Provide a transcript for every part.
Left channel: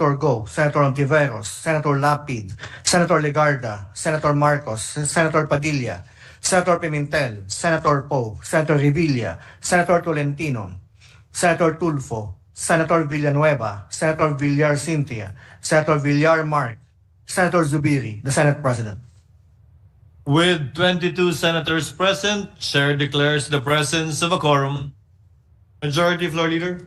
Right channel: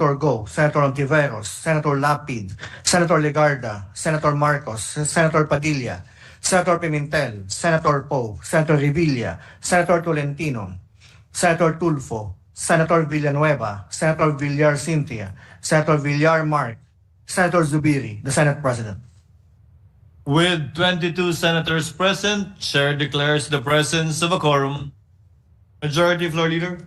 Senator Go, Senator Ontiveros, Senator Lapid, Senator Legarda, Senator Marcos, Senator Padilla, Senator Pimentel, Senator Poe, Senator Revilla, Senator Tolentino, Senator Tulfo, Senator Villanueva, Senator Villar Cynthia, Senator Villar Mark, Senator Zubiri, the Senate President. With 22 senators present, Chair declares the presence of a quorum. Majority Floor Leader.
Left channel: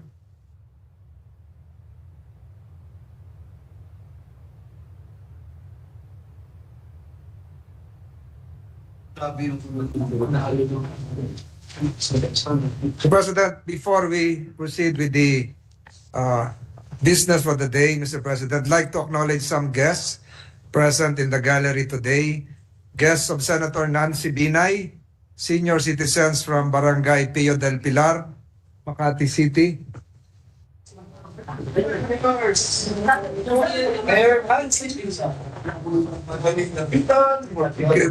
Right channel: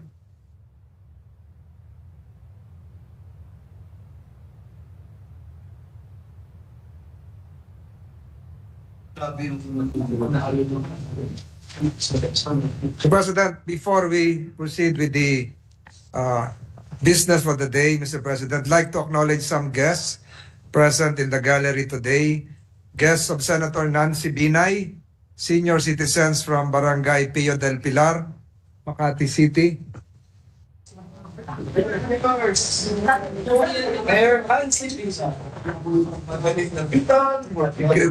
Mr. President, before we proceed with the business for the day, Mr. President, I'd like to acknowledge some guests present in the gallery today. Guests of Senator Nancy Binay, senior citizens from Barangay Pio del Pilar, Makati City.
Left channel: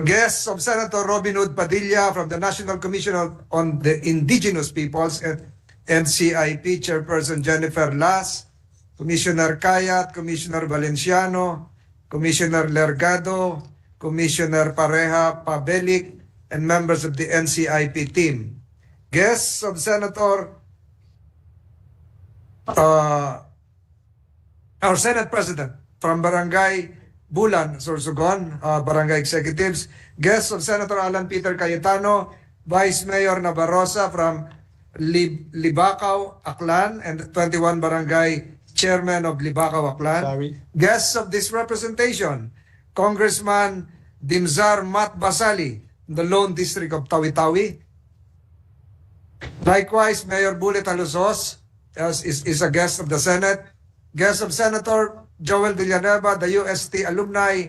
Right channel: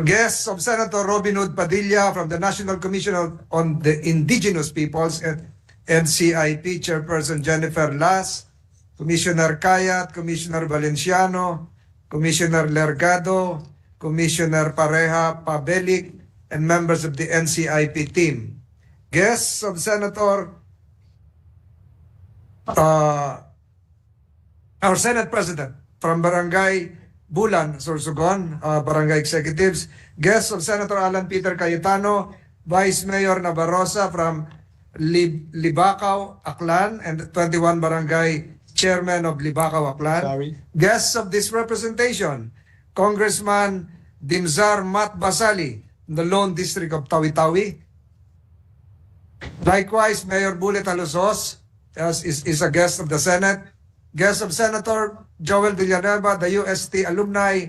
Guests of Senator Robin Hood Padilla from the National Commission on the Indigenous Peoples and NCIP, Chairperson Jennifer Las, Commissioner Kayat, Commissioner Valenciano, Commissioner Lergado, Commissioner Pareja Pabelik, and members of the NCIP team. Guests of Senator our Senate President from Barangay Bulan, Sorsogon, Barangay Executives. Guests of Senator Alan Peter Cayetano, Vice Mayor Navarrosa from Libacao, Aklan, and 21 Barangay Chairman of Libacao, Aklan. Guests of this representation, Congressman Dimzar Mat Basali, the Lone District of Tawi-Tawi. Likewise, Mayor Bullet Alusos is a guest of the Senate. Guest of Senator Joel Villanueva, the UST Alumni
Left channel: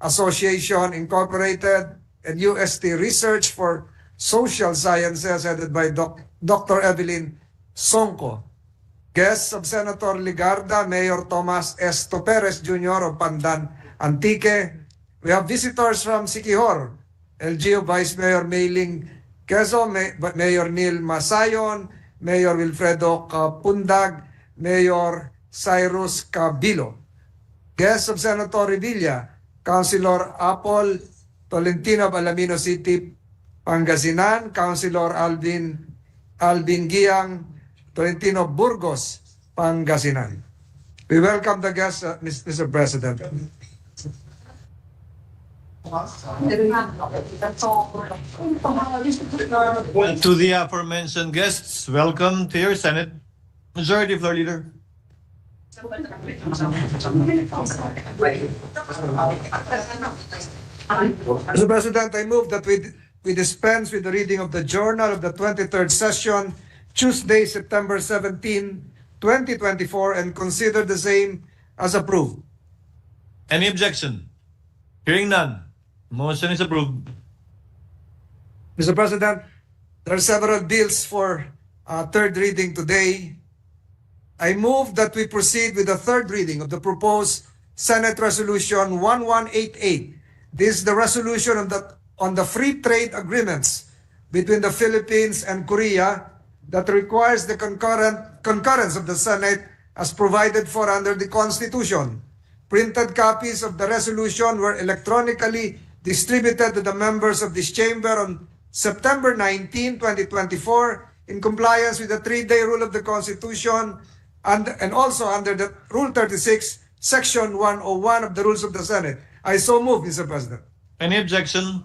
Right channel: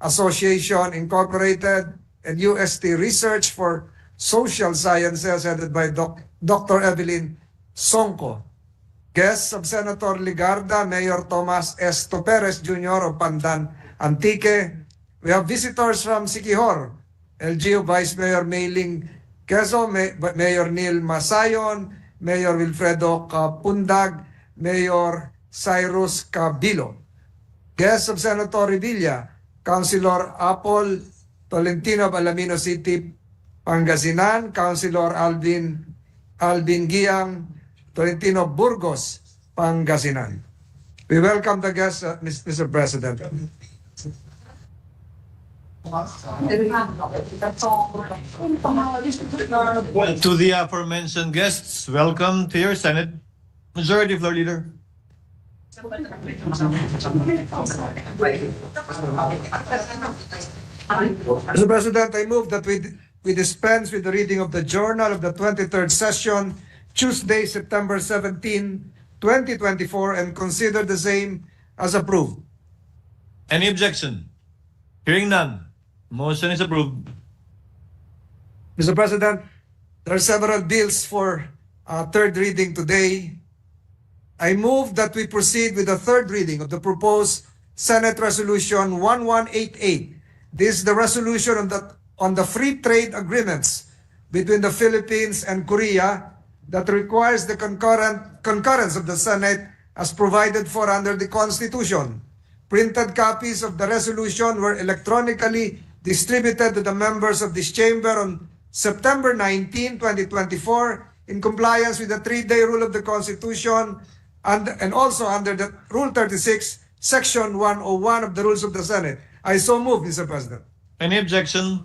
Association Incorporated, and UST Research for Social Sciences headed by Dr. Evelyn Songco. Guests of Senator Legarda, Mayor Tomas Esto Perez Jr. of Pandan Antique. We have visitors from Siquijor, LGU Vice Mayor Meiling Quezon, Mayor Neil Masayon, Mayor Wilfredo Capundag, Mayor Cyrus Cabilo. Guests of Senator Revilla, Councilor Apol Tolentino of Alamino City, Pangasinan, Councilor Alvin Giang Tolentino Burgos, Pangasinan. We welcome the guests, Mr. President. To the aforementioned guests, welcome to your Senate. Majority Floor Leader. Mr. President, I move that we dispense with the reading of the journal of the 23rd session, Tuesday, September 17, 2024, and consider the same as approved. Any objection? Hearing none. Motion is approved. Mr. President, there are several bills for third reading today. I move that we proceed with the third reading of the proposed Senate Resolution 1188. This is the resolution on the free trade agreements between the Philippines and Korea that requires the concurrence of the Senate as provided for under the Constitution. Printed copies of the resolution were electronically distributed to the members of this chamber on September 19, 2024, in compliance with the 3-day rule of the Constitution and also under the Rule 36, Section 101 of the Rules of the Senate. I so move, Mr. President. Any objection?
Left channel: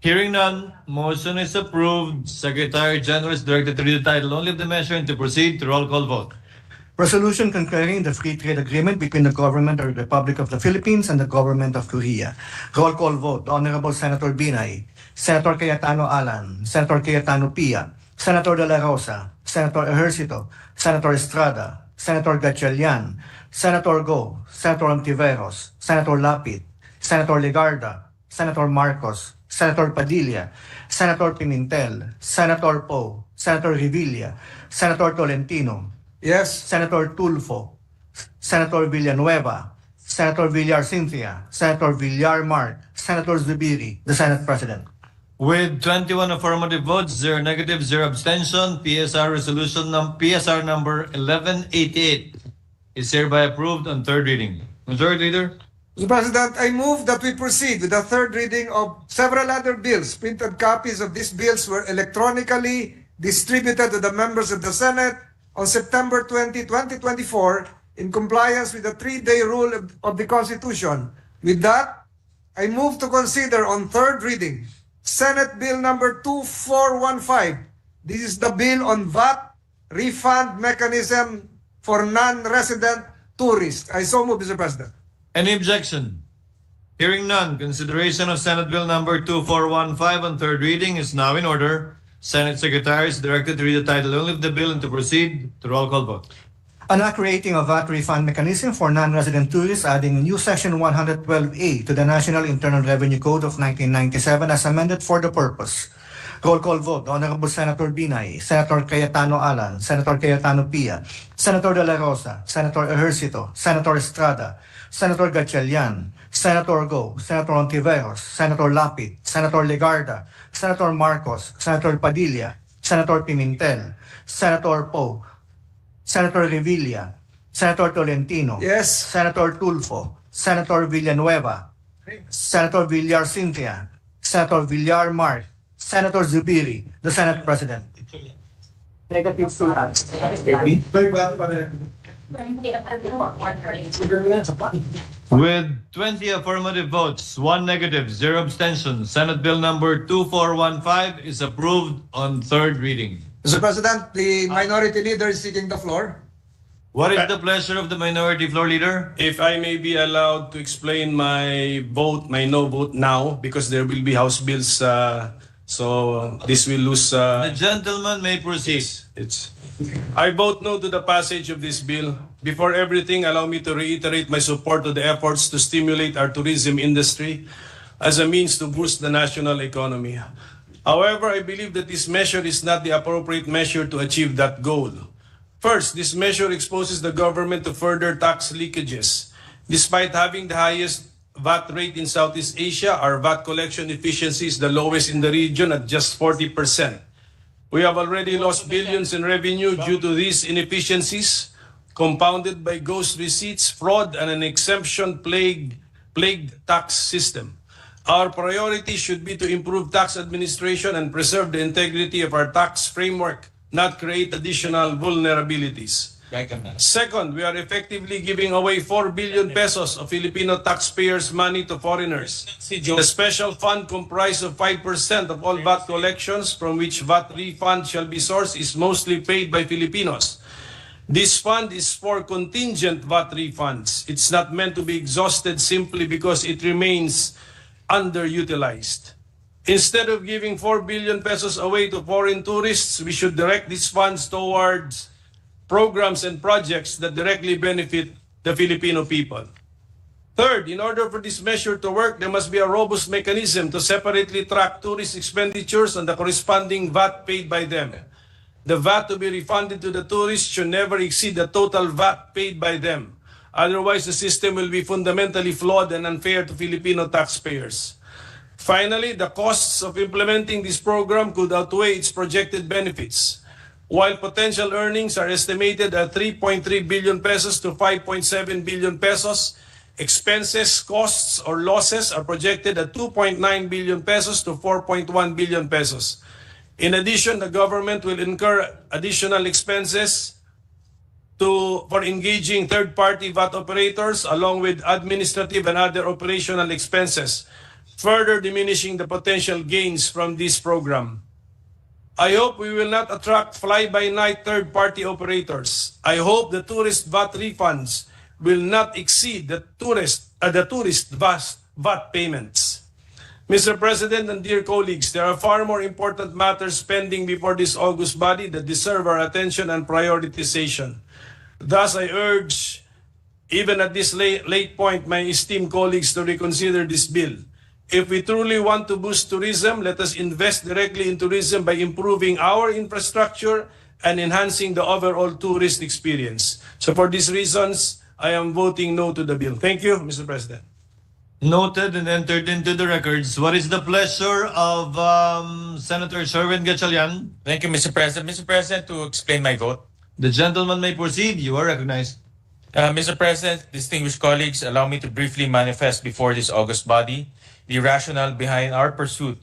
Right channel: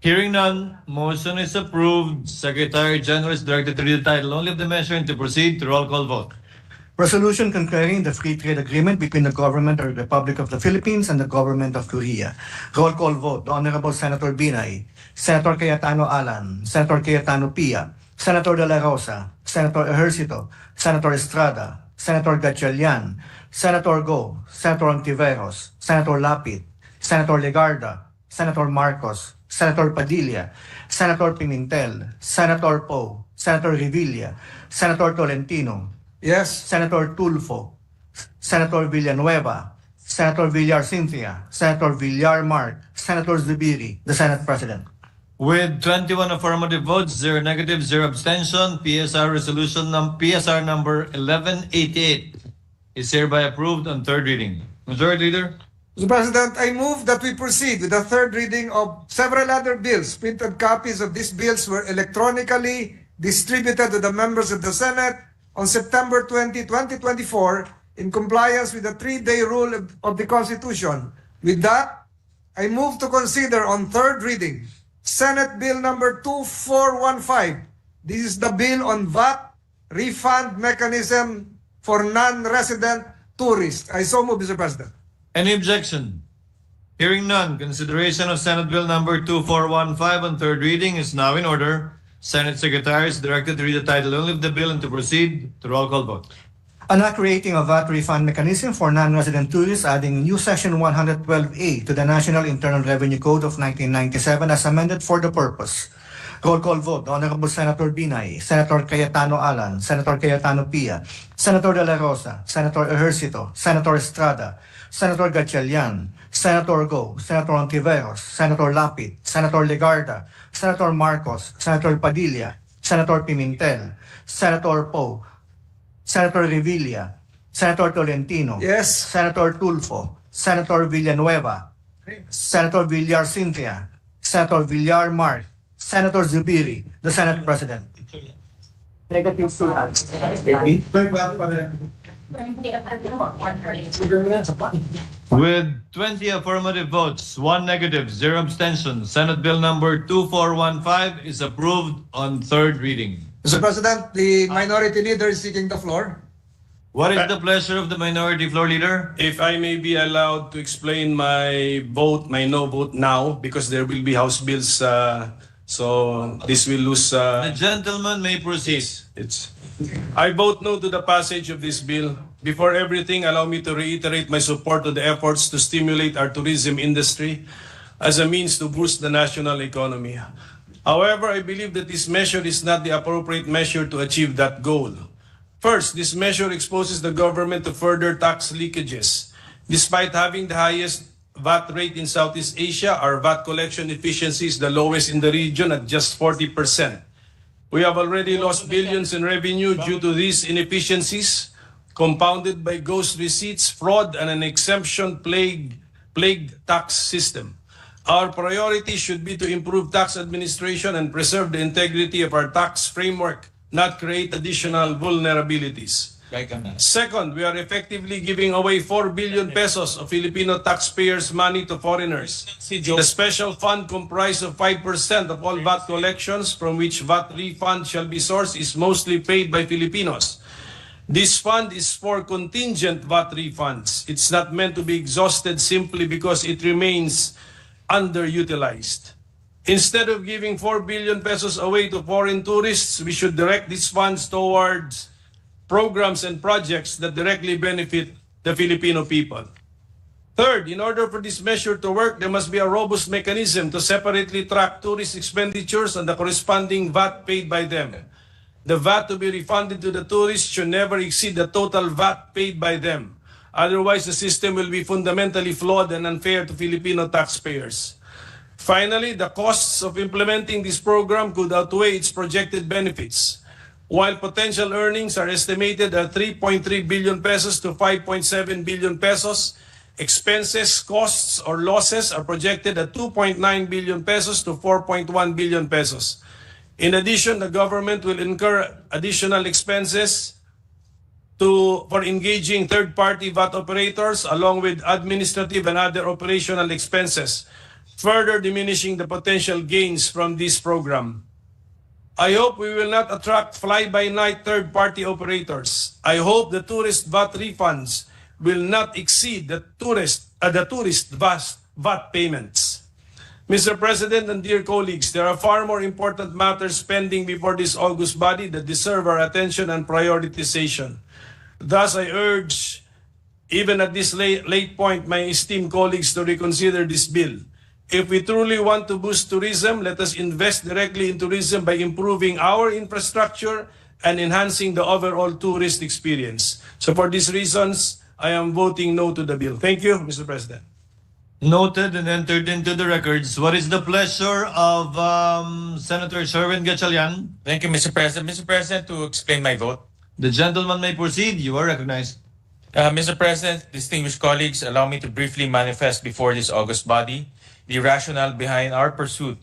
Hearing none, motion is approved. Secretary General is directed to read the title only of the measure and to proceed to roll call vote. Resolution concurring the free trade agreement between the government of the Republic of the Philippines and the government of Korea. Roll call vote. Honorable Senator Binay, Senator Cayetano Alan, Senator Cayetano Pia, Senator De La Rosa, Senator Ejercito, Senator Estrada, Senator Gatchalian, Senator Go, Senator Ontiveros, Senator Lapid, Senator Legarda, Senator Marcos, Senator Padilla, Senator Pimentel, Senator Poe, Senator Revilla, Senator Tolentino, Yes. Senator Tulfo, Senator Villanueva, Senator Villar Cynthia, Senator Villar Mark, Senator Zubiri, the Senate President. With 21 affirmative votes, 0 negative, 0 abstention, PSR resolution PSR number 1188 is hereby approved on third reading. Majority Leader? Mr. President, I move that we proceed with the third reading of several other bills. Printed copies of these bills were electronically distributed to the members of the Senate on September 20, 2024 in compliance with the 3-day rule of the Constitution. With that, I move to consider on third reading Senate Bill number 2415. This is the bill on VAT refund mechanism for non-resident tourists. I so move, Mr. President. Any objection? Hearing none, consideration of Senate Bill number 2415 on third reading is now in order. Senate Secretary is directed to read the title only of the bill and to proceed to roll call vote. An act creating a VAT refund mechanism for non-resident tourists, adding new Section 112A to the National Internal Revenue Code of 1997 as amended for the purpose. Roll call vote. Honorable Senator Binay, Senator Cayetano Alan, Senator Cayetano Pia, Senator De La Rosa, Senator Ejercito, Senator Estrada, Senator Gatchalian, Senator Go, Senator Ontiveros, Senator Lapid, Senator Legarda, Senator Marcos, Senator Padilla, Senator Pimentel, Senator Poe, Senator Revilla, Senator Tolentino, Yes. Senator Tulfo, Senator Villanueva, Senator Villar Cynthia, Senator Villar Mark, Senator Zubiri, the Senate President. Negative With 20 affirmative votes, 1 negative, 0 abstention, Senate Bill number 2415 is approved on third reading. Mr. President, the minority leader is seeking the floor. What is the pleasure of the minority floor leader? If I may be allowed to explain my vote, my no vote now, because there will be House bills, so this will lose. The gentleman may proceed. I vote no to the passage of this bill. Before everything, allow me to reiterate my support to the efforts to stimulate our tourism industry as a means to boost the national economy. However, I believe that this measure is not the appropriate measure to achieve that goal. First, this measure exposes the government to further tax leakages. Despite having the highest VAT rate in Southeast Asia, our VAT collection efficiency is the lowest in the region at just 40%. We have already lost billions in revenue due to these inefficiencies, compounded by ghost receipts, fraud, and an exemption-plagued tax system. Our priority should be to improve tax administration and preserve the integrity of our tax framework, not create additional vulnerabilities. Second, we are effectively giving away 4 billion pesos of Filipino taxpayers' money to foreigners. The special fund comprised of 5% of all VAT collections from which VAT refund shall be sourced is mostly paid by Filipinos. This fund is for contingent VAT refunds. It's not meant to be exhausted simply because it remains underutilized. Instead of giving 4 billion pesos away to foreign tourists, we should direct these funds towards programs and projects that directly benefit the Filipino people. Third, in order for this measure to work, there must be a robust mechanism to separately track tourist expenditures and the corresponding VAT paid by them. The VAT to be refunded to the tourists should never exceed the total VAT paid by them. Otherwise, the system will be fundamentally flawed and unfair to Filipino taxpayers. Finally, the costs of implementing this program could outweigh its projected benefits. While potential earnings are estimated at 3.3 billion pesos to 5.7 billion pesos, expenses, costs, or losses are projected at 2.9 billion pesos to 4.1 billion pesos. In addition, the government will incur additional expenses for engaging third-party VAT operators along with administrative and other operational expenses, further diminishing the potential gains from this program. I hope we will not attract fly-by-night third-party operators. I hope the tourist VAT refunds will not exceed the tourist VAT payments. Mr. President and dear colleagues, there are far more important matters pending before this august body that deserve our attention and prioritization. Thus, I urge, even at this late point, my esteemed colleagues to reconsider this bill. If we truly want to boost tourism, let us invest directly in tourism by improving our infrastructure and enhancing the overall tourist experience. So for these reasons, I am voting no to the bill. Thank you, Mr. President. Noted and entered into the records. What is the pleasure of Senator Sherwin Gatchalian? Thank you, Mr. President. Mr. President, to explain my vote. The gentleman may proceed. You are recognized. Mr. President, distinguished colleagues, allow me to briefly manifest before this august body the rationale behind our pursuit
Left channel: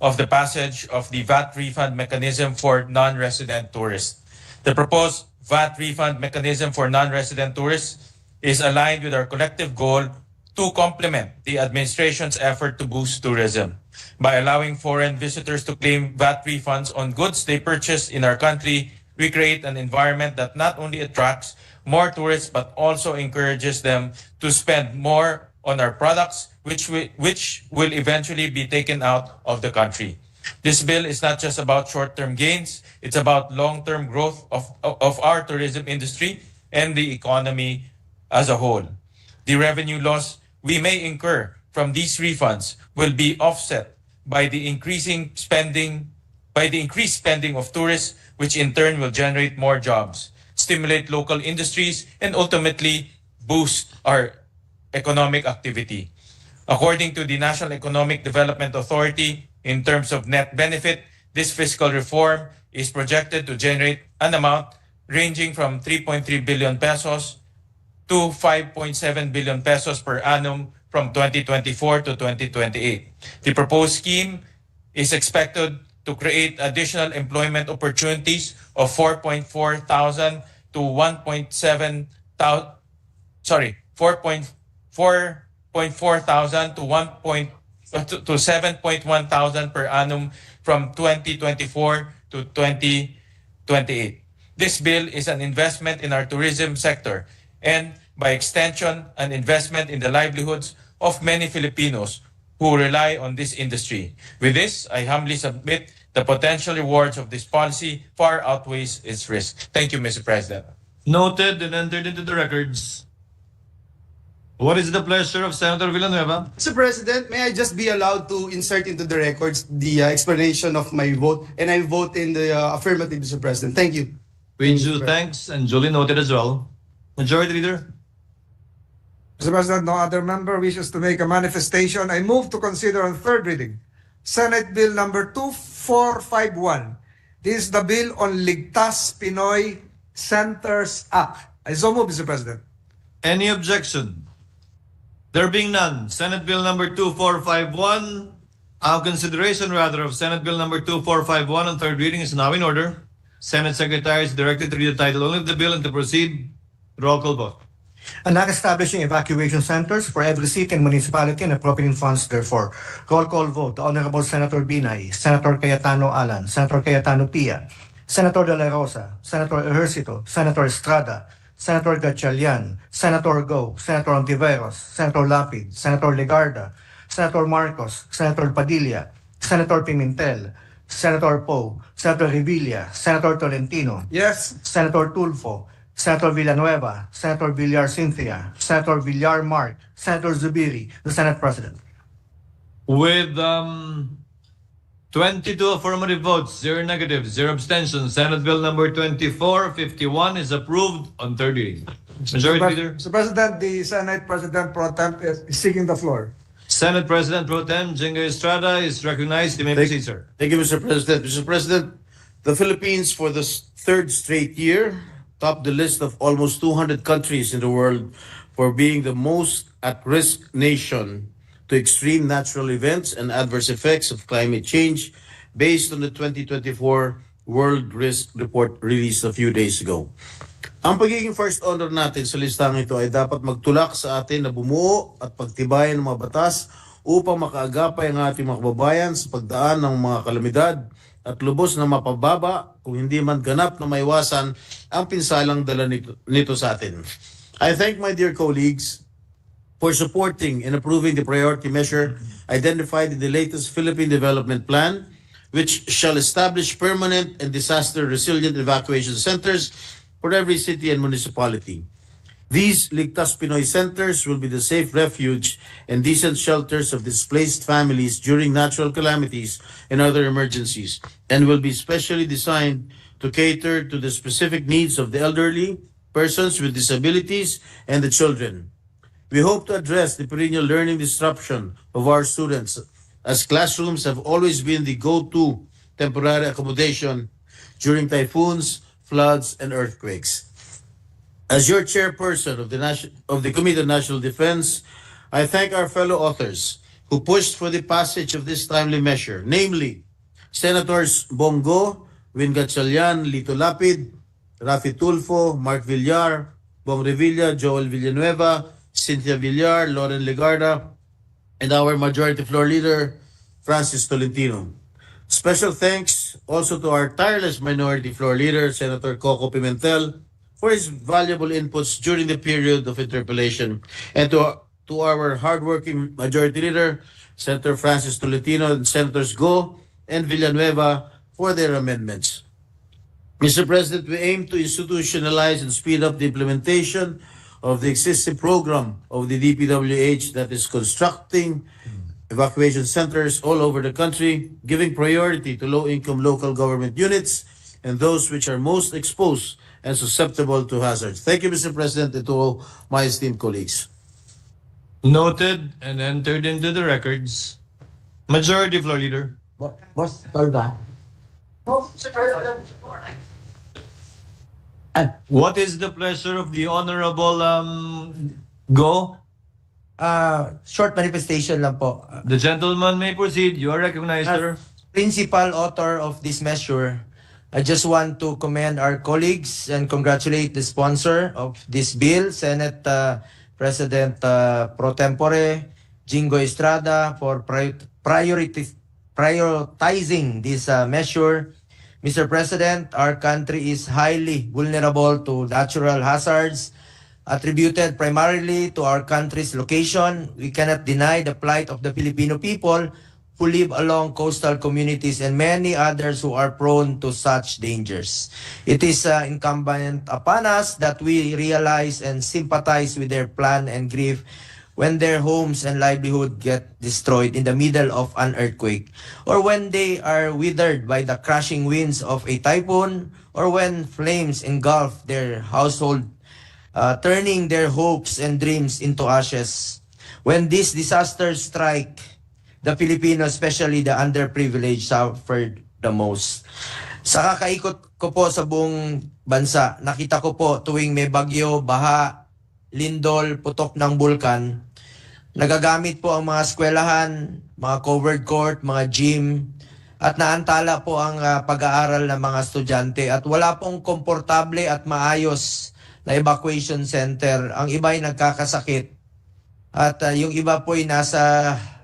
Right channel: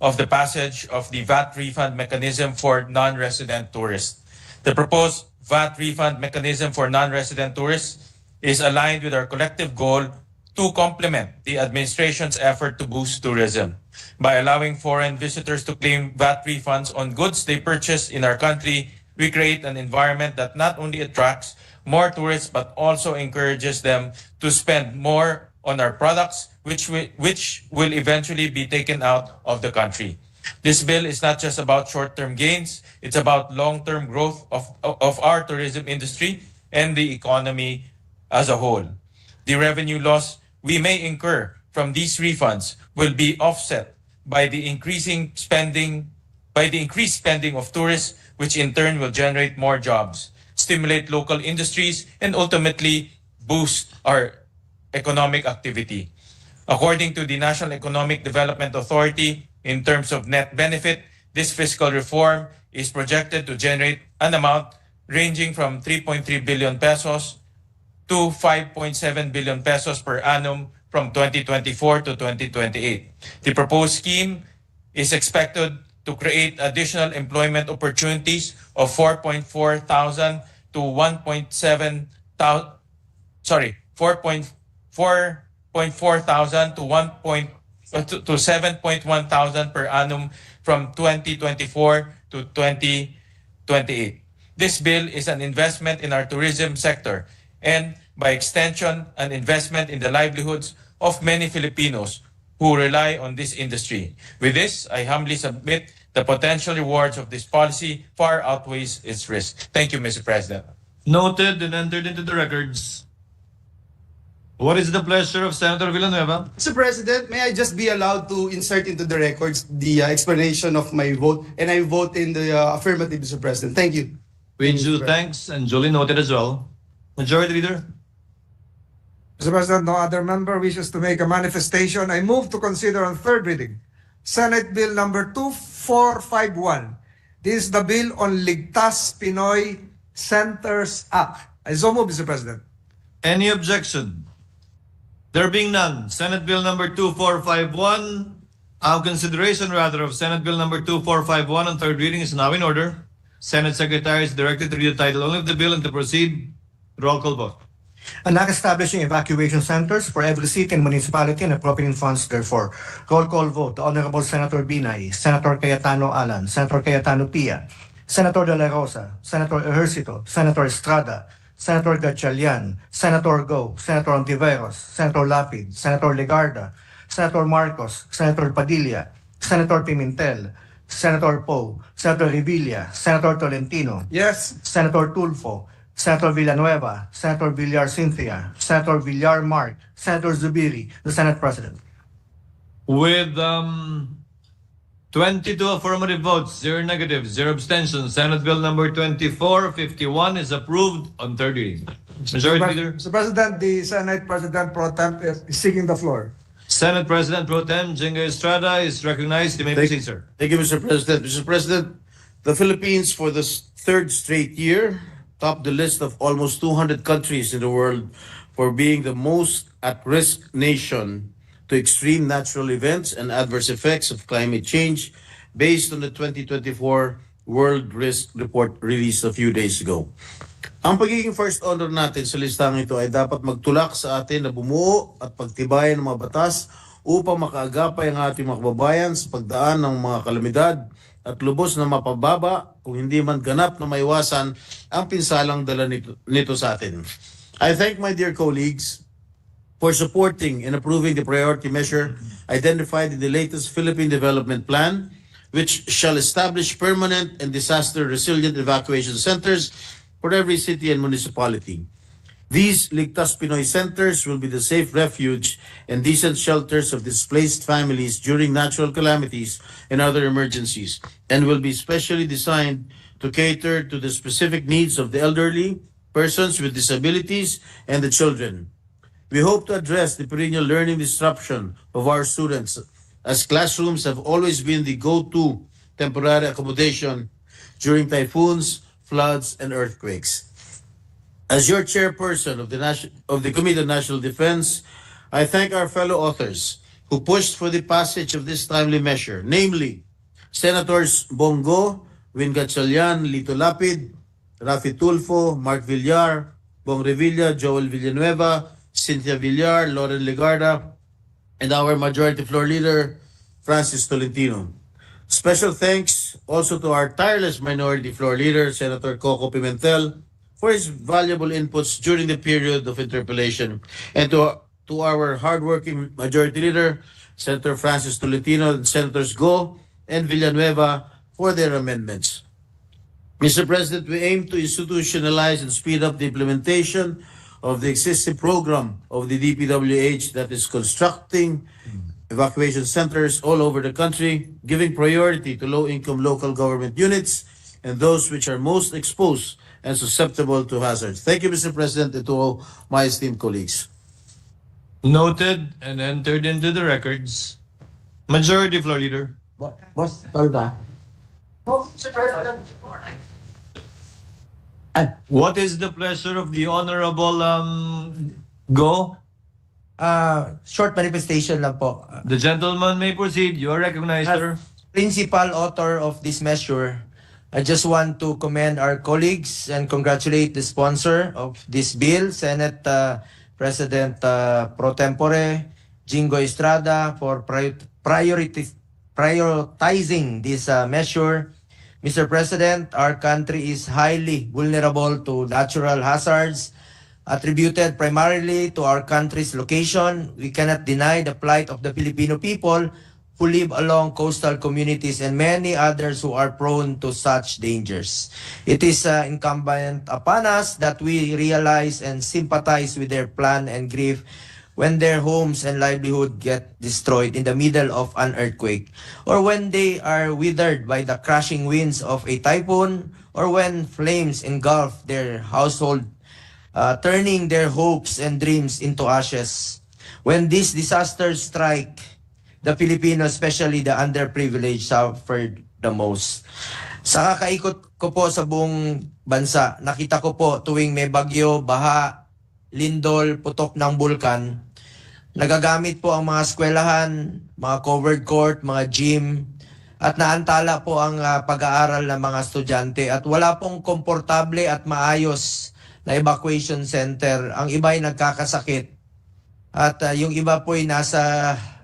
of the passage of the VAT refund mechanism for non-resident tourists. The proposed VAT refund mechanism for non-resident tourists is aligned with our collective goal to complement the administration's effort to boost tourism. By allowing foreign visitors to claim VAT refunds on goods they purchase in our country, we create an environment that not only attracts more tourists but also encourages them to spend more on our products, which will eventually be taken out of the country. This bill is not just about short-term gains, it's about long-term growth of our tourism industry and the economy as a whole. The revenue loss we may incur from these refunds will be offset by the increased spending of tourists, which in turn will generate more jobs, stimulate local industries, and ultimately boost our economic activity. According to the National Economic Development Authority, in terms of net benefit, this fiscal reform is projected to generate an amount ranging from 3.3 billion pesos to 5.7 billion pesos per annum from 2024 to 2028. The proposed scheme is expected to create additional employment opportunities of 4.4 thousand to 1.7 thousand, 4.4 thousand to 7.1 thousand per annum from 2024 to 2028. This bill is an investment in our tourism sector and, by extension, an investment in the livelihoods of many Filipinos who rely on this industry. With this, I humbly submit the potential rewards of this policy far outweighs its risk. Thank you, Mr. President. Noted and entered into the records. What is the pleasure of Senator Villanueva? Mr. President, may I just be allowed to insert into the records the explanation of my vote, and I vote in the affirmative, Mr. President. Thank you. With due thanks and duly noted as well. Majority Leader? Mr. President, no other member wishes to make a manifestation. I move to consider on third reading Senate Bill number 2451. This is the bill on Ligtas Pinoy Centers Act. I so move, Mr. President. Any objection? There being none, Senate Bill number 2451, consideration rather of Senate Bill number 2451 on third reading is now in order. Senate Secretary is directed to read the title only of the bill and to proceed. Roll call vote. And not establishing evacuation centers for every city and municipality and appropriating funds therefore. Roll call vote. Honorable Senator Binay, Senator Cayetano Alan, Senator Cayetano Pia, Senator De La Rosa, Senator Ejercito, Senator Estrada, Senator Gatchalian, Senator Go, Senator Ontiveros, Senator Lapid, Senator Legarda, Senator Marcos, Senator Padilla, Senator Pimentel, Senator Poe, Senator Revilla, Senator Tolentino, Yes. Senator Tulfo, Senator Villanueva, Senator Villar Cynthia, Senator Villar Mark, Senator Zubiri, the Senate President. With 22 affirmative votes, 0 negatives, 0 abstentions, Senate Bill number 2451 is approved on third reading. Majority Leader? Mr. President, the Senate President Pro Tem is seeking the floor. Senate President Pro Tem Jenga Estrada is recognized. You may proceed, sir. Thank you, Mr. President. Mr. President, the Philippines for the third straight year topped the list of almost 200 countries in the world for being the most at-risk nation to extreme natural events and adverse effects of climate change based on the 2024 World Risk Report released a few days ago. Ang pagiging first honor natin sa listang ito ay dapat magtulak sa atin na bumuo at pagtibayan ng mga batas upang makaagapay ang ating mga kababayan sa pagdaan ng mga kalamidad at lubos na mapababa kung hindi man ganap na maiwasan ang pinsalang dala nito sa atin. I thank my dear colleagues for supporting and approving the priority measure identified in the latest Philippine Development Plan, which shall establish permanent and disaster-resilient evacuation centers for every city and municipality. These Ligtas Pinoy centers will be the safe refuge and decent shelters of displaced families during natural calamities and other emergencies, and will be specially designed to cater to the specific needs of the elderly, persons with disabilities, and the children. We hope to address the perennial learning disruption of our students, as classrooms have always been the go-to temporary accommodation during typhoons, floods, and earthquakes. As your chairperson of the Committee on National Defense, I thank our fellow authors who pushed for the passage of this timely measure, namely Senators Bongo, Win Gatchalian, Lito Lapid, Rafi Tulfo, Mark Villar, Bong Revilla, Joel Villanueva, Cynthia Villar, Lauren Legarda, and our Majority Floor Leader, Francis Tolentino. Special thanks also to our tireless Minority Floor Leader, Senator Coco Pimentel, for his valuable inputs during the period of interpellation, and to our hardworking Majority Leader, Senator Francis Tolentino, and Senators Go and Villanueva for their amendments. Mr. President, we aim to institutionalize and speed up the implementation of the existing program of the DPWH that is constructing evacuation centers all over the country, giving priority to low-income local government units and those which are most exposed and susceptible to hazards. Thank you, Mr. President, and to all my esteemed colleagues. Noted and entered into the records. Majority Floor Leader. Boss, Tolda. What is the pleasure of the Honorable Go? Short manifestation lang po. The gentleman may proceed. You are recognized, sir. Principal author of this measure, I just want to commend our colleagues and congratulate the sponsor of this bill, Senate President Pro Tempore Jingo Estrada, for prioritizing this measure. Mr. President, our country is highly vulnerable to natural hazards attributed primarily to our country's location. We cannot deny the plight of the Filipino people who live along coastal communities and many others who are prone to such dangers. It is incumbent upon us that we realize and sympathize with their plan and grief when their homes and livelihood get destroyed in the middle of an earthquake, or when they are withered by the crashing winds of a typhoon, or when flames engulf their household, turning their hopes and dreams into ashes. When these disasters strike, the Filipinos, especially the underprivileged, suffered the most. Sa kakaikot ko po sa buong bansa, nakita ko po tuwing may bagyo, baha, lindol, putok ng bulkan, nagagamit po ang mga eskwelahan, mga covered court, mga gym, at naantala po ang pag-aaral ng mga estudyante at wala pong komportable at maayos na evacuation center. Ang iba ay nagkakasakit at yung iba po ay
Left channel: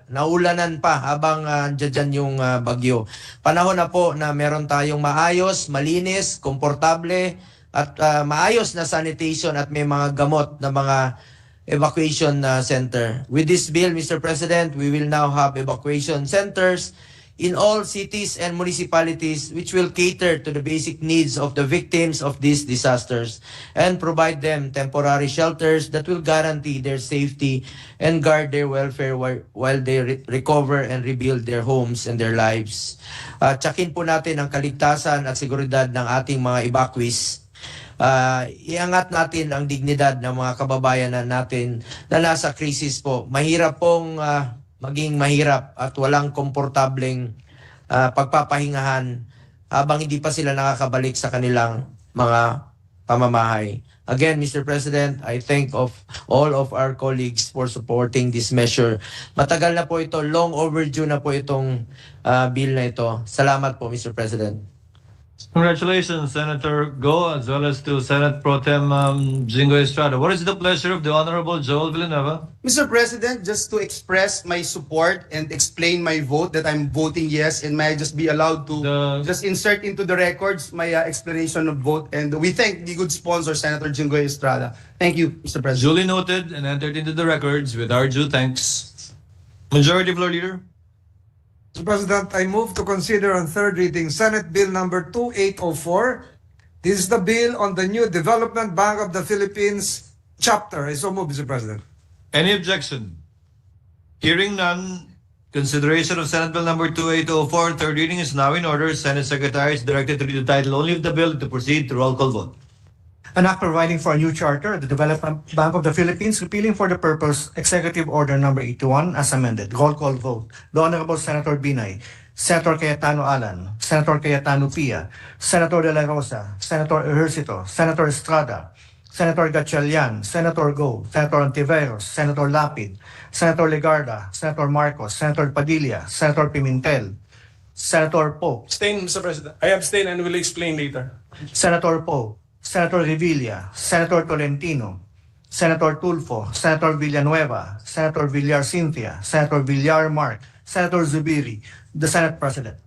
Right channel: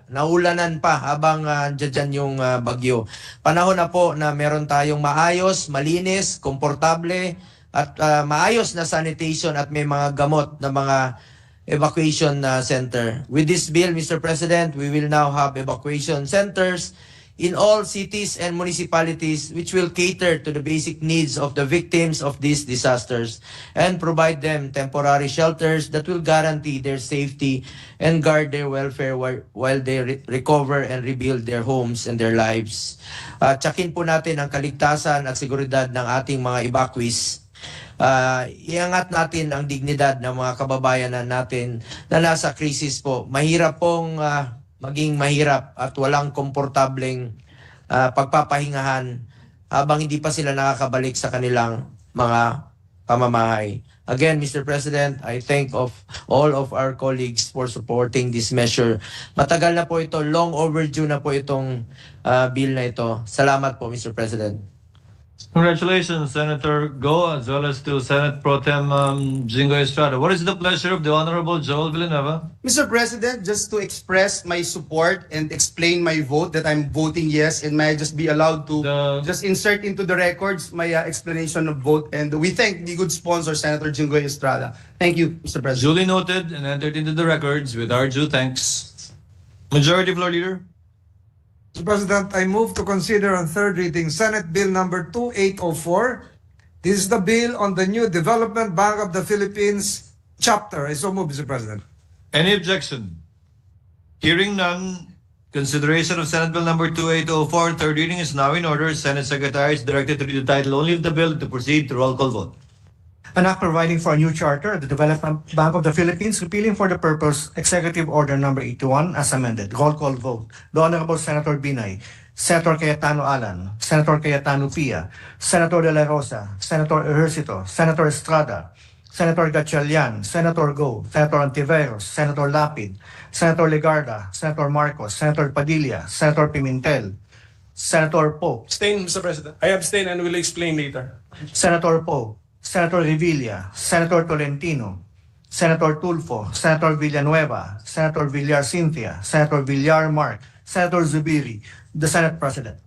naulanan pa habang dyan yung bagyo. Panahon na po na meron tayong maayos, malinis, komportable at maayos na sanitation at may mga gamot na mga evacuation center. With this bill, Mr. President, we will now have evacuation centers in all cities and municipalities which will cater to the basic needs of the victims of these disasters and provide them temporary shelters that will guarantee their safety and guard their welfare while they recover and rebuild their homes and their lives. Tsakin po natin ang kaligtasan at seguridad ng ating mga evacuees. Iangat natin ang dignidad ng mga kababayan natin na nasa krisis po. Mahirap pong maging mahirap at walang komportableng pagpapahingahan habang hindi pa sila nakakabalik sa kanilang mga pamamahay. Again, Mr. President, I thank all of our colleagues for supporting this measure. Matagal na po ito, long overdue na po itong bill na ito. Salamat po, Mr. President. Congratulations, Senator Go, as well as to Senate Pro Tem Jingo Estrada. What is the pleasure of the Honorable Joel Villanueva? Mr. President, just to express my support and explain my vote that I'm voting yes, and may I just be allowed to just insert into the records my explanation of vote, and we thank the good sponsor, Senator Jingo Estrada. Thank you, Mr. President. Duly noted and entered into the records with our due thanks. Majority Floor Leader. Mr. President, I move to consider on third reading Senate Bill number 2804. This is the bill on the new Development Bank of the Philippines chapter. I so move, Mr. President. Any objection? Hearing none, consideration of Senate Bill number 2804, third reading is now in order. Senate Secretary is directed to read the title only of the bill to proceed to roll call vote. An act providing for a new charter of the Development Bank of the Philippines, repealing for the purpose Executive Order number 81 as amended. Roll call vote. The Honorable Senator Binay, Senator Cayetano Alan, Senator Cayetano Pia, Senator De La Rosa, Senator Ejercito, Senator Estrada, Senator Gatchalian, Senator Go, Senator Antiveros, Senator Lapid, Senator Legarda, Senator Marcos, Senator Padilla, Senator Pimentel, Senator Poe, Abstain, Mr. President. I abstain and will explain later. Senator Poe, Senator Revilla, Senator Tolentino, Senator Tulfo, Senator Villanueva, Senator Villar Cynthia, Senator Villar Mark, Senator Zubiri, the Senate President.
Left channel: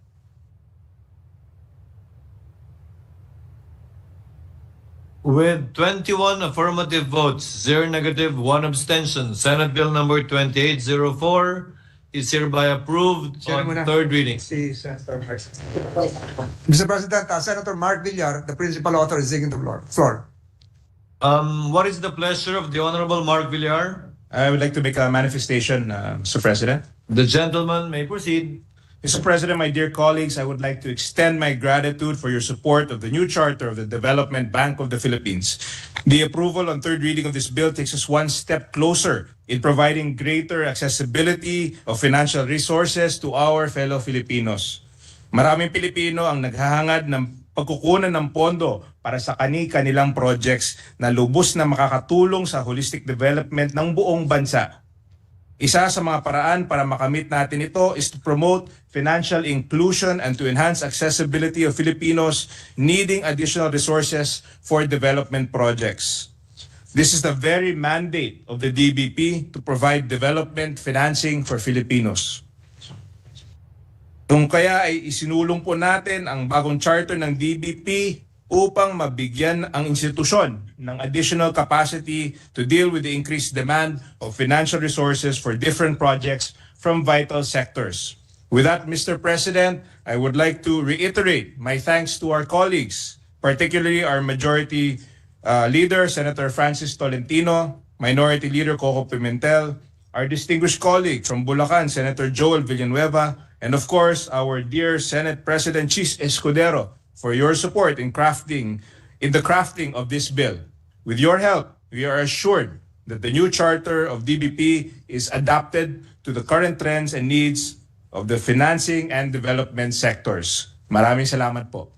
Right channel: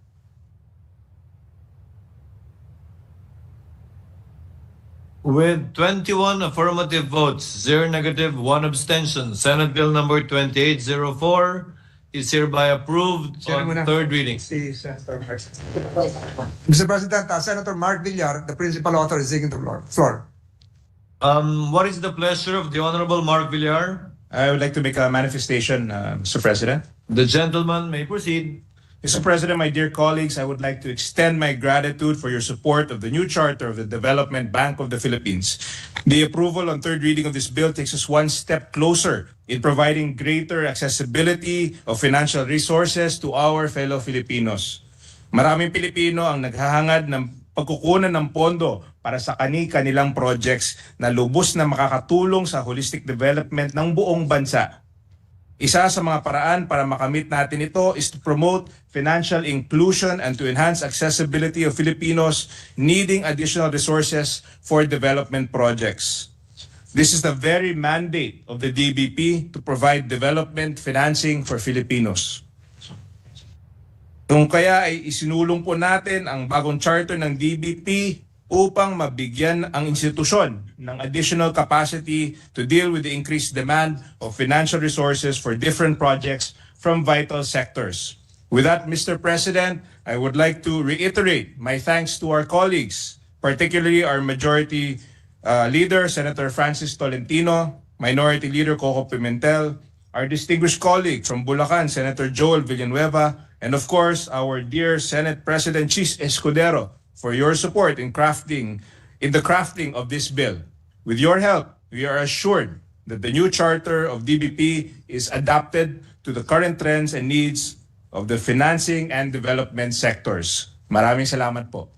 With 21 affirmative votes, 0 negative, 1 abstention, Senate Bill number 2804 is hereby approved on third reading. Si Senator Mark. Mr. President, Senator Mark Villar, the principal author, is taking the floor. What is the pleasure of the Honorable Mark Villar? I would like to make a manifestation, Mr. President. The gentleman may proceed. Mr. President, my dear colleagues, I would like to extend my gratitude for your support of the new charter of the Development Bank of the Philippines. The approval on third reading of this bill takes us one step closer in providing greater accessibility of financial resources to our fellow Filipinos. Maraming Pilipino ang naghahangad ng pagkukunan ng pondo para sa kani-kanilang projects na lubos na makakatulong sa holistic development ng buong bansa. Isa sa mga paraan para makamit natin ito is to promote financial inclusion and to enhance accessibility of Filipinos needing additional resources for development projects. This is the very mandate of the DBP to provide development financing for Filipinos. Kung kaya ay isinulong po natin ang bagong charter ng DBP upang mabigyan ang institusyon ng additional capacity to deal with the increased demand of financial resources for different projects from vital sectors. With that, Mr. President, I would like to reiterate my thanks to our colleagues, particularly our Majority Leader, Senator Francis Tolentino, Minority Leader Coco Pimentel, our distinguished colleague from Bulacan, Senator Joel Villanueva, and of course, our dear Senate President Chis Escudero, for your support in the crafting of this bill. With your help, we are assured that the new charter of DBP is adapted to the current trends and needs of the financing and development sectors. Maraming salamat po.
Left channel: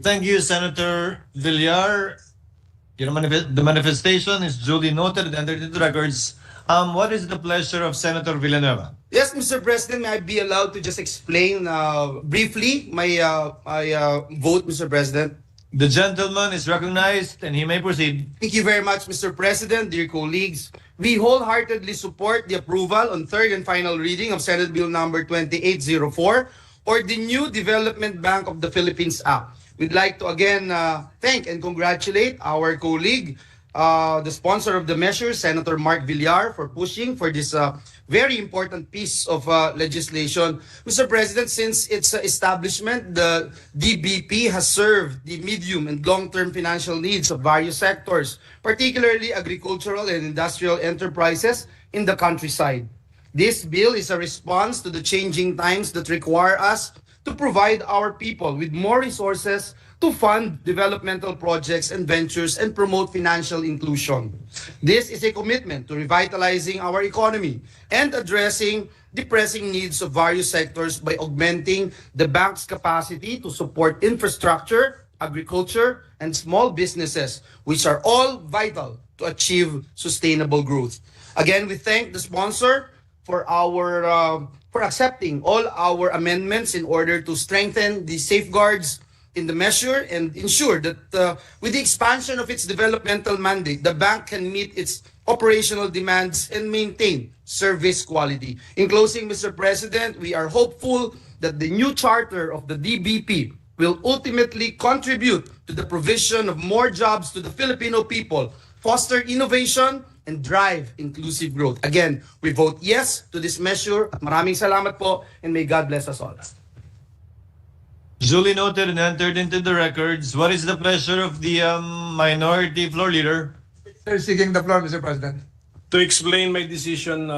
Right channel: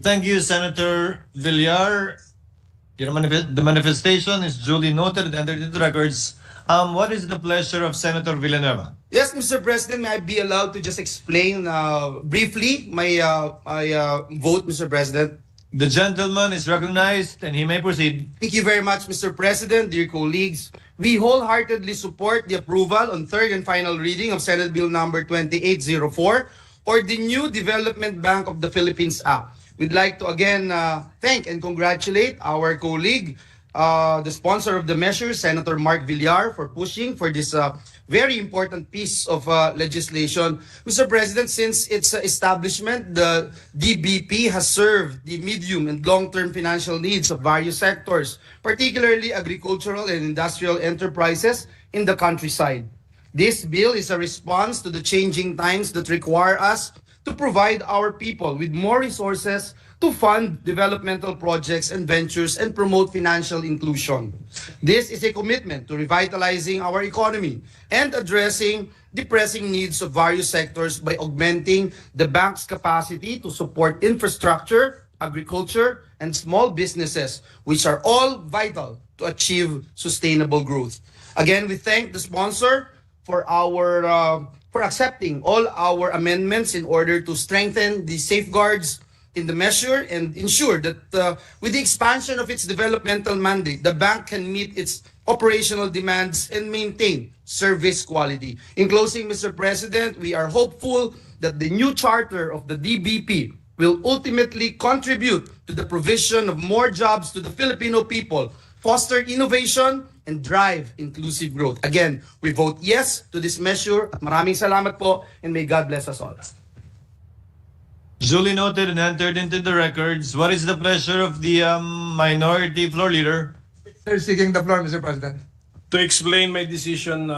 Thank you, Senator Villar. The manifestation is duly noted and entered into records. What is the pleasure of Senator Villanueva? Yes, Mr. President, may I be allowed to just explain briefly my vote, Mr. President? The gentleman is recognized and he may proceed. Thank you very much, Mr. President, dear colleagues. We wholeheartedly support the approval on third and final reading of Senate Bill number 2804 or the new Development Bank of the Philippines Act. We'd like to again thank and congratulate our colleague, the sponsor of the measure, Senator Mark Villar, for pushing for this very important piece of legislation. Mr. President, since its establishment, the DBP has served the medium and long-term financial needs of various sectors, particularly agricultural and industrial enterprises in the countryside. This bill is a response to the changing times that require us to provide our people with more resources to fund developmental projects and ventures and promote financial inclusion. This is a commitment to revitalizing our economy and addressing the pressing needs of various sectors by augmenting the bank's capacity to support infrastructure, agriculture, and small businesses, which are all vital to achieve sustainable growth. Again, we thank the sponsor for accepting all our amendments in order to strengthen the safeguards in the measure and ensure that with the expansion of its developmental mandate, the bank can meet its operational demands and maintain service quality. In closing, Mr. President, we are hopeful that the new charter of the DBP will ultimately contribute to the provision of more jobs to the Filipino people, foster innovation, and drive inclusive growth. Again, we vote yes to this measure. At maraming salamat po, and may God bless us all. Duly noted and entered into the records. What is the pleasure of the minority floor leader? They're seeking the floor, Mr. President. To explain my decision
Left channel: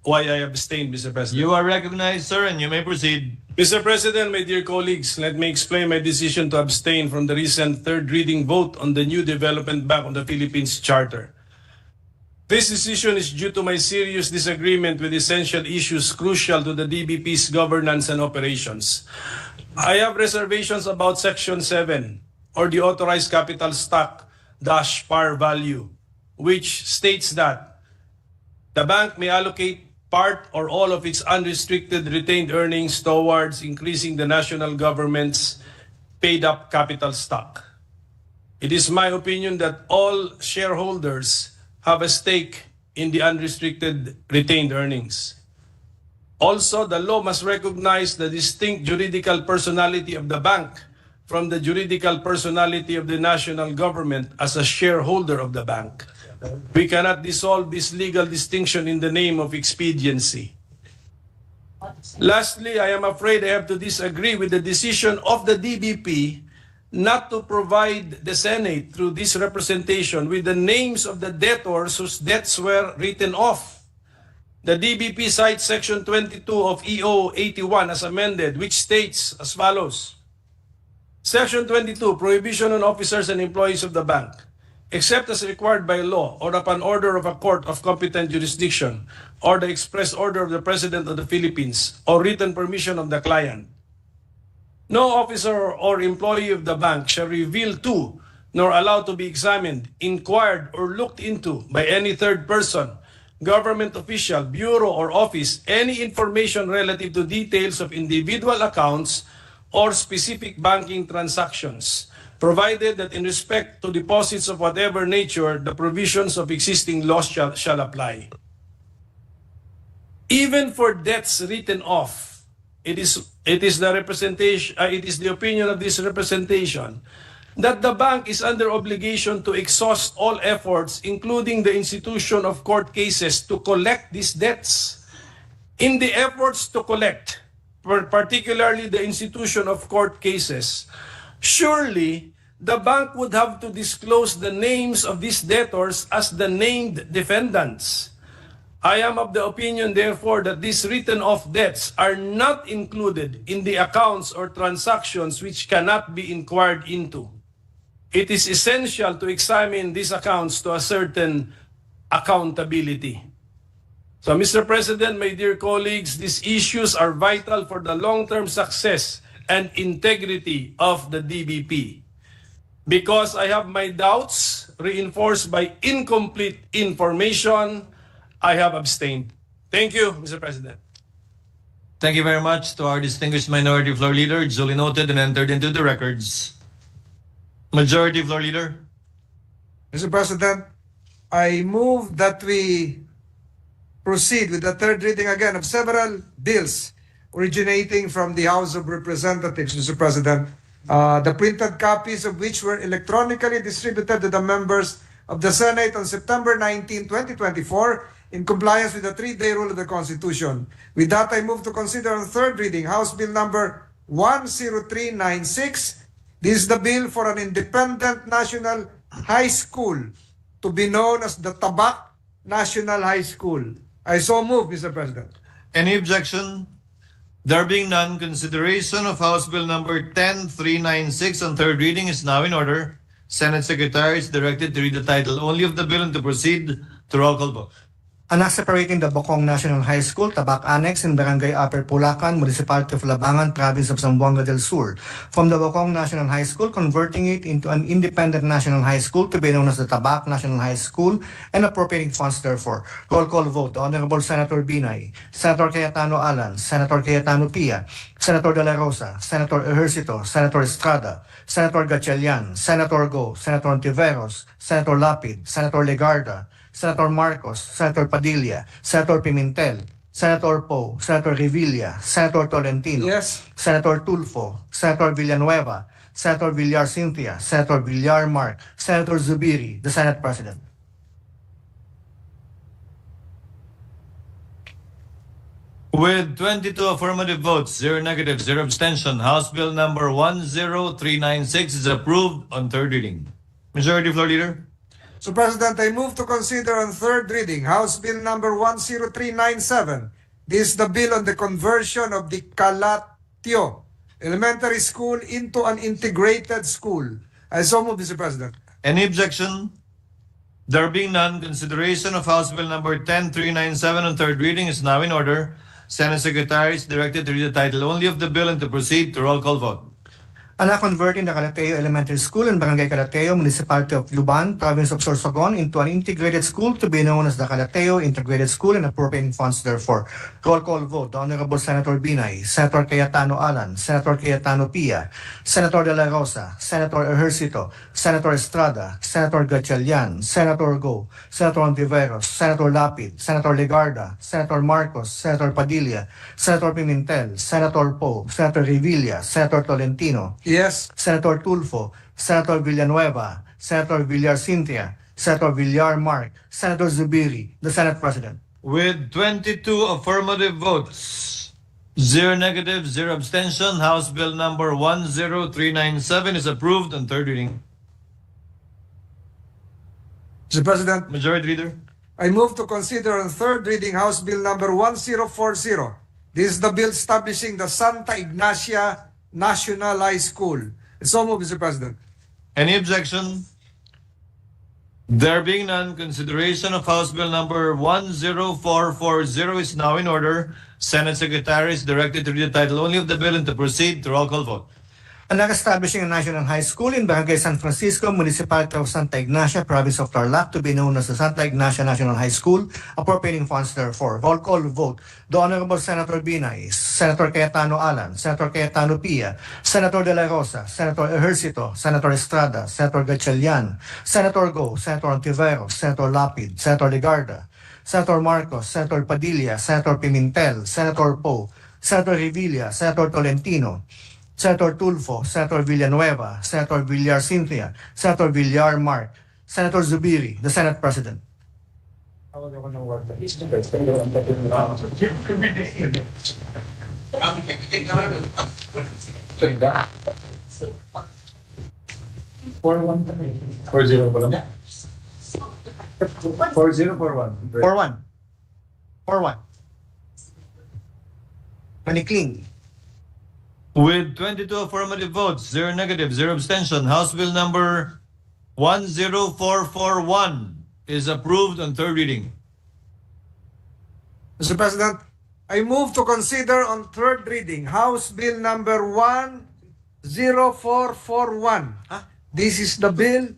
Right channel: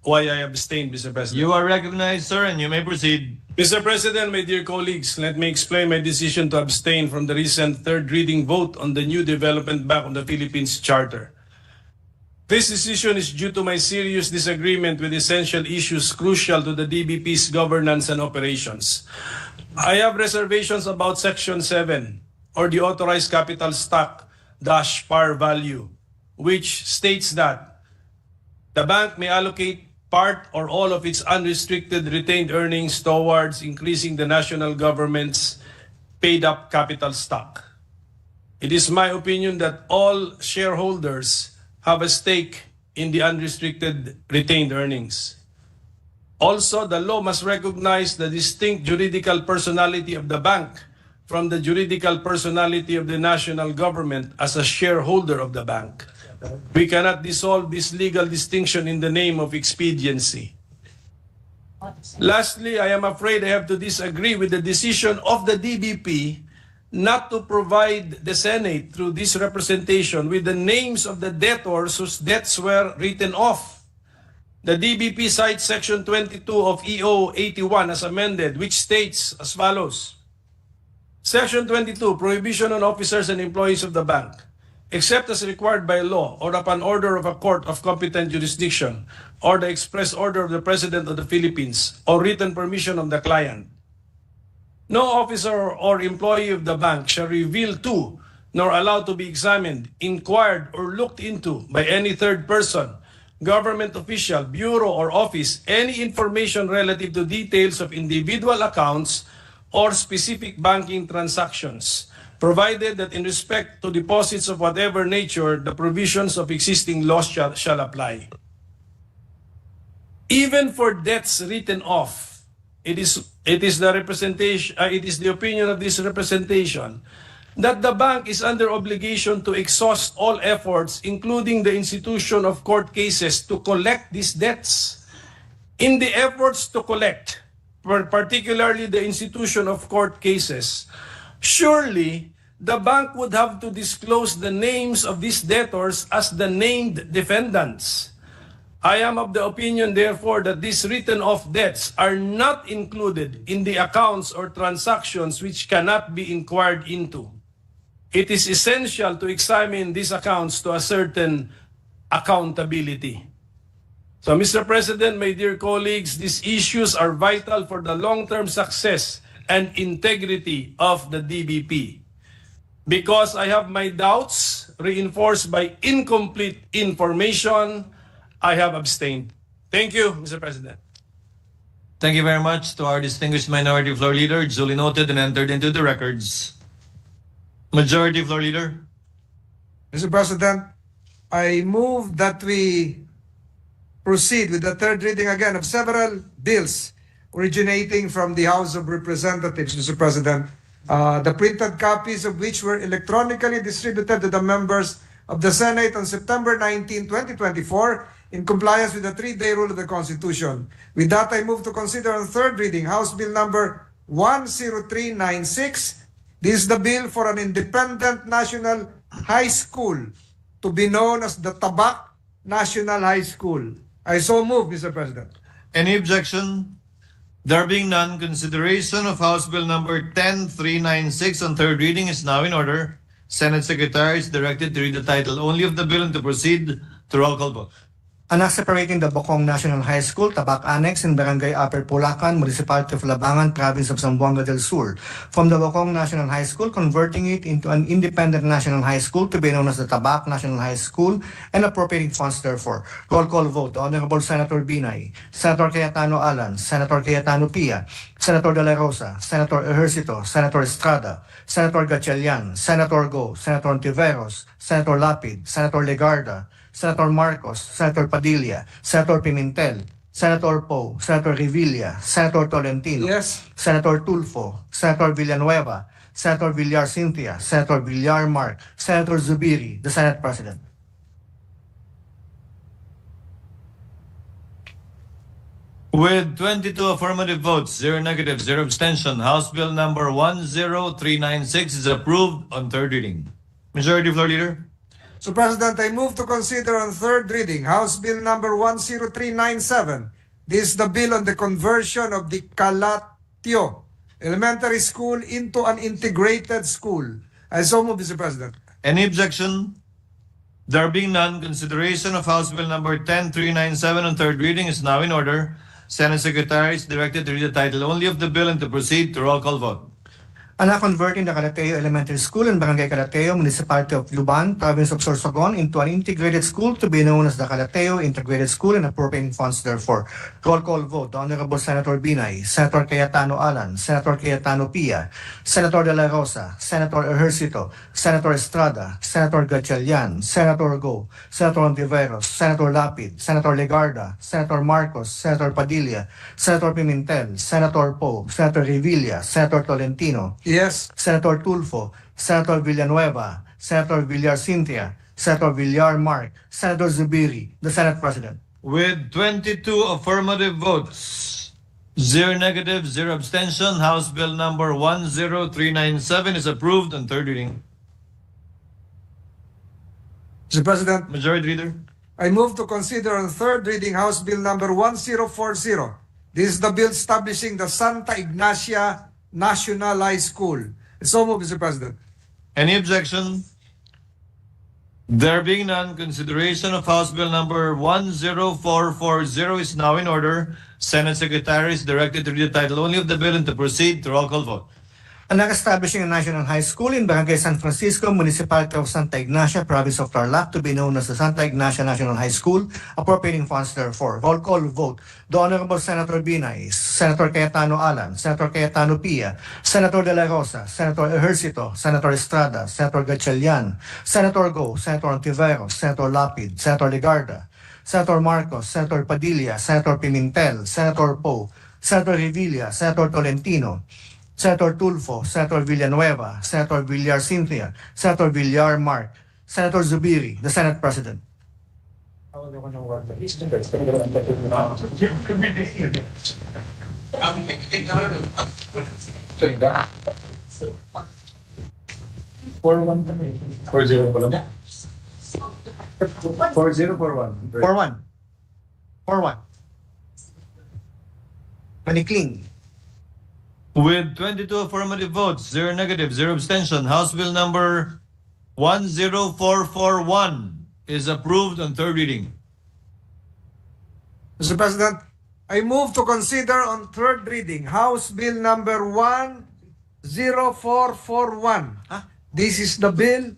why I abstained, Mr. President. You are recognized, sir, and you may proceed. Mr. President, my dear colleagues, let me explain my decision to abstain from the recent third reading vote on the new Development Bank of the Philippines Charter. This decision is due to my serious disagreement with essential issues crucial to the DBP's governance and operations. I have reservations about Section 7 or the authorized capital stock dash par value, which states that the bank may allocate part or all of its unrestricted retained earnings towards increasing the national government's paid-up capital stock. It is my opinion that all shareholders have a stake in the unrestricted retained earnings. Also, the law must recognize the distinct juridical personality of the bank from the juridical personality of the national government as a shareholder of the bank. We cannot dissolve this legal distinction in the name of expediency. Lastly, I am afraid I have to disagree with the decision of the DBP not to provide the Senate through this representation with the names of the debtors whose debts were written off. The DBP cites Section 22 of EO 81 as amended, which states as follows. Section 22, Prohibition on officers and employees of the bank, except as required by law or upon order of a court of competent jurisdiction or the express order of the President of the Philippines or written permission of the client. No officer or employee of the bank shall reveal to, nor allowed to be examined, inquired, or looked into by any third person, government official, bureau, or office any information relative to details of individual accounts or specific banking transactions, provided that in respect to deposits of whatever nature, the provisions of existing laws shall apply. Even for debts written off, it is the opinion of this representation that the bank is under obligation to exhaust all efforts, including the institution of court cases, to collect these debts. In the efforts to collect, particularly the institution of court cases, surely the bank would have to disclose the names of these debtors as the named defendants. I am of the opinion, therefore, that these written-off debts are not included in the accounts or transactions which cannot be inquired into. It is essential to examine these accounts to a certain accountability. So, Mr. President, my dear colleagues, these issues are vital for the long-term success and integrity of the DBP. Because I have my doubts reinforced by incomplete information, I have abstained. Thank you, Mr. President. Thank you very much to our distinguished Minority Floor Leader, duly noted and entered into the records. Majority Floor Leader. Mr. President, I move that we proceed with the third reading again of several bills originating from the House of Representatives, Mr. President, the printed copies of which were electronically distributed to the members of the Senate on September 19, 2024, in compliance with the 3-day rule of the Constitution. With that, I move to consider on third reading House Bill number 10396. This is the bill for an independent national high school to be known as the Tabak National High School. I so move, Mr. President. Any objection? There being none, consideration of House Bill number 10396 on third reading is now in order. Senate Secretary is directed to read the title only of the bill and to proceed to roll call vote. An act separating the Bocong National High School, Tabak Annex in Barangay Upper Pulacan, Municipality of Labangan, Province of Zamboanga del Sur, from the Bocong National High School, converting it into an independent national high school to be known as the Tabak National High School, and appropriating funds therefore. Roll call vote. Honorable Senator Binay, Senator Cayetano Alan, Senator Cayetano Pia, Senator De La Rosa, Senator Ejercito, Senator Estrada, Senator Gatchalian, Senator Go, Senator Ontiveros, Senator Lapid, Senator Legarda, Senator Marcos, Senator Padilla, Senator Pimentel, Senator Poe, Senator Revilla, Senator Tolentino, Yes. Senator Tulfo, Senator Villanueva, Senator Villar Cynthia, Senator Villar Mark, Senator Zubiri, the Senate President. With 22 affirmative votes, 0 negative, 0 abstention, House Bill number 10396 is approved on third reading. Majority Floor Leader. So, President, I move to consider on third reading House Bill number 10397. This is the bill on the conversion of the Calatio Elementary School into an integrated school. I so move, Mr. President. Any objection? There being none, consideration of House Bill number 10397 on third reading is now in order. Senate Secretary is directed to read the title only of the bill and to proceed to roll call vote. and are converting the Calateo Elementary School and Barangay Calateo, Municipality of Luban, Province of Sorsogon, into an integrated school to be known as the Calateo Integrated School and appropriating funds therefore. Roll call vote. The Honorable Senator Binay, Senator Cayetano Alan, Senator Cayetano Pia, Senator De La Rosa, Senator Ejercito, Senator Estrada, Senator Gatchalian, Senator Go, Senator Ontiveros, Senator Lapid, Senator Legarda, Senator Marcos, Senator Padilla, Senator Pimentel, Senator Poe, Senator Revilla, Senator Tolentino, Yes. Senator Tulfo, Senator Villanueva, Senator Villar Cynthia, Senator Villar Mark, Senator Zubiri, the Senate President. With 22 affirmative votes, 0 negative, 0 abstention, House Bill number 10397 is approved on third reading. Mr. President, Majority Leader. I move to consider on third reading House Bill number 1040. This is the bill establishing the Santa Ignacia National High School. So move, Mr. President. Any objection? There being none, consideration of House Bill number 10440 is now in order. Senate Secretary is directed to read the title only of the bill and to proceed to roll call vote. And establishing a national high school in Barangay San Francisco, Municipality of Santa Ignacia, Province of Tarlac, to be known as the Santa Ignacia National High School, appropriating funds therefore. Roll call vote. The Honorable Senator Binay, Senator Cayetano Alan, Senator Cayetano Pia, Senator De La Rosa, Senator Ejercito, Senator Estrada, Senator Gatchalian, Senator Go, Senator Ontiveros, Senator Lapid, Senator Legarda, Senator Marcos, Senator Padilla, Senator Pimentel, Senator Poe, Senator Revilla, Senator Tolentino, Senator Tulfo, Senator Villanueva, Senator Villar Cynthia, Senator Villar Mark, Senator Zubiri, the Senate President. For one. Manikling. With 22 affirmative votes, 0 negative, 0 abstention, House Bill number 10441 is approved on third reading. Mr. President, I move to consider on third reading House Bill number 10441. This is the bill.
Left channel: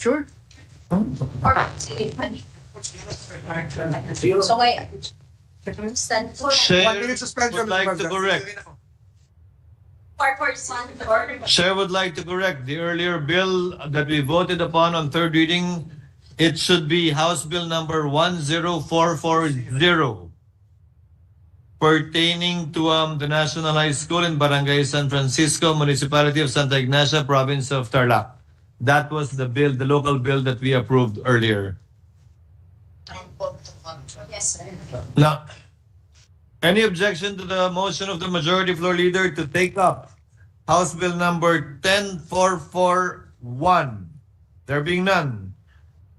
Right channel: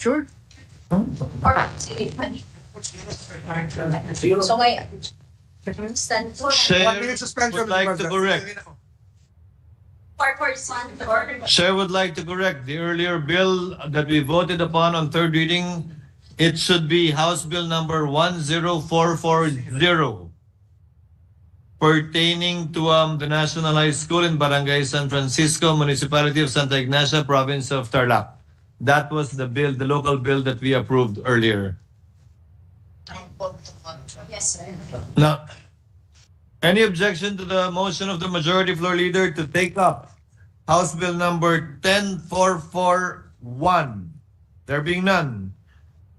Sure. So ngayon, Chair 1 minute suspension, would like Mr. to President. correct. Chair would like to correct the earlier bill that we voted upon on third reading. It should be House Bill number 10440 pertaining to the National High School in Barangay San Francisco, Municipality of Santa Ignacia, Province of Tarlac. That was the bill, the local bill that we approved earlier. yes, sir. Now, any objection to the motion of the majority floor leader to take up House Bill number 10441? There being none,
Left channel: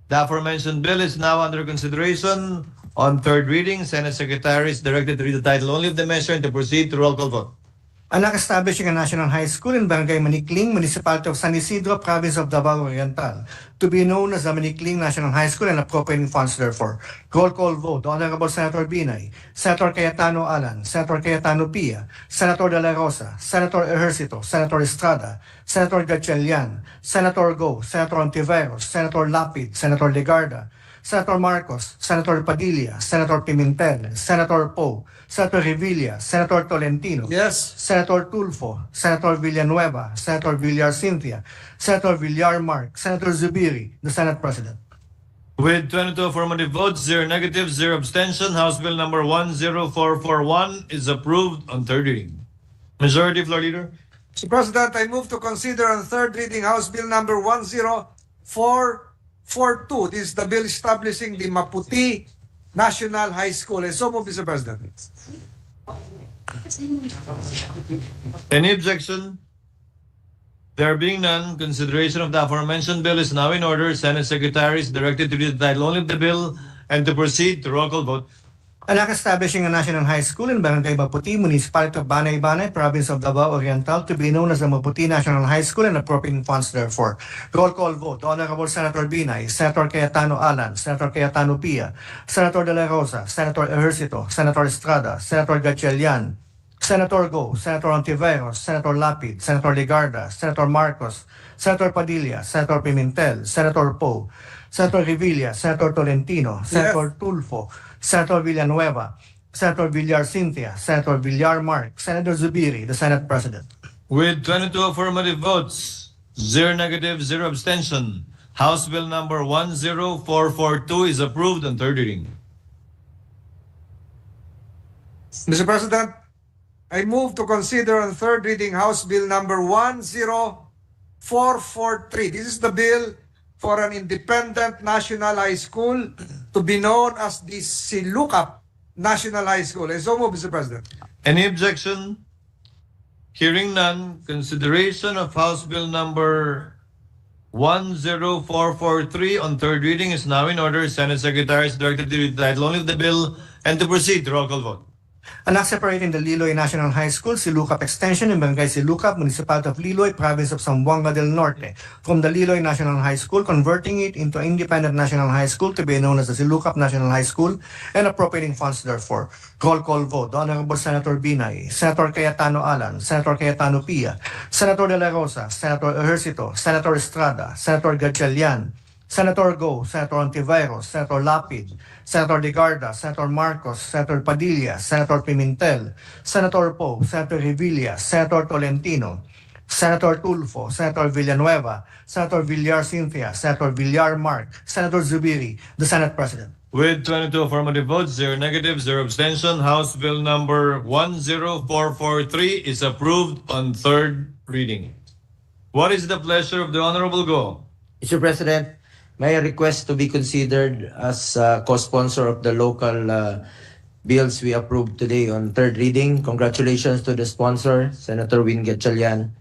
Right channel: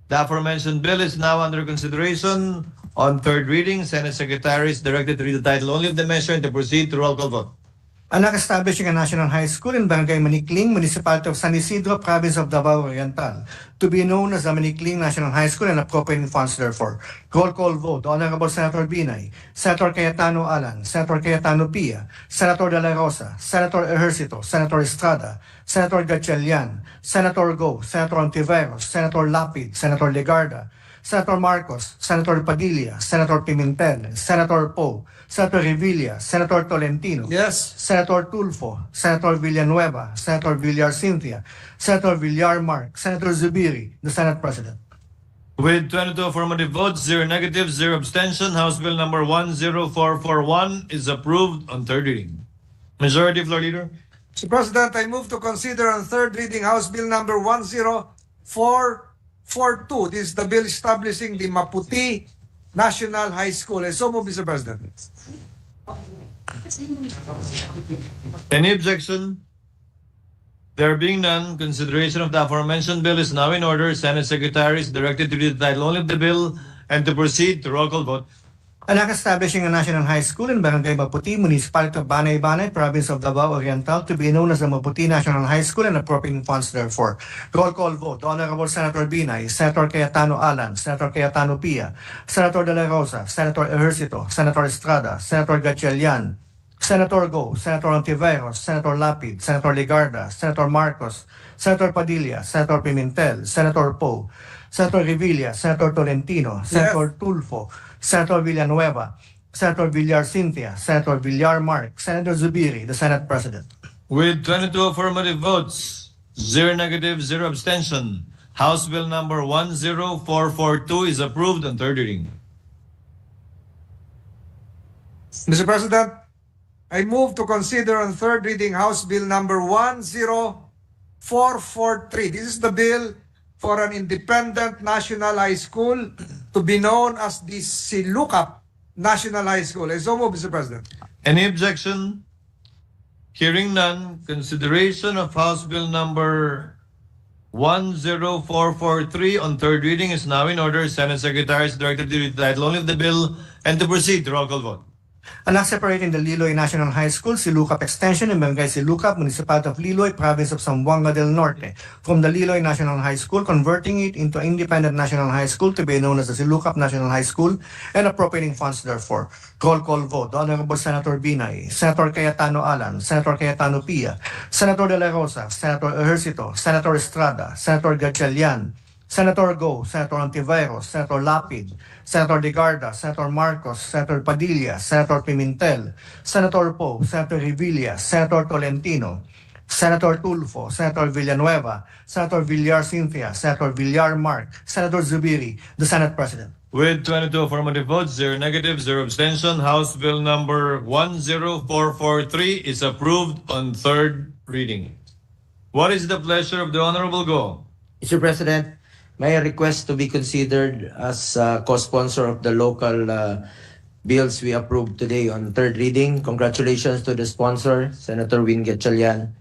the aforementioned bill is now under consideration on third reading. Senate Secretary is directed to read the title only of the measure and to proceed to roll call vote. And establishing a national high school in Barangay Manikling, Municipality of San Isidro, Province of Davao Oriental, to be known as the Manikling National High School and appropriating funds therefore. Roll call vote. The Honorable Senator Binay, Senator Cayetano Alan, Senator Cayetano Pia, Senator De La Rosa, Senator Ejercito, Senator Estrada, Senator Gatchalian, Senator Go, Senator Ontiveros, Senator Lapid, Senator Legarda, Senator Marcos, Senator Padilla, Senator Pimentel, Senator Poe, Senator Revilla, Senator Tolentino, Yes. Senator Tulfo, Senator Villanueva, Senator Villar Cynthia, Senator Villar Mark, Senator Zubiri, the Senate President. With 22 affirmative votes, 0 negative, 0 abstention, House Bill number 10441 is approved on third reading. Majority floor leader. Mr. President, I move to consider on third reading House Bill number 10442. This is the bill establishing the Maputi National High School. And so move, Mr. President. Any objection? There being none, consideration of the aforementioned bill is now in order. Senate Secretary is directed to read the title only of the bill and to proceed to roll call vote. And establishing a national high school in Barangay Maputi, Municipality of Banay-Banay, Province of Davao Oriental, to be known as the Maputi National High School and appropriating funds therefore. Roll call vote. The Honorable Senator Binay, Senator Cayetano Alan, Senator Cayetano Pia, Senator De La Rosa, Senator Ejercito, Senator Estrada, Senator Gatchalian, Senator Go, Senator Ontiveros, Senator Lapid, Senator Legarda, Senator Marcos, Senator Padilla, Senator Pimentel, Senator Poe, Senator Revilla, Senator Tolentino, Senator Tulfo, Senator Villanueva, Senator Villar Cynthia, Senator Villar Mark, Senator Zubiri, the Senate President. With 22 affirmative votes, 0 negative, 0 abstention, House Bill number 10442 is approved on third reading. Mr. President, I move to consider on third reading House Bill number 10443. This is the bill for an independent national high school to be known as the Silukap National High School. I so move, Mr. President. Any objection? Hearing none, consideration of House Bill number 10443 on third reading is now in order. Senate Secretary is directed to read the title only of the bill and to proceed to roll call vote. Anak separating the Liloy National High School, Silukap Extension, in Barangay Silukap, Municipality of Liloy, Province of Zamboanga del Norte, from the Liloy National High School, converting it into an independent national high school to be known as the Silukap National High School, and appropriating funds therefore. Roll call vote. The Honorable Senator Binay, Senator Cayetano Alan, Senator Cayetano Pia, Senator De La Rosa, Senator Ejercito, Senator Estrada, Senator Gatchalian, Senator Go, Senator Ontiveros, Senator Lapid, Senator Legarda, Senator Marcos, Senator Padilla, Senator Pimentel, Senator Poe, Senator Revilla, Senator Tolentino, Senator Tulfo, Senator Villanueva, Senator Villar Cynthia, Senator Villar Mark, Senator Zubiri, the Senate President. With 22 affirmative votes, 0 negative, 0 abstention, House Bill number 10443 is approved on third reading. What is the pleasure of the Honorable Go? Mr. President, may I request to be considered as co-sponsor of the local bills we approved today on third reading. Congratulations to the sponsor, Senator Win Gatchalian.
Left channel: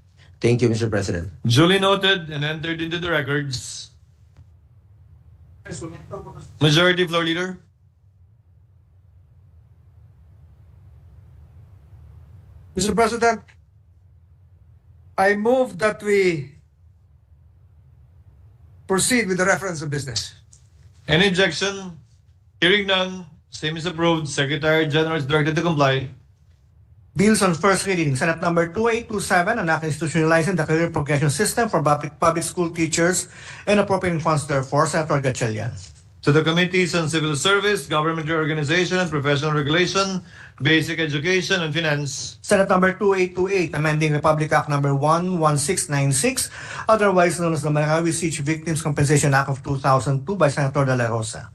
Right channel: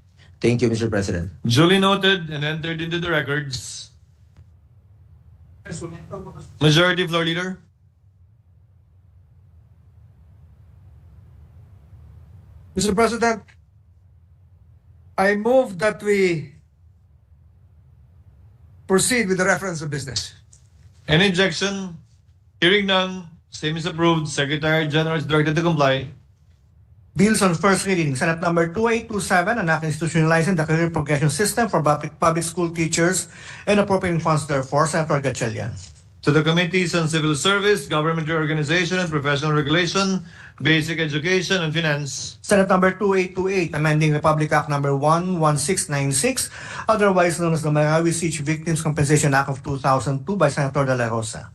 Thank you, Mr. President. Duly noted and entered into the records. Majority Floor Leader. Mr. President, I move that we proceed with the reference of business. Any objection? Hearing none, same is approved. Secretary General is directed to comply. Bills on first reading. Senate number 2827, an act institutionalizing the career progression system for public school teachers and appropriating funds therefore. Senator Gatchalian. To the Committees on Civil Service, Government Reorganization and Professional Regulation, Basic Education and Finance. Senate number 2828, amending Republic Act number 11696, otherwise known as the Marawi Siege Victims Compensation Act of 2002 by Senator De La Rosa.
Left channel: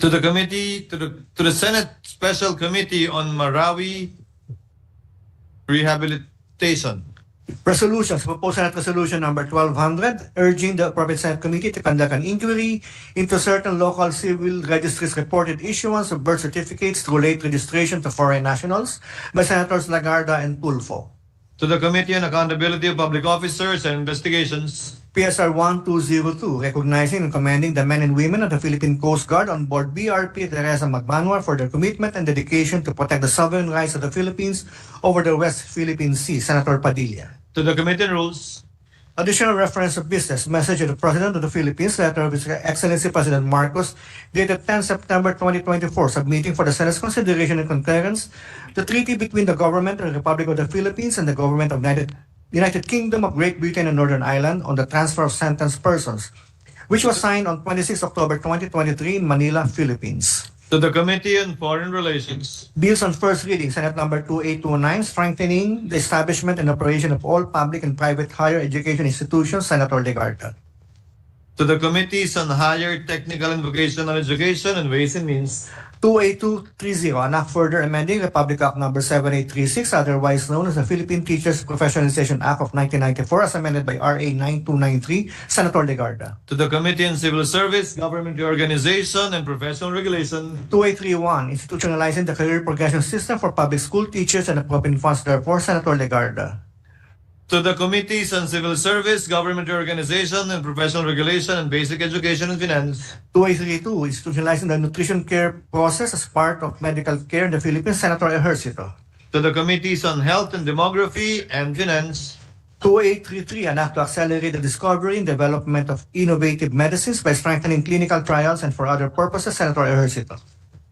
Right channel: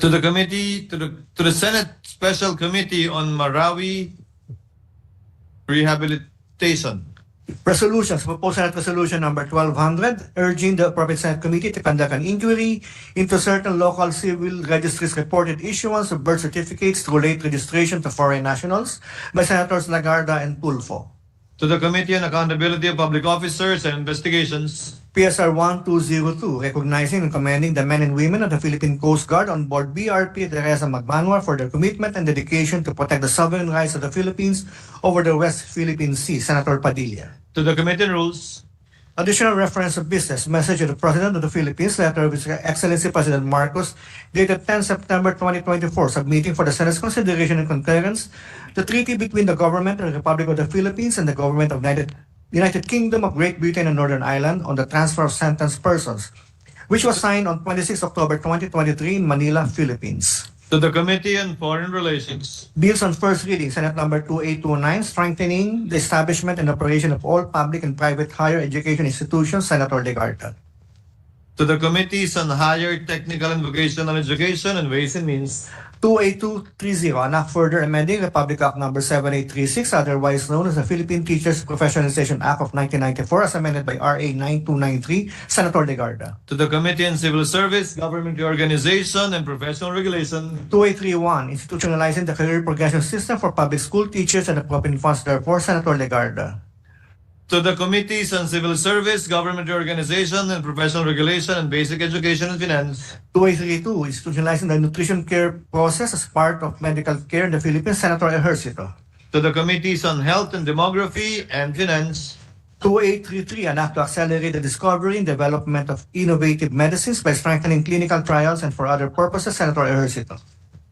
To the committee, to the Senate Special Committee on Marawi Rehabilitation. Resolutions. Proposed Senate Resolution number 1200, urging the appropriate Senate Committee to conduct an inquiry into certain local civil registries reported issuance of birth certificates through late registration to foreign nationals by Senators Lagarda and Tulfo. To the Committee on Accountability of Public Officers and Investigations. PSR 1202, recognizing and commending the men and women of the Philippine Coast Guard on board BRP Teresa Magbanua for their commitment and dedication to protect the sovereign rights of the Philippines over the West Philippine Sea. Senator Padilla. To the Committee on Rules. Additional reference of business. Message of the President of the Philippines, letter of His Excellency President Marcos, dated 10 September 2024, submitting for the Senate's consideration and concurrence the treaty between the Government of the Republic of the Philippines and the Government of United Kingdom of Great Britain and Northern Ireland on the transfer of sentenced persons, which was signed on 26 October 2023 in Manila, Philippines. To the Committee on Foreign Relations. Bills on first reading. Senate number 2829, strengthening the establishment and operation of all public and private higher education institutions. Senator Legarda. To the Committees on Higher Technical and Vocational Education and Ways and Means. 28230, an act further amending Republic Act number 7836, otherwise known as the Philippine Teachers Professionalization Act of 1994, as amended by RA 9293. Senator Legarda. To the Committee on Civil Service, Government Reorganization and Professional Regulation. 2831, institutionalizing the career progression system for public school teachers and appropriating funds therefore. Senator Legarda. To the Committees on Civil Service, Government Reorganization and Professional Regulation and Basic Education and Finance. 2832, institutionalizing the nutrition care process as part of medical care in the Philippines. Senator Ejercito. To the Committees on Health and Demography and Finance. 2833, an act to accelerate the discovery and development of innovative medicines by strengthening clinical trials and for other purposes. Senator Ejercito.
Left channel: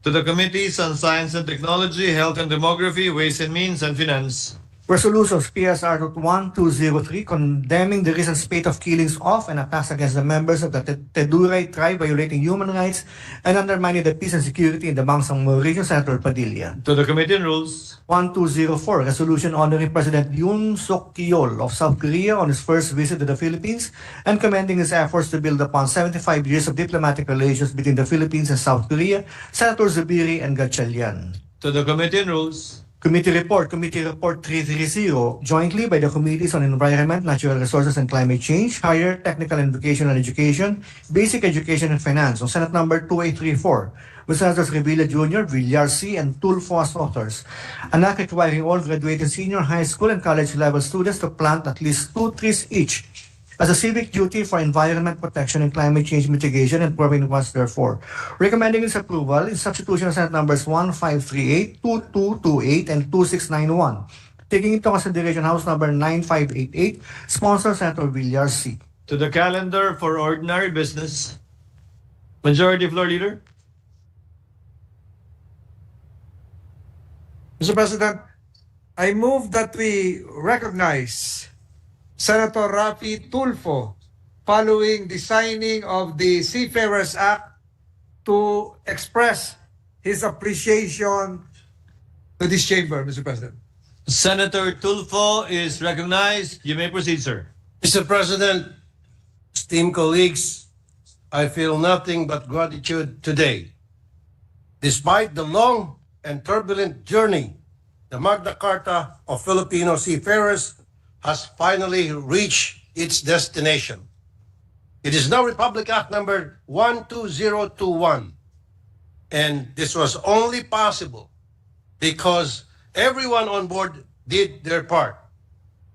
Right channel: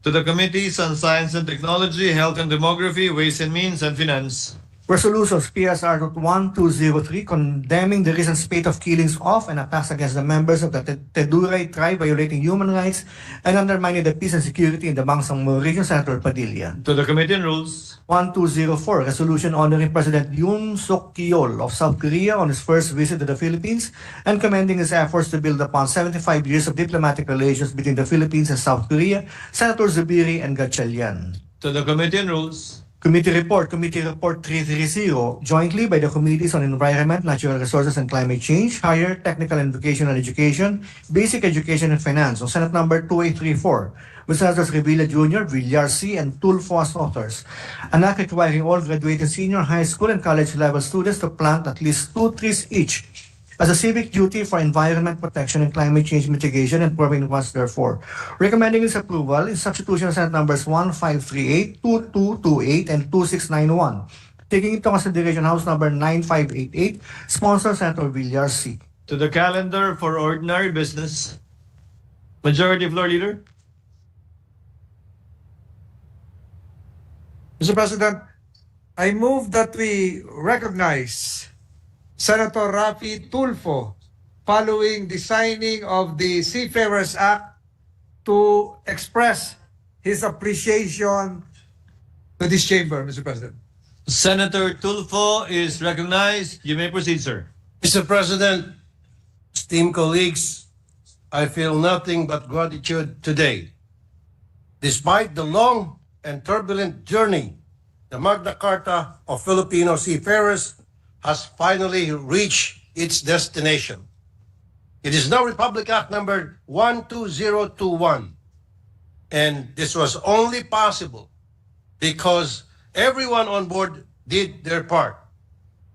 To the Committees on Science and Technology, Health and Demography, Ways and Means, and Finance. Resolutions PSR 1203 condemning the recent spate of killings of and attacks against the members of the Teduray tribe, violating human rights and undermining the peace and security in the Bangsamoro region. Senator Padilla. To the Committee on Rules. 1204, resolution honoring President Yoon Suk Yeol of South Korea on his first visit to the Philippines and commending his efforts to build upon 75 years of diplomatic relations between the Philippines and South Korea. Senator Zubiri and Gatchalian. To the Committee on Rules. Committee Report 330, jointly by the Committees on Environment, Natural Resources and Climate Change, Higher Technical and Vocational Education, Basic Education and Finance, on Senate number 2834, with Senators Revilla Jr., Villar C., and Tulfo as authors. An act requiring all graduated senior high school and college level students to plant at least 2 trees each as a civic duty for environment protection and climate change mitigation and providing funds therefore. Recommending its approval is substitution of Senate numbers 1538, 2228, and 2691. Taking into consideration House number 9588, sponsor Senator Villar C. To the calendar for ordinary business. Majority Floor Leader. Mr. President, I move that we recognize Senator Rafi Tulfo following the signing of the Seafarers Act to express his appreciation to this chamber, Mr. President. Senator Tulfo is recognized. You may proceed, sir. Mr. President, esteemed colleagues, I feel nothing but gratitude today. Despite the long and turbulent journey, the Magna Carta of Filipino seafarers has finally reached its destination. It is now Republic Act number 12021, and this was only possible because everyone on board did their part.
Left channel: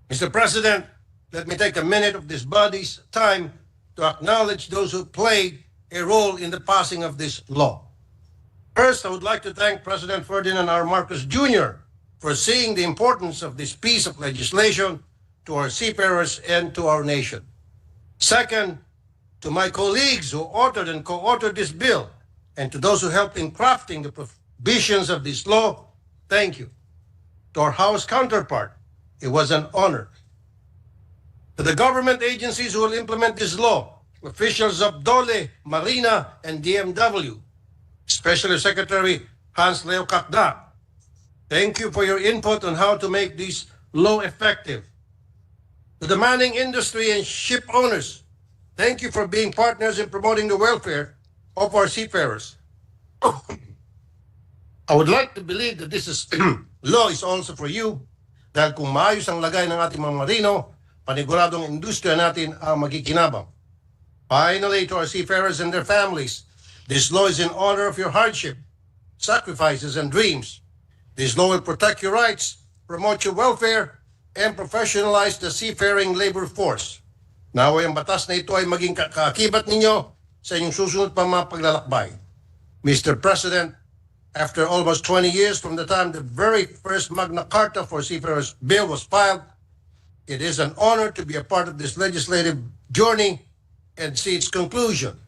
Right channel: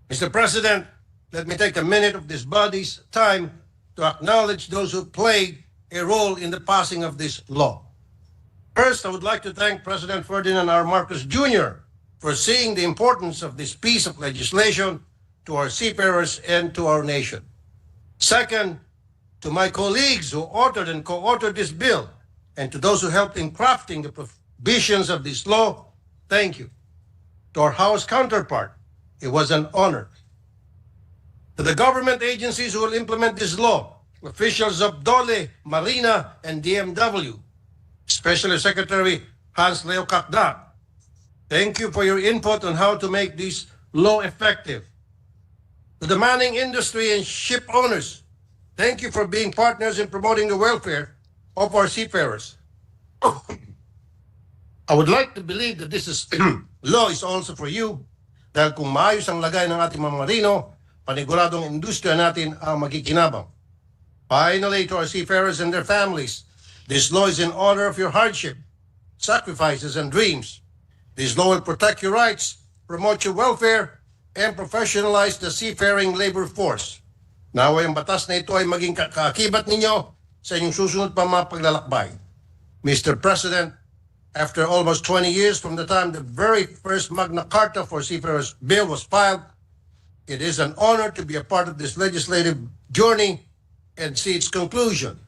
Mr. President, let me take a minute of this body's time to acknowledge those who played a role in the passing of this law. First, I would like to thank President Ferdinand R. Marcos Jr. for seeing the importance of this piece of legislation to our seafarers and to our nation. Second, to my colleagues who authored and co-authored this bill, and to those who helped in crafting the provisions of this law, thank you. To our House counterpart, it was an honor. To the government agencies who will implement this law, officials of DOLE, Marina, and DMW, especially Secretary Hans Leo Kakda, thank you for your input on how to make this law effective. To the manning industry and ship owners, thank you for being partners in promoting the welfare of our seafarers. I would like to believe that this law is also for you, dahil kung maayos ang lagay ng ating mga marino, paniguradong industriya natin ang magikinabang. Finally, to our seafarers and their families, this law is in honor of your hardship, sacrifices, and dreams. This law will protect your rights, promote your welfare, and professionalize the seafaring labor force. Naway ang batas na ito ay maging kaakibat ninyo sa inyong susunod pa mga paglalakbay. Mr. President, after almost 20 years from the time the very first Magna Carta for Seafarers Bill was filed, it is an honor to be a part of this legislative journey and see its conclusion.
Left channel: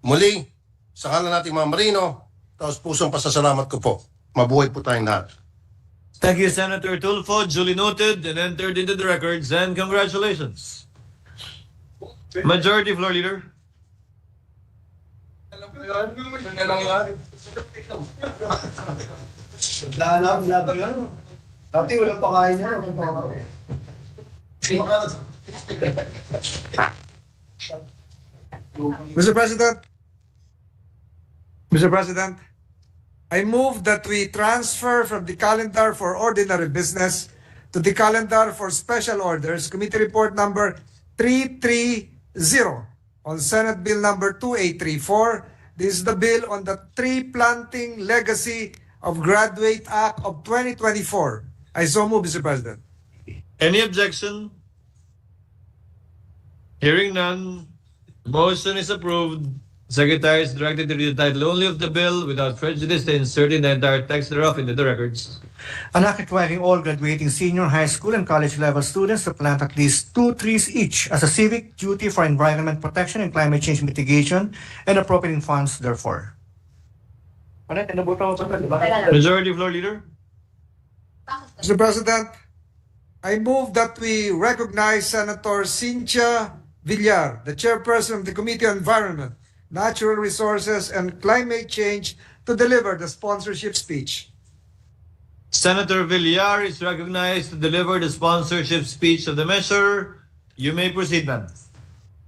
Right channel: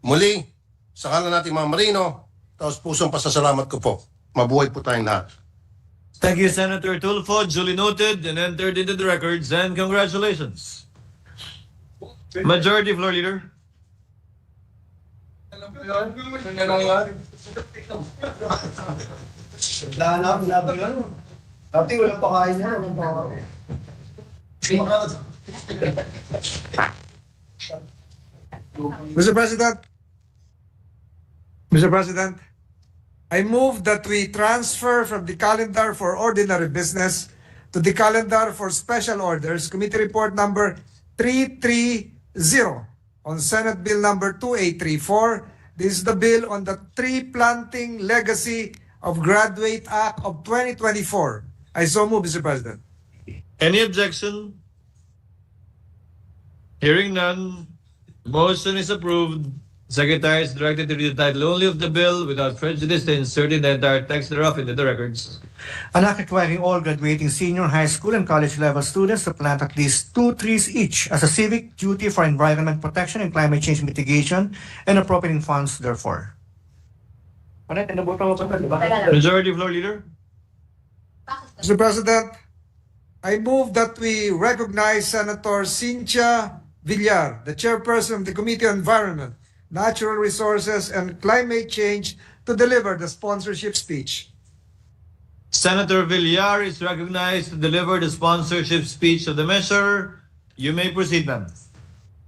Muli, sa ngalan nating mga marino, taos pusong pasasalamat ko po. Mabuhay po tayong lahat. Thank you, Senator Tulfo. Duly noted and entered into the records, and congratulations. Majority Floor Leader. Mr. President, I move that we transfer from the calendar for ordinary business to the calendar for special orders, Committee Report number 330 on Senate Bill number 2834. This is the bill on the tree planting legacy of Graduate Act of 2024. I so move, Mr. President. Any objection? Hearing none, the motion is approved. Secretary is directed to read the title only of the bill without prejudice and inserting the entire text thereof into the records. An act requiring all graduating senior high school and college level students to plant at least 2 trees each as a civic duty for environment protection and climate change mitigation and appropriating funds therefore. Majority Floor Leader. Mr. President, I move that we recognize Senator Cynthia Villar, the chairperson of the Committee on Environment, Natural Resources, and Climate Change, to deliver the sponsorship speech. Senator Villar is recognized to deliver the sponsorship speech of the measure. You may proceed, ma'am.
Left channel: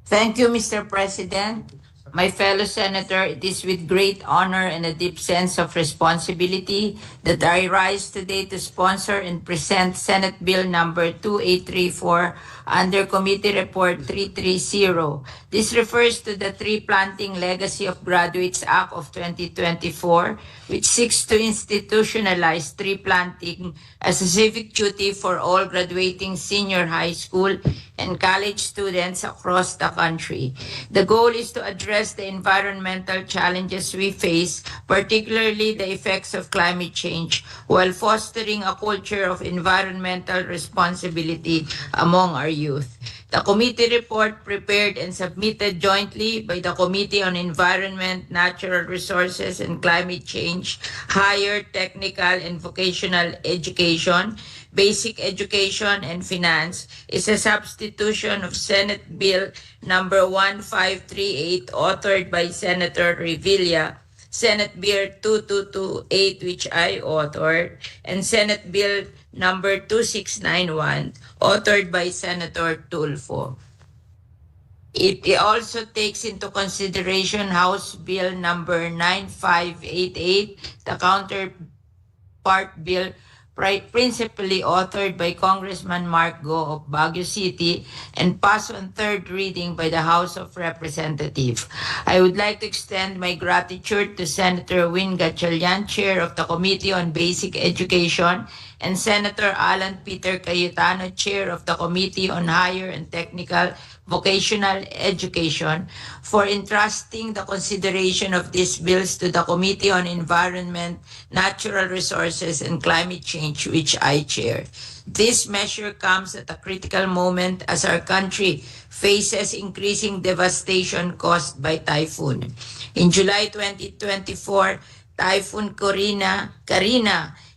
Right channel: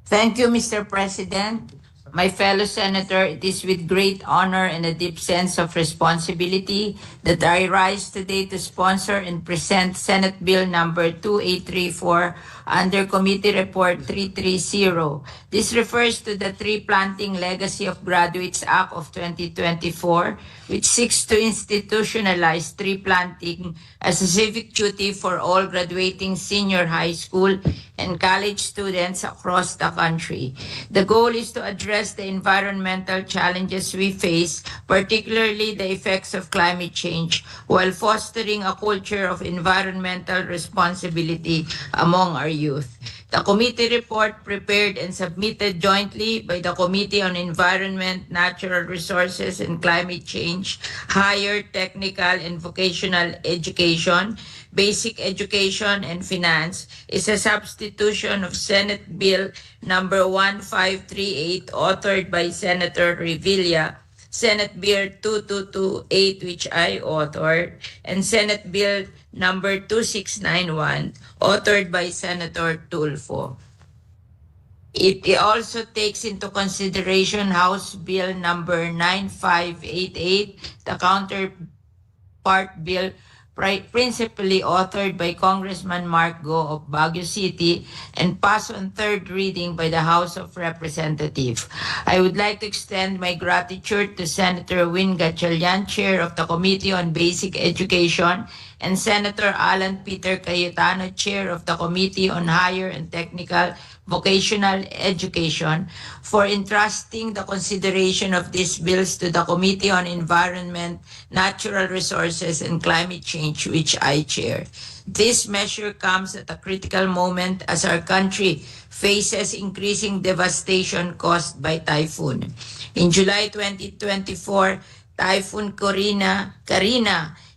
Thank you, Mr. President. My fellow senator, it is with great honor and a deep sense of responsibility that I rise today to sponsor and present Senate Bill number 2834 under Committee Report 330. This refers to the Tree Planting Legacy of Graduates Act of 2024, which seeks to institutionalize tree planting as a civic duty for all graduating senior high school and college students across the country. The goal is to address the environmental challenges we face, particularly the effects of climate change, while fostering a culture of environmental responsibility among our youth. The committee report, prepared and submitted jointly by the Committee on Environment, Natural Resources, and Climate Change, Higher Technical and Vocational Education, Basic Education, and Finance, is a substitution of Senate Bill number 1538, authored by Senator Revilla, Senate Bill 2228, which I authored, and Senate Bill number 2691, authored by Senator Tulfo. It also takes into consideration House Bill number 9588, the counterpart bill principally authored by Congressman Mark Go of Baguio City and passed on third reading by the House of Representatives. I would like to extend my gratitude to Senator Win Gatchalian, Chair of the Committee on Basic Education, and Senator Alan Peter Cayetano, Chair of the Committee on Higher and Technical Vocational Education, for entrusting the consideration of these bills to the Committee on Environment, Natural Resources, and Climate Change, which I chair. This measure comes at a critical moment as our country faces increasing devastation caused by typhoon. In July 2024, Typhoon Karina,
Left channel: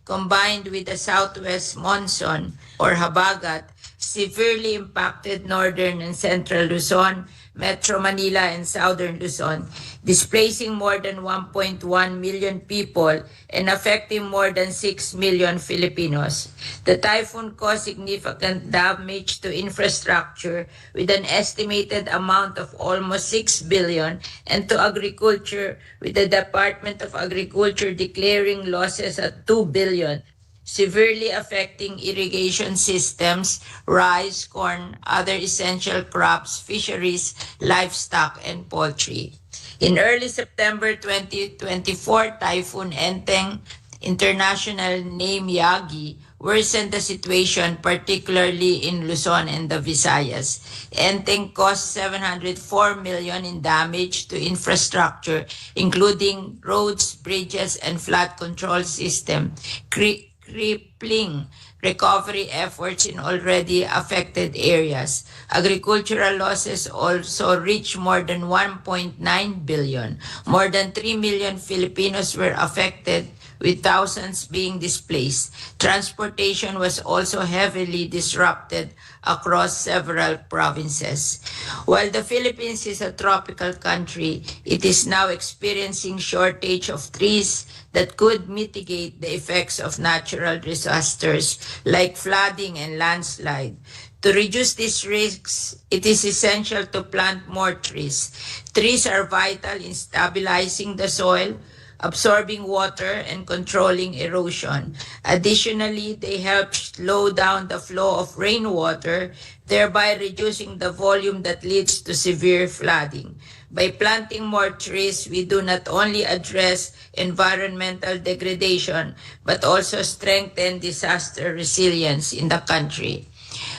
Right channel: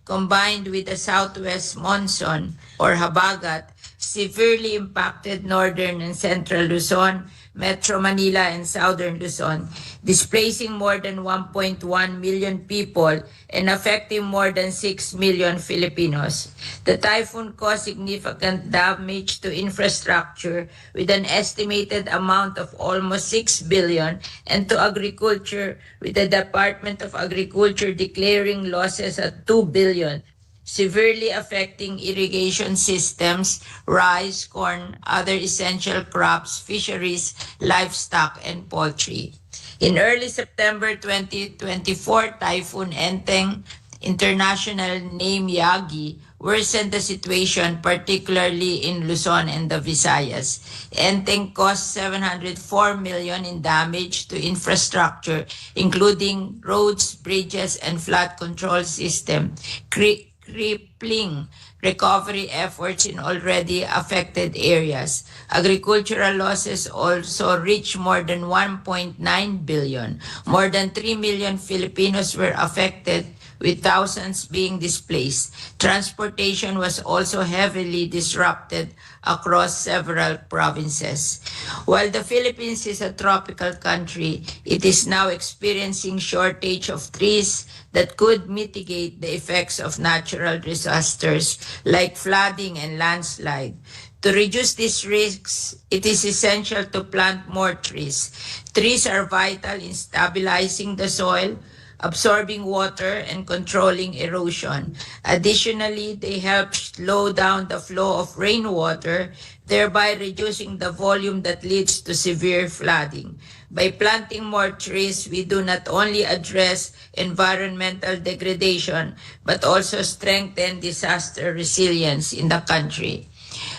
combined with the southwest monsoon or habagat, severely impacted northern and central Luzon, Metro Manila, and southern Luzon, displacing more than 1.1 million people and affecting more than 6 million Filipinos. The typhoon caused significant damage to infrastructure with an estimated amount of almost 6 billion, and to agriculture, with the Department of Agriculture declaring losses at 2 billion, severely affecting irrigation systems, rice, corn, other essential crops, fisheries, livestock, and poultry. In early September 2024, Typhoon Enteng, international name Yagi, worsened the situation, particularly in Luzon and the Visayas. Enteng caused 704 million in damage to infrastructure, including roads, bridges, and flood control system, crippling recovery efforts in already affected areas. Agricultural losses also reached more than 1.9 billion. More than 3 million Filipinos were affected, with thousands being displaced. Transportation was also heavily disrupted across several provinces. While the Philippines is a tropical country, it is now experiencing shortage of trees that could mitigate the effects of natural disasters like flooding and landslide. To reduce these risks, it is essential to plant more trees. Trees are vital in stabilizing the soil, absorbing water, and controlling erosion. Additionally, they help slow down the flow of rainwater, thereby reducing the volume that leads to severe flooding. By planting more trees, we do not only address environmental degradation, but also strengthen disaster resilience in the country.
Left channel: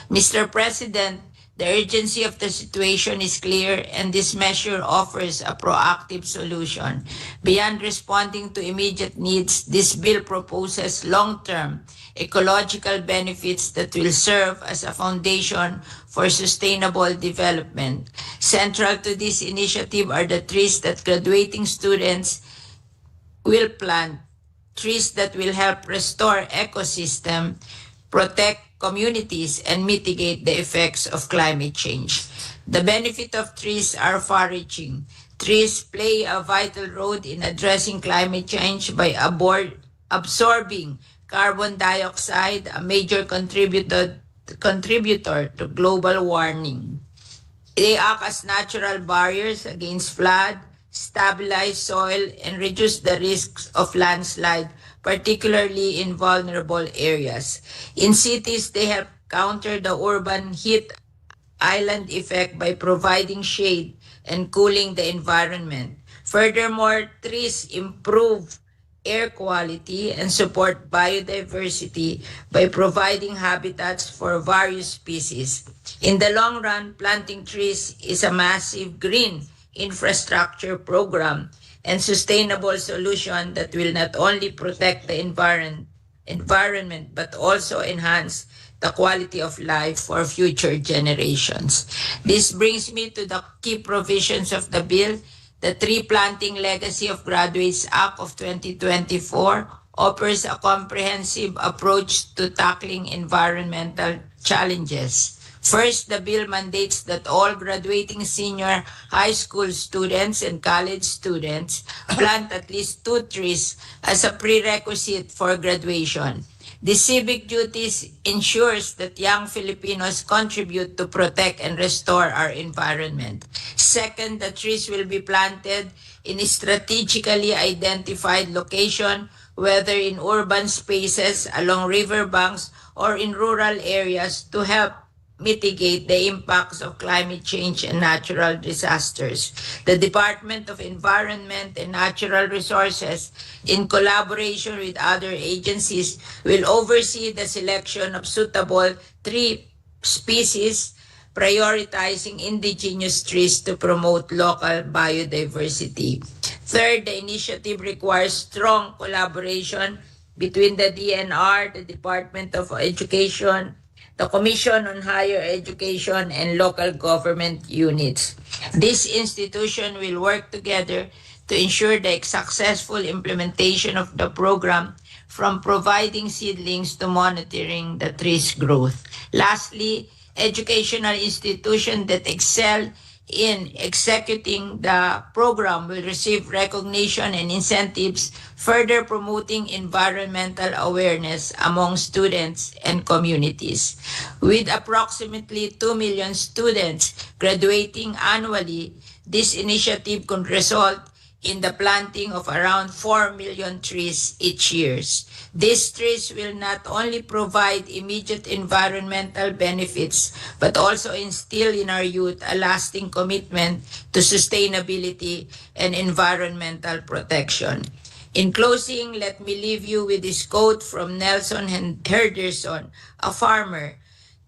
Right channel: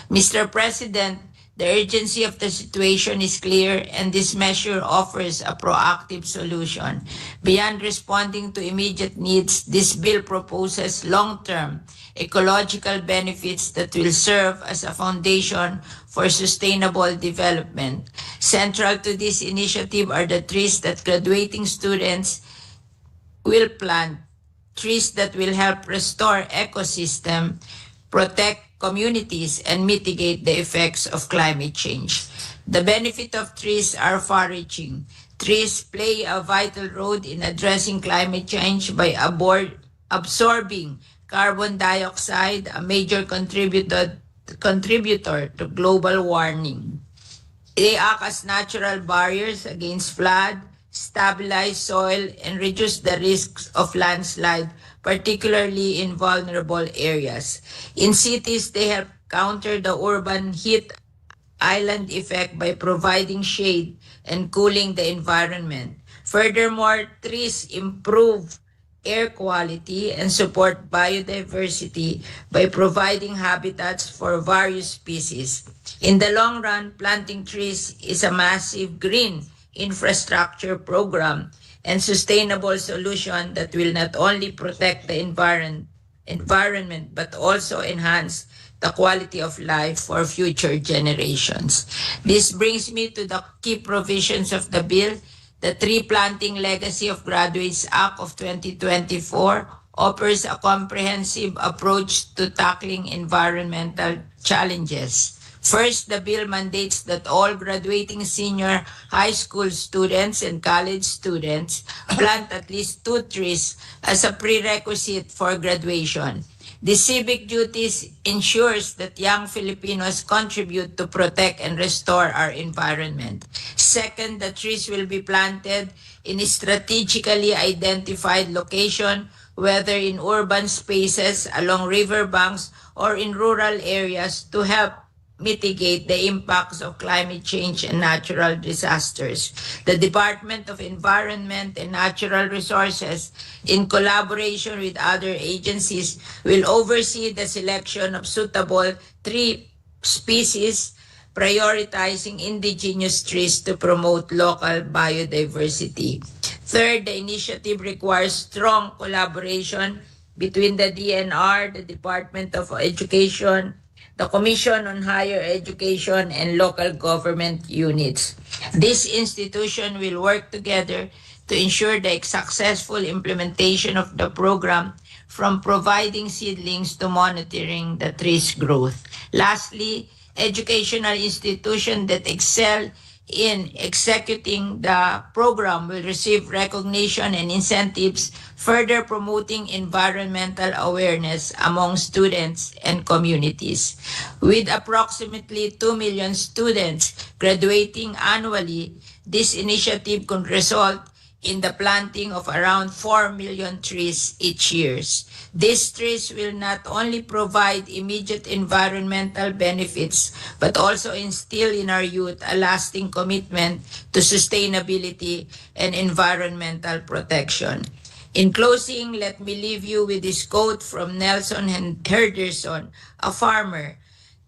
Mr. President, the urgency of the situation is clear, and this measure offers a proactive solution. Beyond responding to immediate needs, this bill proposes long-term ecological benefits that will serve as a foundation for sustainable development. Central to this initiative are the trees that graduating students will plant trees that will help restore ecosystem, protect communities, and mitigate the effects of climate change. The benefit of trees are far-reaching. Trees play a vital role in addressing climate change by absorbing carbon dioxide, a major contributor to global warming. They act as natural barriers against flood, stabilize soil, and reduce the risks of landslide, particularly in vulnerable areas. In cities, they help counter the urban heat island effect by providing shade and cooling the environment. Furthermore, trees improve air quality and support biodiversity by providing habitats for various species. In the long run, planting trees is a massive green infrastructure program and sustainable solution that will not only protect the environment but also enhance the quality of life for future generations. This brings me to the key provisions of the bill. The Tree Planting Legacy of Graduates Act of 2024 offers a comprehensive approach to tackling environmental challenges. First, the bill mandates that all graduating senior high school students and college students plant at least 2 trees as a prerequisite for graduation. The civic duties ensures that young Filipinos contribute to protect and restore our environment. Second, the trees will be planted in a strategically identified location, whether in urban spaces, along riverbanks, or in rural areas to help mitigate the impacts of climate change and natural disasters. The Department of Environment and Natural Resources, in collaboration with other agencies, will oversee the selection of suitable tree species, prioritizing indigenous trees to promote local biodiversity. Third, the initiative requires strong collaboration between the DNR, the Department of Education, the Commission on Higher Education, and local government units. This institution will work together to ensure the successful implementation of the program, from providing seedlings to monitoring the tree's growth. Lastly, educational institutions that excel in executing the program will receive recognition and incentives, further promoting environmental awareness among students and communities. With approximately 2 million students graduating annually, this initiative could result in the planting of around 4 million trees each year. These trees will not only provide immediate environmental benefits, but also instill in our youth a lasting commitment to sustainability and environmental protection. In closing, let me leave you with this quote from Nelson Henderson, a farmer.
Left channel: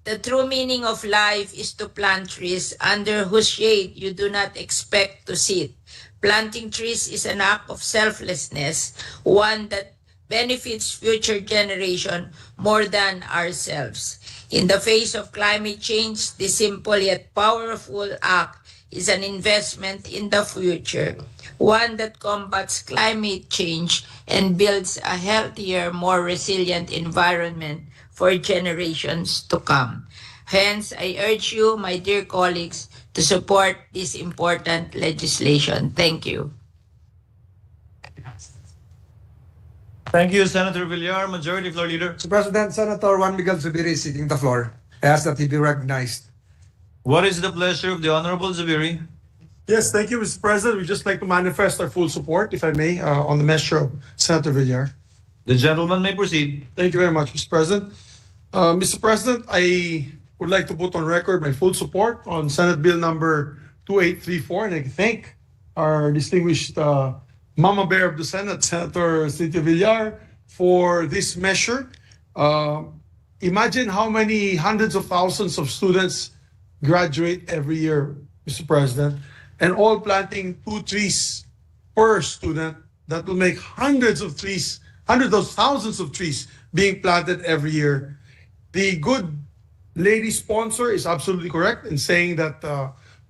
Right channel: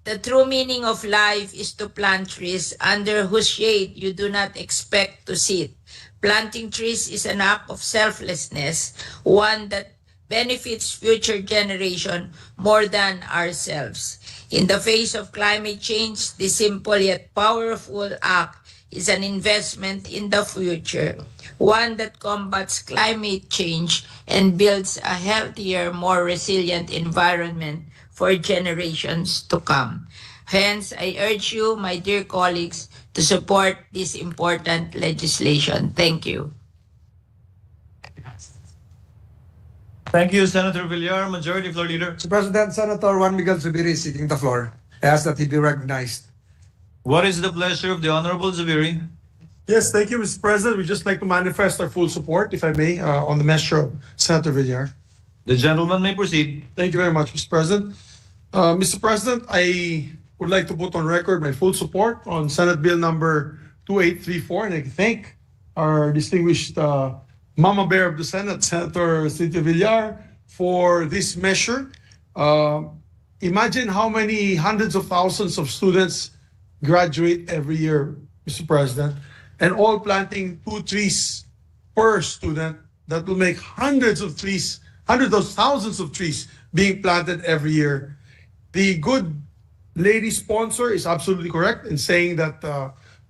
The true meaning of life is to plant trees under whose shade you do not expect to sit. Planting trees is an act of selflessness, one that benefits future generation more than ourselves. In the face of climate change, this simple yet powerful act is an investment in the future, one that combats climate change and builds a healthier, more resilient environment for generations to come. Hence, I urge you, my dear colleagues, to support this important legislation. Thank you. Thank you, Senator Villar. Majority Floor Leader. Mr. President, Senator Juan Miguel Zubiri is seeking the floor. I ask that he be recognized. What is the pleasure of the Honorable Zubiri? Yes, thank you, Mr. President. We'd just like to manifest our full support, if I may, on the measure of Senator Villar. The gentleman may proceed. Thank you very much, Mr. President. Mr. President, I would like to put on record my full support on Senate Bill number 2834, and I thank our distinguished Mama Bear of the Senate, Senator Cynthia Villar, for this measure. Imagine how many hundreds of thousands of students graduate every year, Mr. President, and all planting 2 trees per student. That will make hundreds of trees, hundreds of thousands of trees being planted every year. The good lady sponsor is absolutely correct in saying that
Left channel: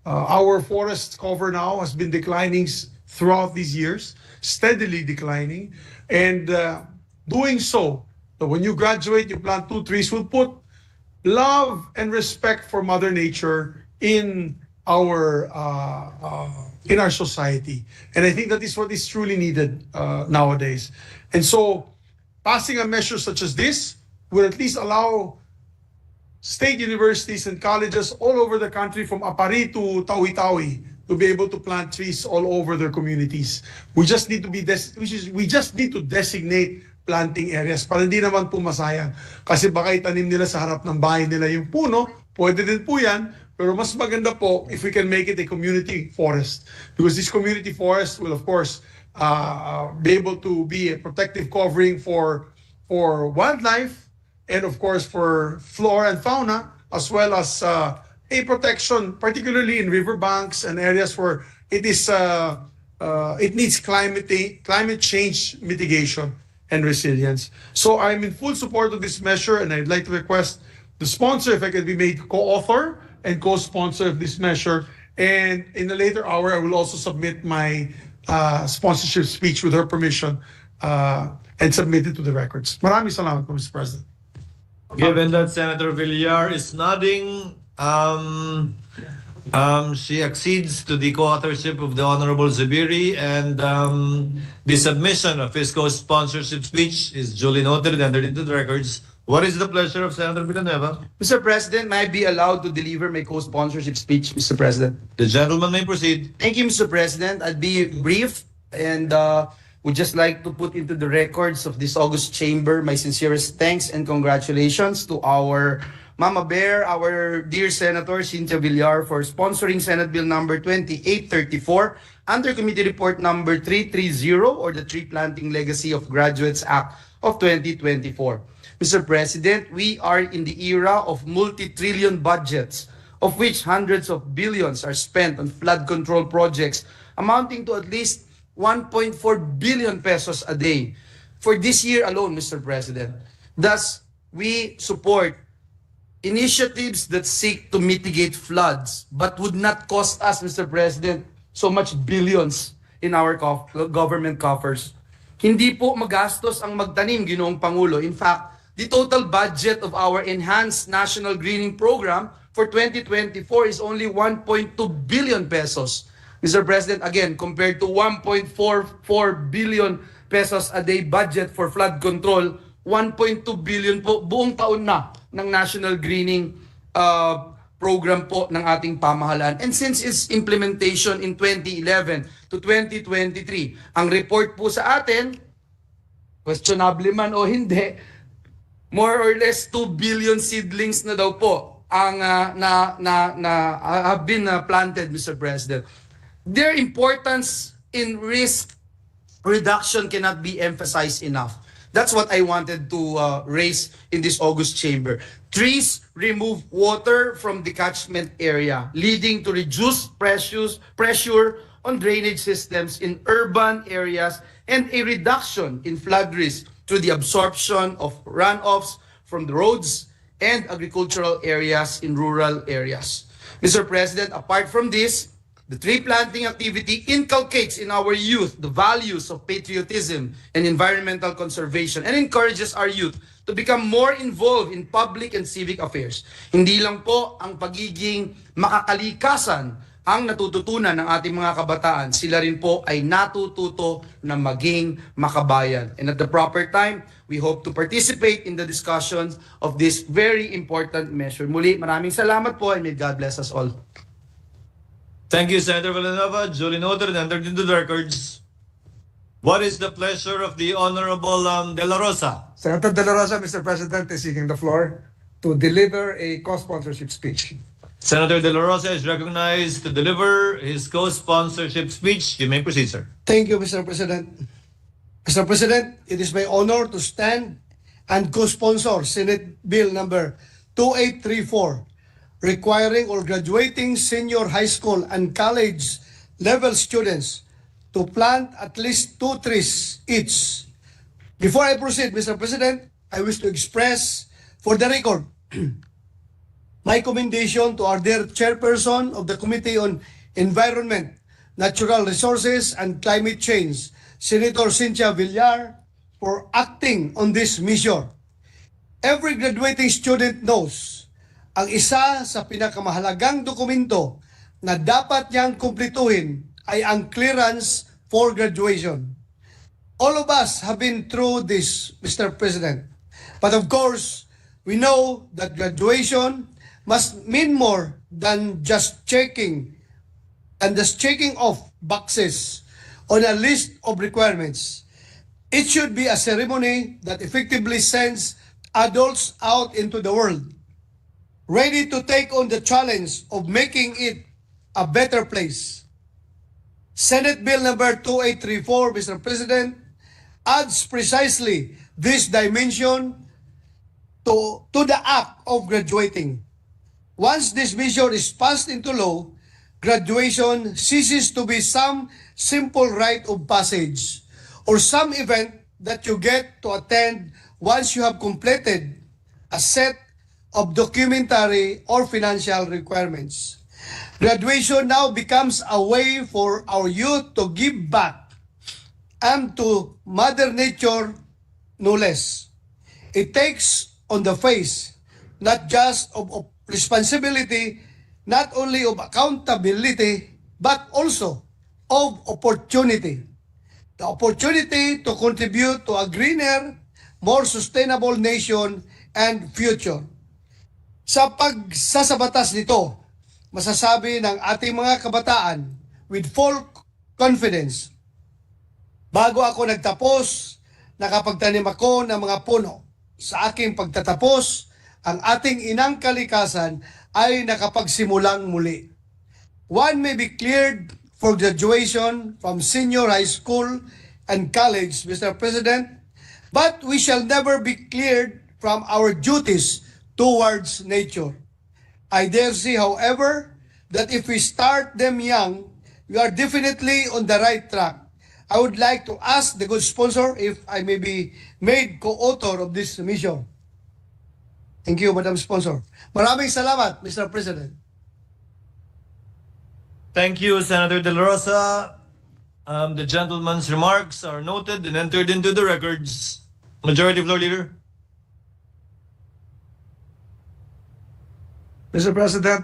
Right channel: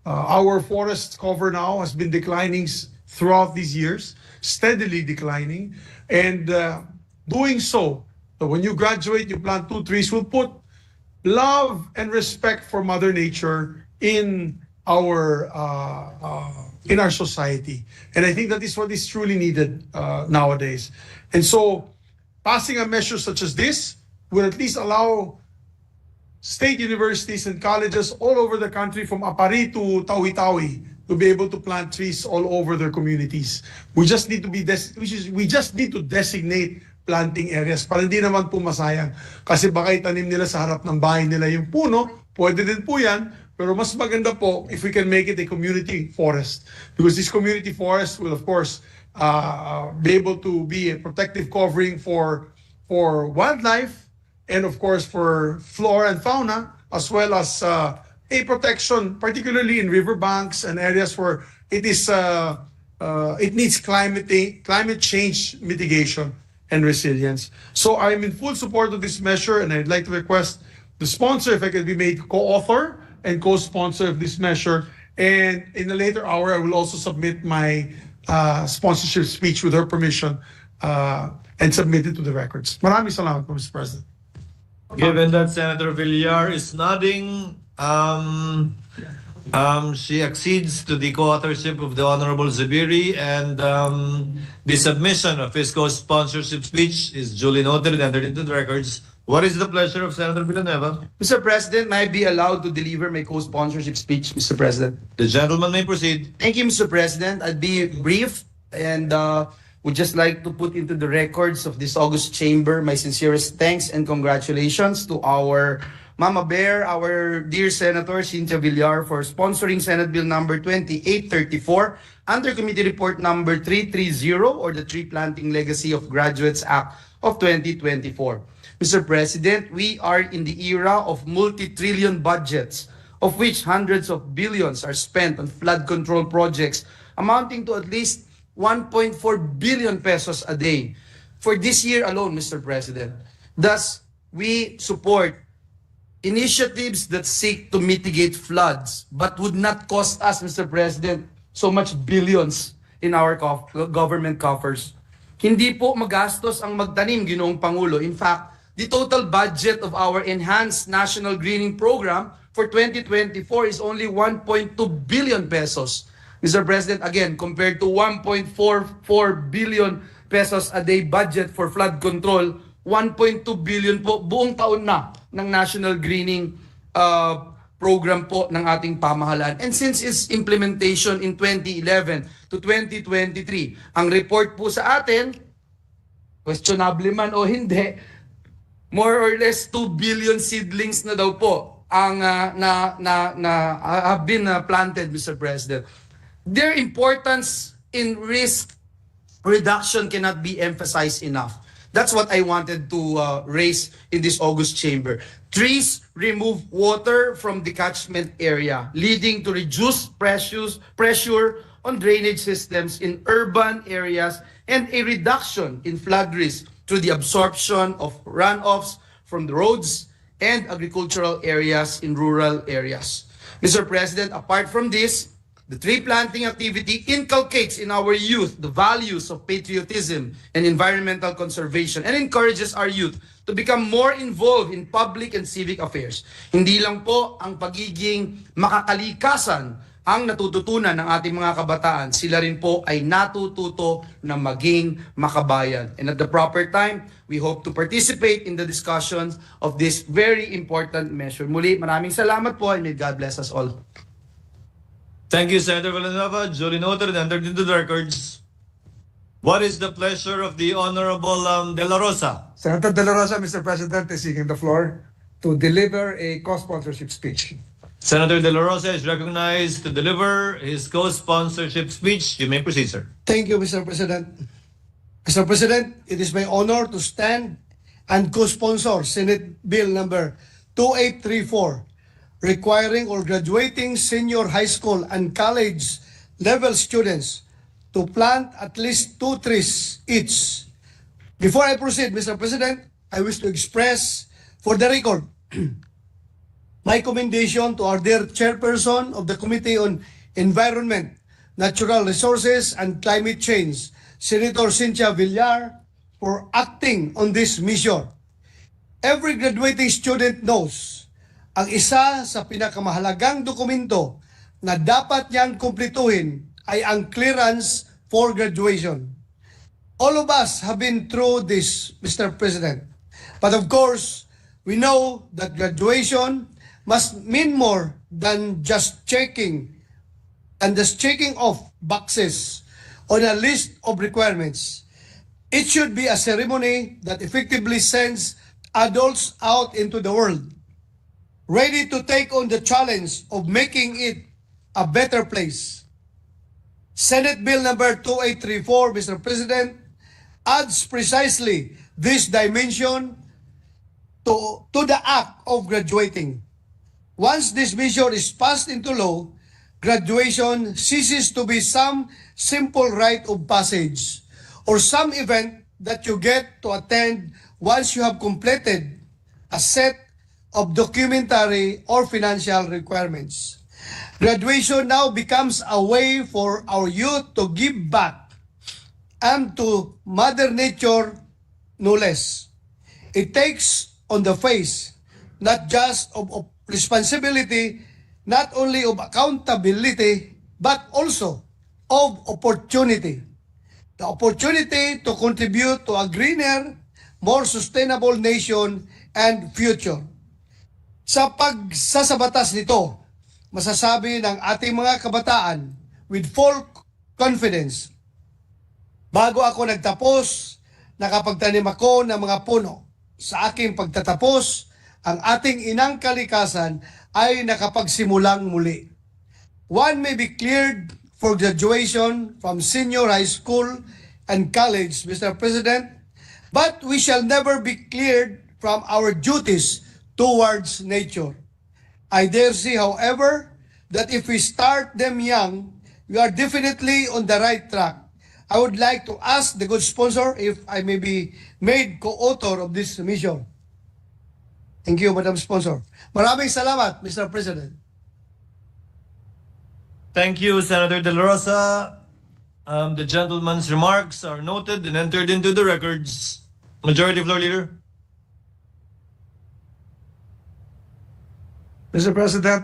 our forest cover now has been declining throughout these years, steadily declining. And doing so, when you graduate, you plant 2 trees, will put love and respect for Mother Nature in our society. And I think that is what is truly needed nowadays. And so passing a measure such as this will at least allow state universities and colleges all over the country, from Apari to Tawi-Tawi, to be able to plant trees all over their communities. We just need to designate planting areas para hindi naman po masayang. Kasi baka itanim nila sa harap ng bahay nila yung puno, pwede din po yan, pero mas maganda po if we can make it a community forest. Because this community forest will of course be able to be a protective covering for wildlife, and of course for flora and fauna, as well as a protection, particularly in riverbanks and areas where it needs climate change mitigation and resilience. So I'm in full support of this measure, and I'd like to request the sponsor, if I could be made co-author and co-sponsor of this measure. And in a later hour, I will also submit my sponsorship speech with her permission and submit it to the records. Maraming salamat po, Mr. President. Given that Senator Villar is nodding, she accedes to the co-authorship of the Honorable Zubiri, and the submission of his co-sponsorship speech is duly noted and entered into the records. What is the pleasure of Senator Villanueva? Mr. President, may I be allowed to deliver my co-sponsorship speech, Mr. President? The gentleman may proceed. Thank you, Mr. President. I'll be brief and would just like to put into the records of this August chamber my sincerest thanks and congratulations to our Mama Bear, our dear Senator Cynthia Villar, for sponsoring Senate Bill number 2834 under Committee Report number 330, or the Tree Planting Legacy of Graduates Act of 2024. Mr. President, we are in the era of multi-trillion budgets, of which hundreds of billions are spent on flood control projects amounting to at least 1.4 billion pesos a day for this year alone, Mr. President. Thus, we support initiatives that seek to mitigate floods but would not cost us, Mr. President, so much billions in our government coffers. Hindi po magastos ang magtanim, Ginoong Pangulo. In fact, the total budget of our Enhanced National Greening Program for 2024 is only 1.2 billion pesos. Mr. President, again, compared to 1.44 billion pesos a day budget for flood control, 1.2 billion po buong taon na ng National Greening Program po ng ating pamahalaan. And since its implementation in 2011 to 2023, ang report po sa atin, questionable man o hindi, more or less 2 billion seedlings na daw po ang have been planted, Mr. President. Their importance in risk reduction cannot be emphasized enough. That's what I wanted to raise in this August chamber. Trees remove water from the catchment area, leading to reduced pressure on drainage systems in urban areas and a reduction in flood risk through the absorption of runoffs from the roads and agricultural areas in rural areas. Mr. President, apart from this, the tree planting activity inculcates in our youth the values of patriotism and environmental conservation and encourages our youth to become more involved in public and civic affairs. Hindi lang po ang pagiging makakalikasan ang natututunan ng ating mga kabataan, sila rin po ay natututo na maging makabayan. And at the proper time, we hope to participate in the discussions of this very important measure. Muli, maraming salamat po, and may God bless us all. Thank you, Senator Villanueva. Duly noted and entered into the records. What is the pleasure of the Honorable De La Rosa? Senator De La Rosa, Mr. President, is seeking the floor to deliver a co-sponsorship speech. Senator De La Rosa is recognized to deliver his co-sponsorship speech. You may proceed, sir. Thank you, Mr. President. Mr. President, it is my honor to stand and co-sponsor Senate Bill number 2834, requiring all graduating senior high school and college level students to plant at least 2 trees each. Before I proceed, Mr. President, I wish to express for the record my commendation to our dear chairperson of the Committee on Environment, Natural Resources and Climate Change, Senator Cynthia Villar, for acting on this mission. Every graduating student knows ang isa sa pinakamahalagang dokumento na dapat niyang kumplituhin ay ang clearance for graduation. All of us have been through this, Mr. President. But of course, we know that graduation must mean more than just checking off boxes on a list of requirements. It should be a ceremony that effectively sends adults out into the world, ready to take on the challenge of making it a better place. Senate Bill number 2834, Mr. President, adds precisely this dimension to the act of graduating. Once this measure is passed into law, graduation ceases to be some simple rite of passage or some event that you get to attend once you have completed a set of documentary or financial requirements. Graduation now becomes a way for our youth to give back and to Mother Nature, no less. It takes on the face not just of responsibility, not only of accountability, but also of opportunity. The opportunity to contribute to a greener, more sustainable nation and future. Sa pagsasabatas nito, masasabi ng ating mga kabataan with full confidence, bago ako nagtapos, nakapagtanim ako ng mga puno. Sa aking pagtatapos, ang ating inang kalikasan ay nakapagsimulang muli. One may be cleared for graduation from senior high school and college, Mr. President, but we shall never be cleared from our duties towards nature. I dare say, however, that if we start them young, we are definitely on the right track. I would like to ask the good sponsor if I may be made co-author of this mission. Thank you, Madam Sponsor. Maraming salamat, Mr. President. Thank you, Senator De La Rosa. The gentleman's remarks are noted and entered into the records. Majority Floor Leader. Mr. President,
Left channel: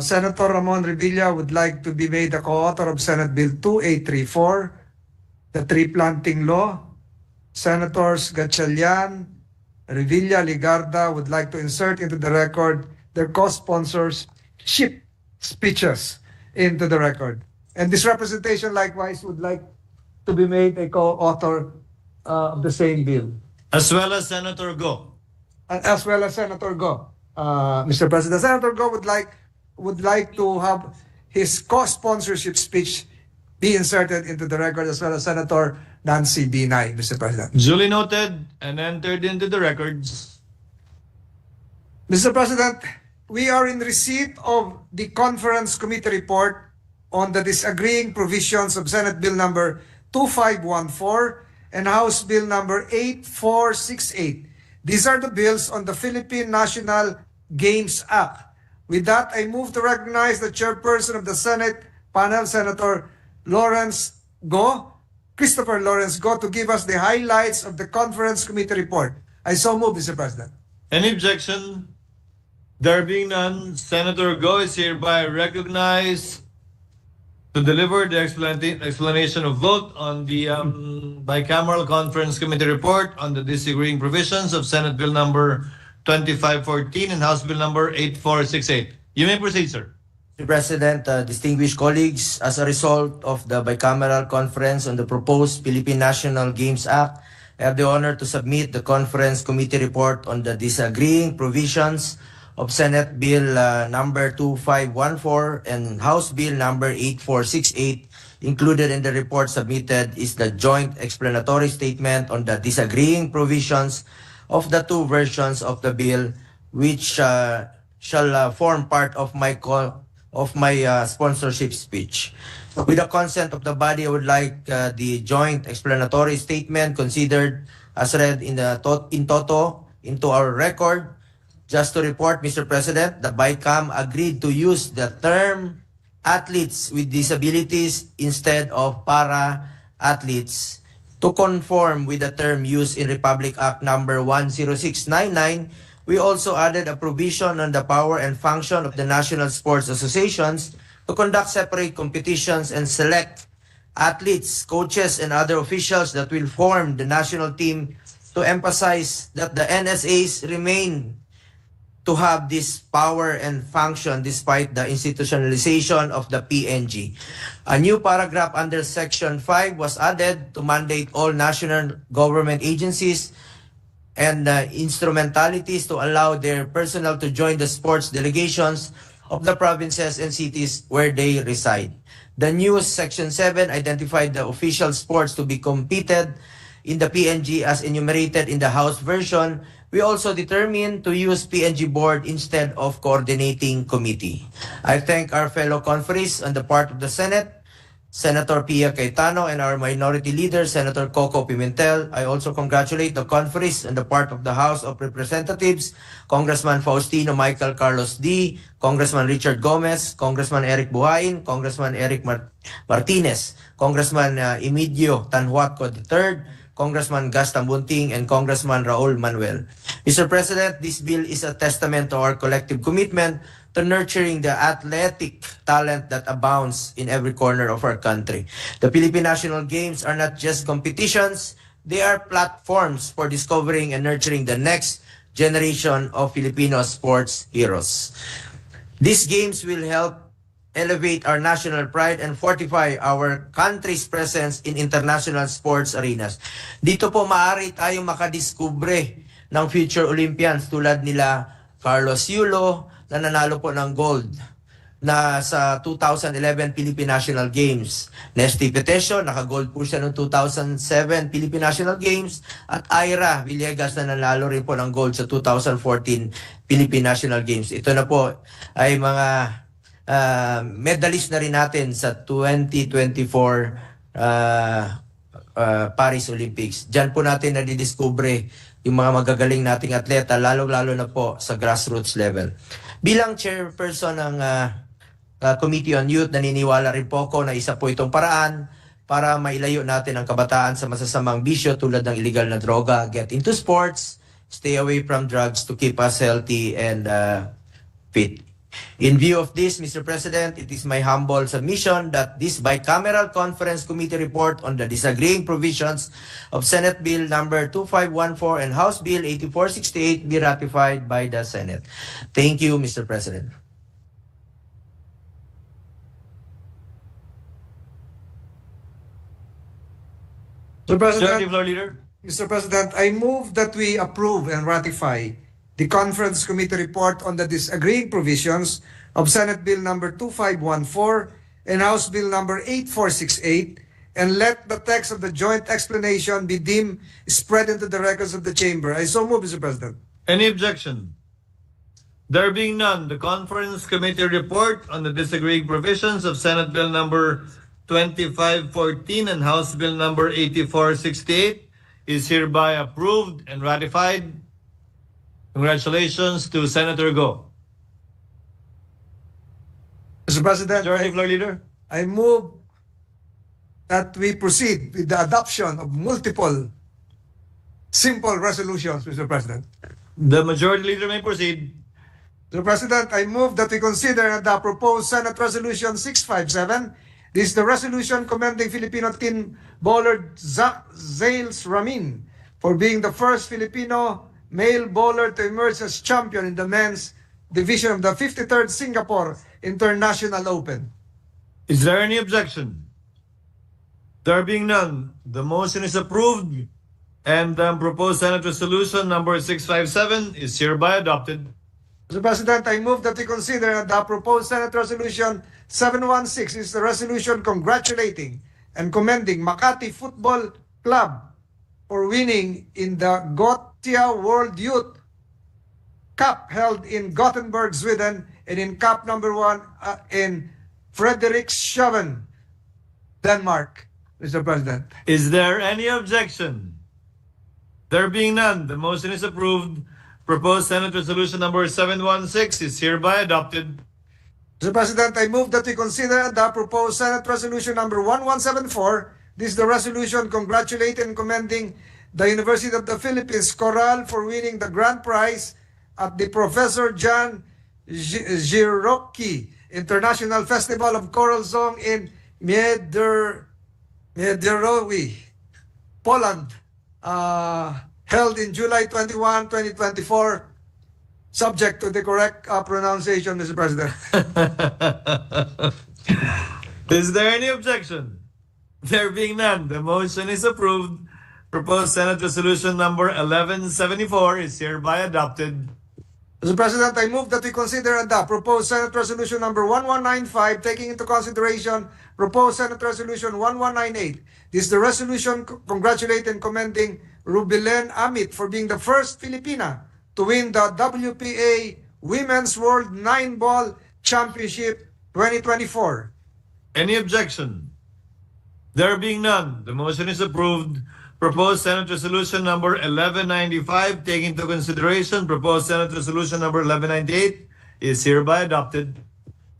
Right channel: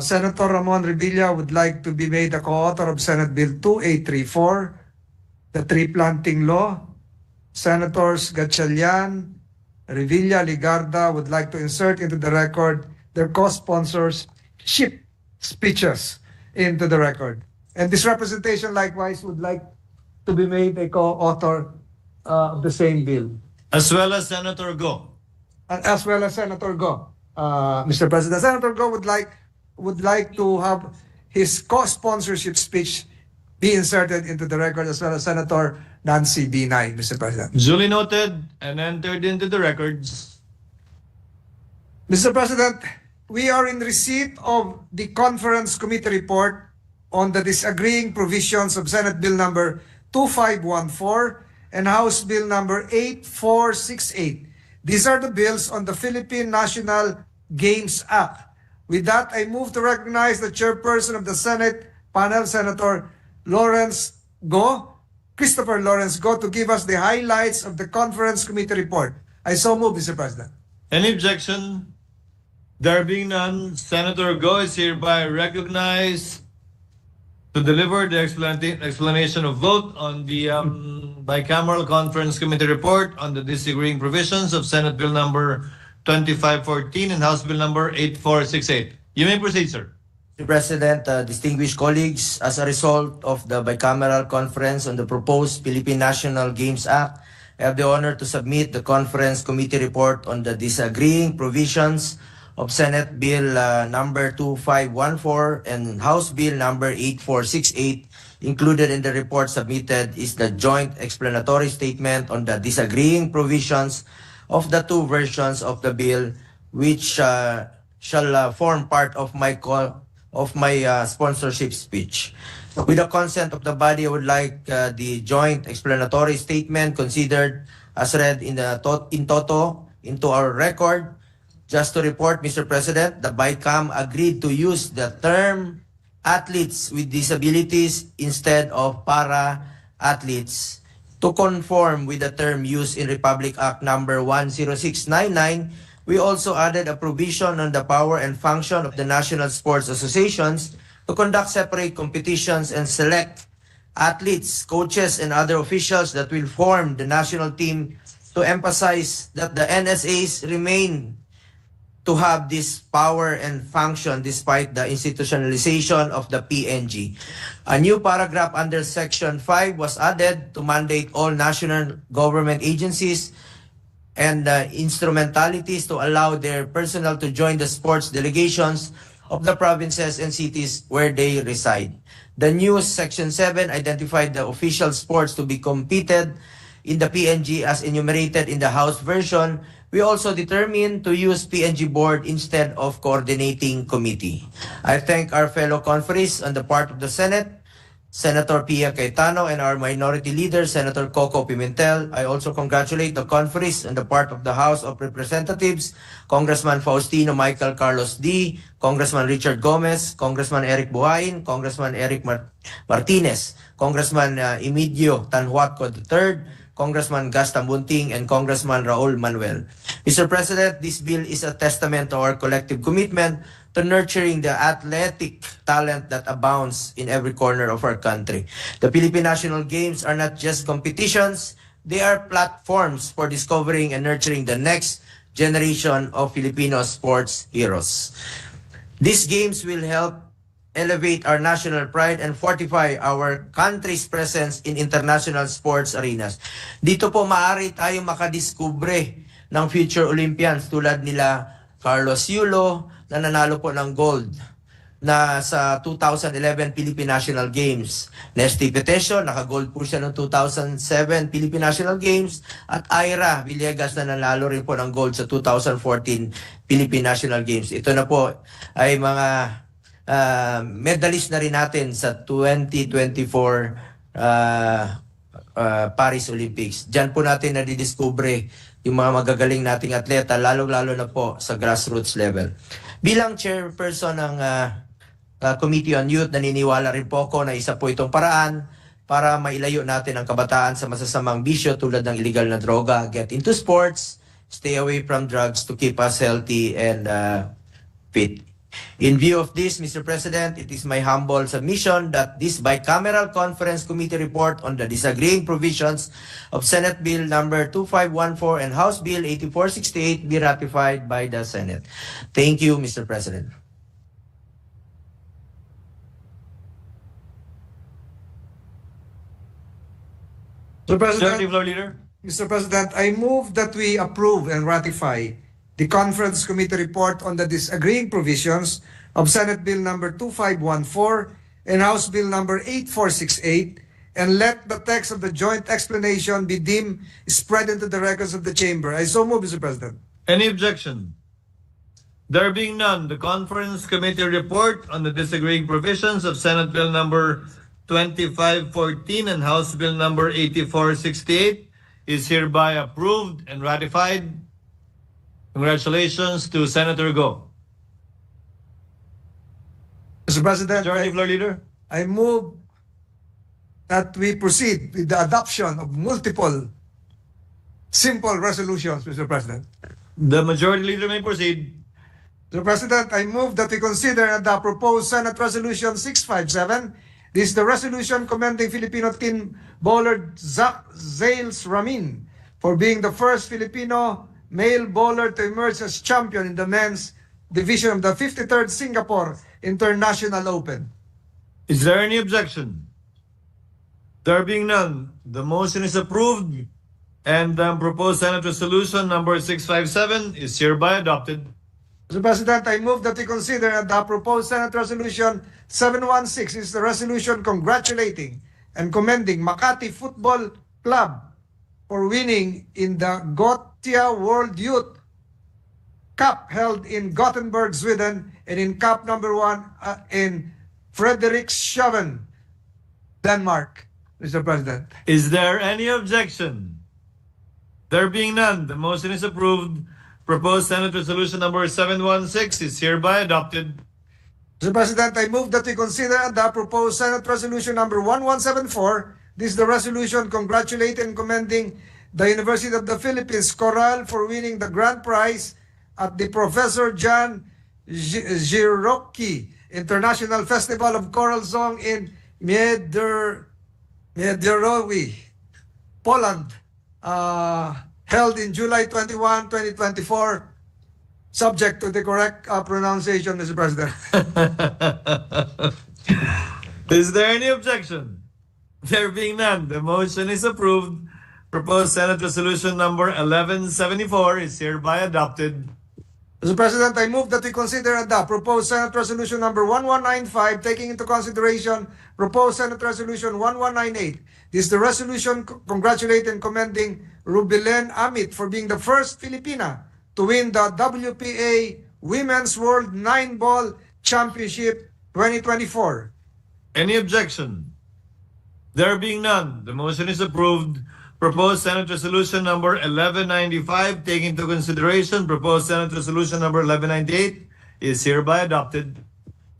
Senator Ramon Revilla would like to be made a co-author of Senate Bill 2834, the tree planting law. Senators Gatchalian, Revilla, Ligarda would like to insert into the record their co-sponsors' speeches into the record. And this representation likewise would like to be made a co-author of the same bill. As well as Senator Go. And as well as Senator Go. Mr. President, Senator Go would like to have his co-sponsorship speech be inserted into the record, as well as Senator Nancy Binay, Mr. President. Duly noted and entered into the records. Mr. President, we are in receipt of the Conference Committee report on the disagreeing provisions of Senate Bill number 2514 and House Bill number 8468. These are the bills on the Philippine National Games Act. With that, I move to recognize the chairperson of the Senate panel, Senator Christopher Lawrence Go, to give us the highlights of the Conference Committee report. I so move, Mr. President. Any objection? There being none, Senator Go is hereby recognized to deliver the explanation of vote on the bicameral Conference Committee report on the disagreeing provisions of Senate Bill number 2514 and House Bill number 8468. You may proceed, sir. Mr. President, distinguished colleagues, as a result of the bicameral conference on the proposed Philippine National Games Act, I have the honor to submit the Conference Committee report on the disagreeing provisions of Senate Bill number 2514 and House Bill number 8468. Included in the report submitted is the joint explanatory statement on the disagreeing provisions of the two versions of the bill, which shall form part of my sponsorship speech. With the consent of the body, I would like the joint explanatory statement considered as read in toto into our record. Just to report, Mr. President, the BICAM agreed to use the term athletes with disabilities instead of para-athletes. To conform with the term used in Republic Act number 10699, we also added a provision on the power and function of the National Sports Associations to conduct separate competitions and select athletes, coaches, and other officials that will form the national team, to emphasize that the NSAs remain to have this power and function despite the institutionalization of the PNG. A new paragraph under Section 5 was added to mandate all national government agencies and instrumentalities to allow their personnel to join the sports delegations of the provinces and cities where they reside. The new Section 7 identified the official sports to be competed in the PNG as enumerated in the House version. We also determined to use PNG board instead of coordinating committee. I thank our fellow conferees on the part of the Senate, Senator Pia Cayetano, and our minority leader, Senator Coco Pimentel. I also congratulate the conferees on the part of the House of Representatives, Congressman Faustino Michael Carlos D., Congressman Richard Gomez, Congressman Eric Buhain, Congressman Eric Martinez, Congressman Emidio Tanhuatco III, Congressman Gas Tambunting, and Congressman Raul Manuel. Mr. President, this bill is a testament to our collective commitment to nurturing the athletic talent that abounds in every corner of our country. The Philippine National Games are not just competitions, they are platforms for discovering and nurturing the next generation of Filipino sports heroes. These games will help elevate our national pride and fortify our country's presence in international sports arenas. Dito po maaari tayong makadiskubre ng future Olympians tulad nila Carlos Yulo na nanalo po ng gold na sa 2011 Philippine National Games. Nesty Petesio, naka-gold po siya noong 2007 Philippine National Games. At Ira Villegas na nanalo rin po ng gold sa 2014 Philippine National Games. Ito na po ay mga medalist na rin natin sa 2024 Paris Olympics. Diyan po natin nadidiskubre yung mga magagaling nating atleta, lalo-lalo na po sa grassroots level. Bilang chairperson ng Committee on Youth, naniniwala rin po ako na isa po itong paraan para mailayo natin ang kabataan sa masasamang bisyo tulad ng illegal na droga, get into sports, stay away from drugs to keep us healthy and fit. In view of this, Mr. President, it is my humble submission that this bicameral conference committee report on the disagreeing provisions of Senate Bill number 2514 and House Bill 8468 be ratified by the Senate. Thank you, Mr. President. Mr. President, Majority Floor Leader. Mr. President, I move that we approve and ratify the Conference Committee report on the disagreeing provisions of Senate Bill number 2514 and House Bill number 8468, and let the text of the joint explanation be deemed spread into the records of the Chamber. I so move, Mr. President. Any objection? There being none, the Conference Committee report on the disagreeing provisions of Senate Bill number 2514 and House Bill number 8468 is hereby approved and ratified. Congratulations to Senator Go. Mr. President, Majority Floor Leader. I move that we proceed with the adoption of multiple simple resolutions, Mr. President. The Majority Leader may proceed. Mr. President, I move that we consider the proposed Senate Resolution 657. This is the resolution commending Filipino team bowler Zach Zales Ramin for being the first Filipino male bowler to emerge as champion in the men's division of the 53rd Singapore International Open. Is there any objection? There being none, the motion is approved and the proposed Senate Resolution number 657 is hereby adopted. Mr. President, I move that we consider the proposed Senate Resolution 716 is the resolution congratulating and commending Makati Football Club for winning in the Gothia World Youth Cup held in Gothenburg, Sweden, and in Cup number 1 in Frederikshavn, Denmark, Mr. President. Is there any objection? There being none, the motion is approved. Proposed Senate Resolution number 716 is hereby adopted. Mr. President, I move that we consider and adopt proposed Senate Resolution number 1174. This is the resolution congratulating and commending the University of the Philippines Coral for winning the grand prize at the Professor John Giroki International Festival of Choral Song in Miederowi, Poland, held in July 21, 2024, subject to the correct pronunciation, Mr. President. Is there any objection? There being none, the motion is approved. Proposed Senate Resolution number 1174 is hereby adopted. Mr. President, I move that we consider and adopt proposed Senate Resolution number 1195, taking into consideration proposed Senate Resolution 1198. This is the resolution congratulating and commending Rubilen Amit for being the first Filipina to win the WPA Women's World 9-Ball Championship 2024. Any objection? There being none, the motion is approved. Proposed Senate Resolution number 1195, taking into consideration proposed Senate Resolution number 1198, is hereby adopted.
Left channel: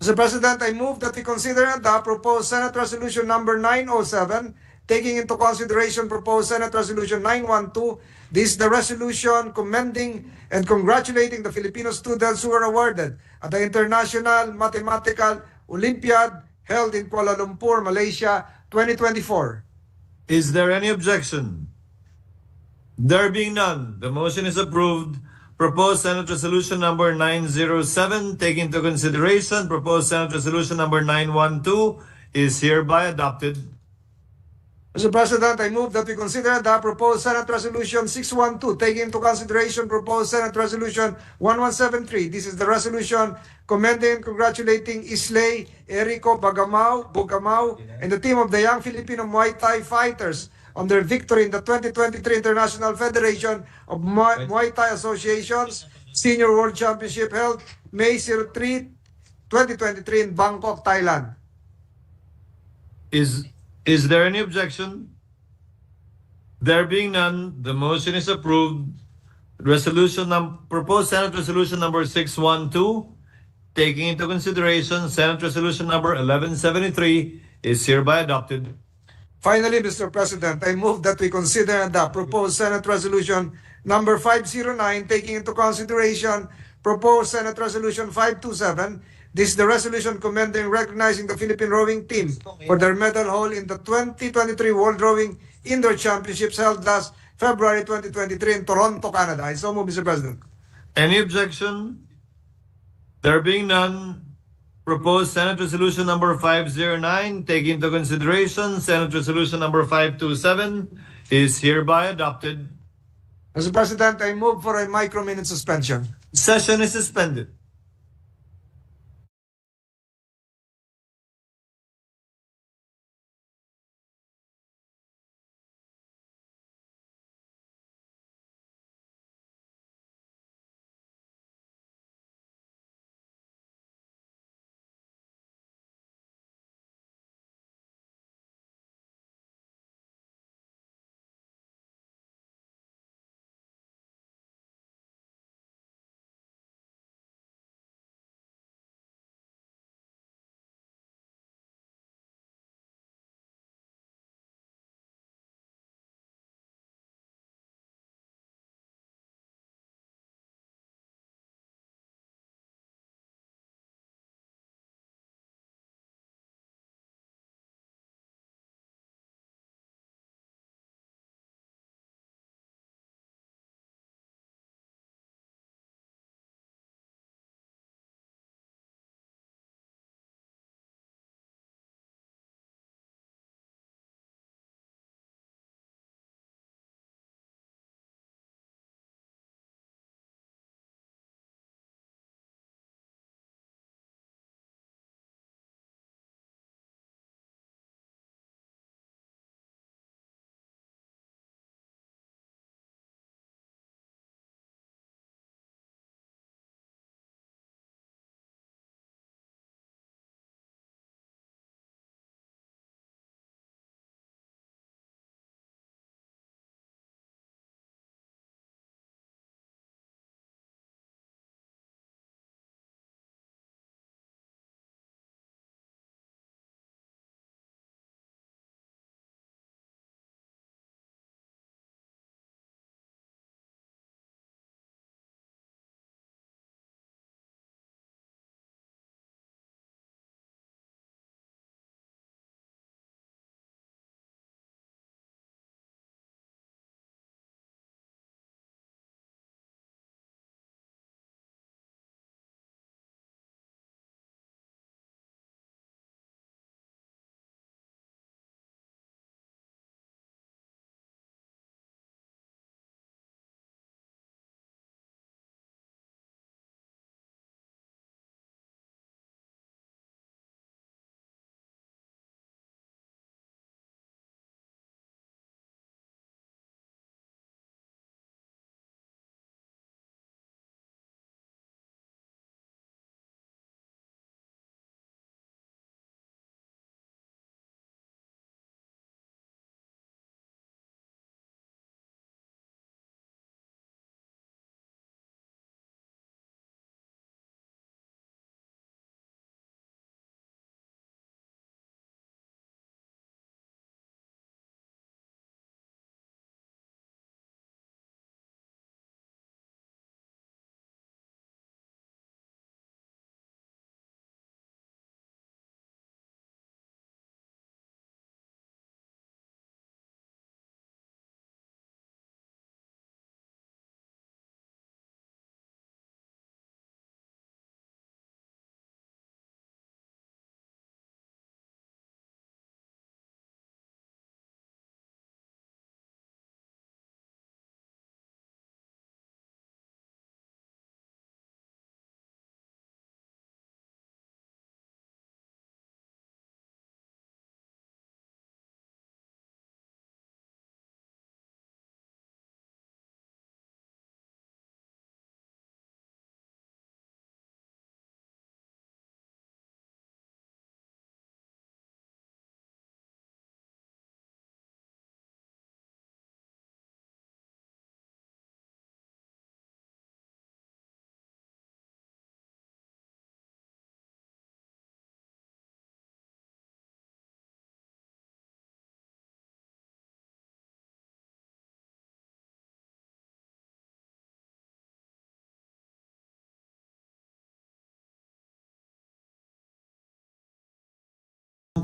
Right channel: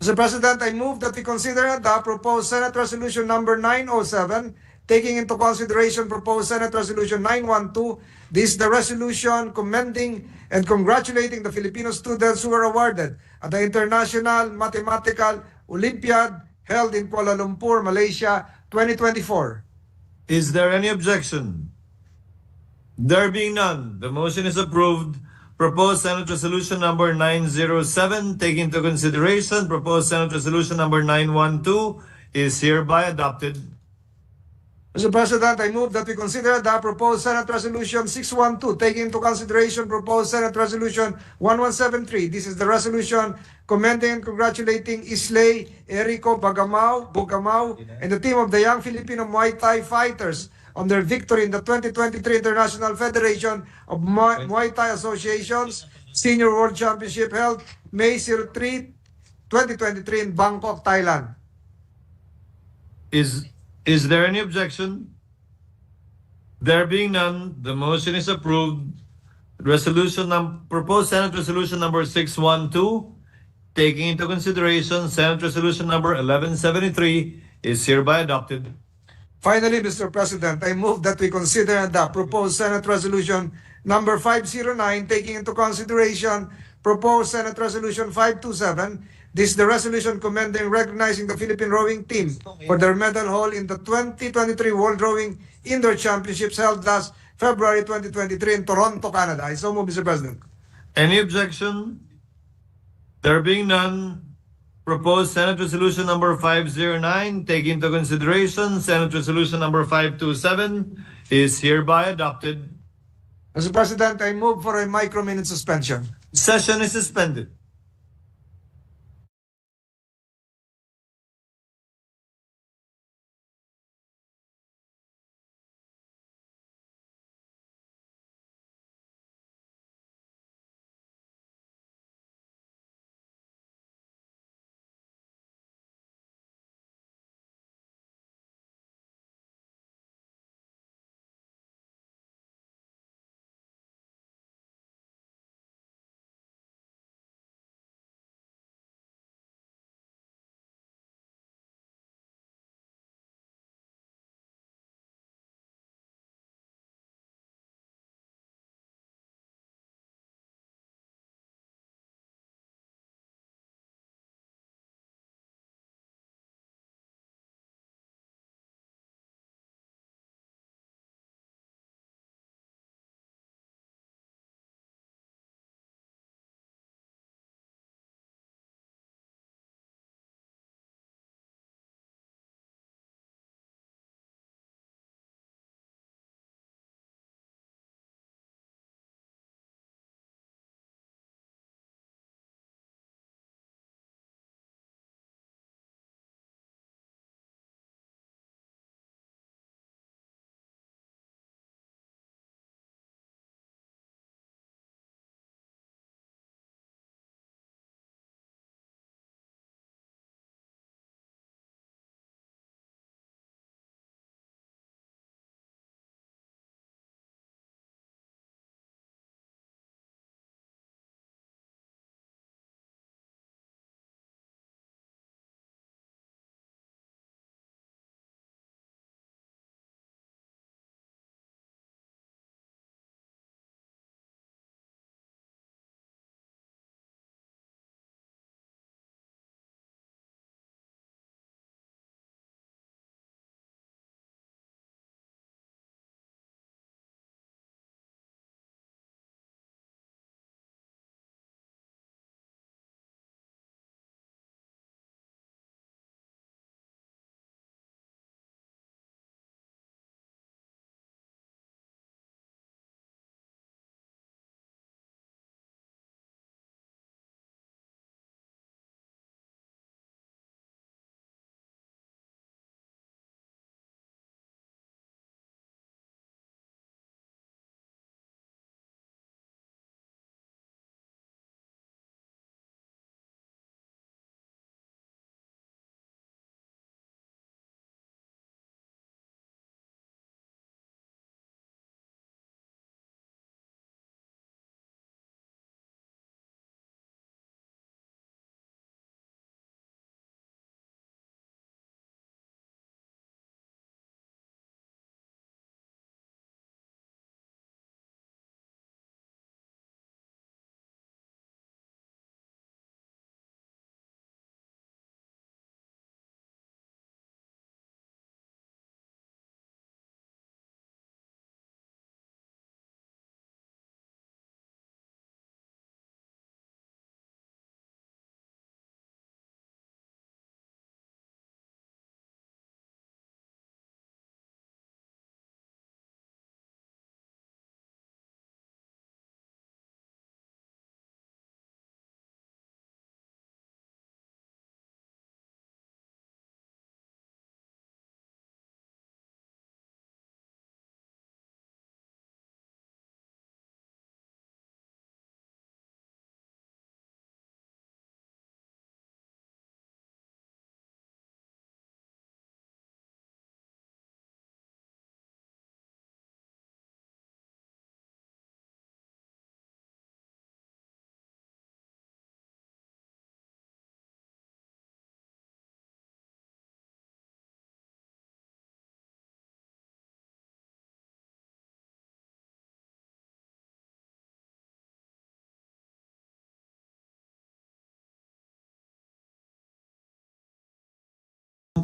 Mr. President, I move that we consider and adopt proposed Senate Resolution number 907, taking into consideration proposed Senate Resolution 912. This is the resolution commending and congratulating the Filipino students who were awarded at the International Mathematical Olympiad held in Kuala Lumpur, Malaysia, 2024. Is there any objection? There being none, the motion is approved. Proposed Senate Resolution number 907, taking into consideration proposed Senate Resolution number 912, is hereby adopted. Mr. President, I move that we consider the proposed Senate Resolution 612, taking into consideration proposed Senate Resolution 1173. This is the resolution commending and congratulating Islay Erico Bugamao and the team of the young Filipino Muay Thai fighters on their victory in the 2023 International Federation of Muay Thai Associations Senior World Championship held May 3, 2023 in Bangkok, Thailand. Is there any objection? There being none, the motion is approved. Proposed Senate Resolution number 612, taking into consideration Senate Resolution number 1173, is hereby adopted. Finally, Mr. President, I move that we consider and adopt proposed Senate Resolution number 509, taking into consideration proposed Senate Resolution 527. This is the resolution commending and recognizing the Philippine rowing team for their medal haul in the 2023 World Rowing Indoor Championships held last February 2023 in Toronto, Canada. I so move, Mr. President. Any objection? There being none, proposed Senate Resolution number 509, taking into consideration Senate Resolution number 527, is hereby adopted. Mr. President, I move for a micro-minute suspension. Session is suspended.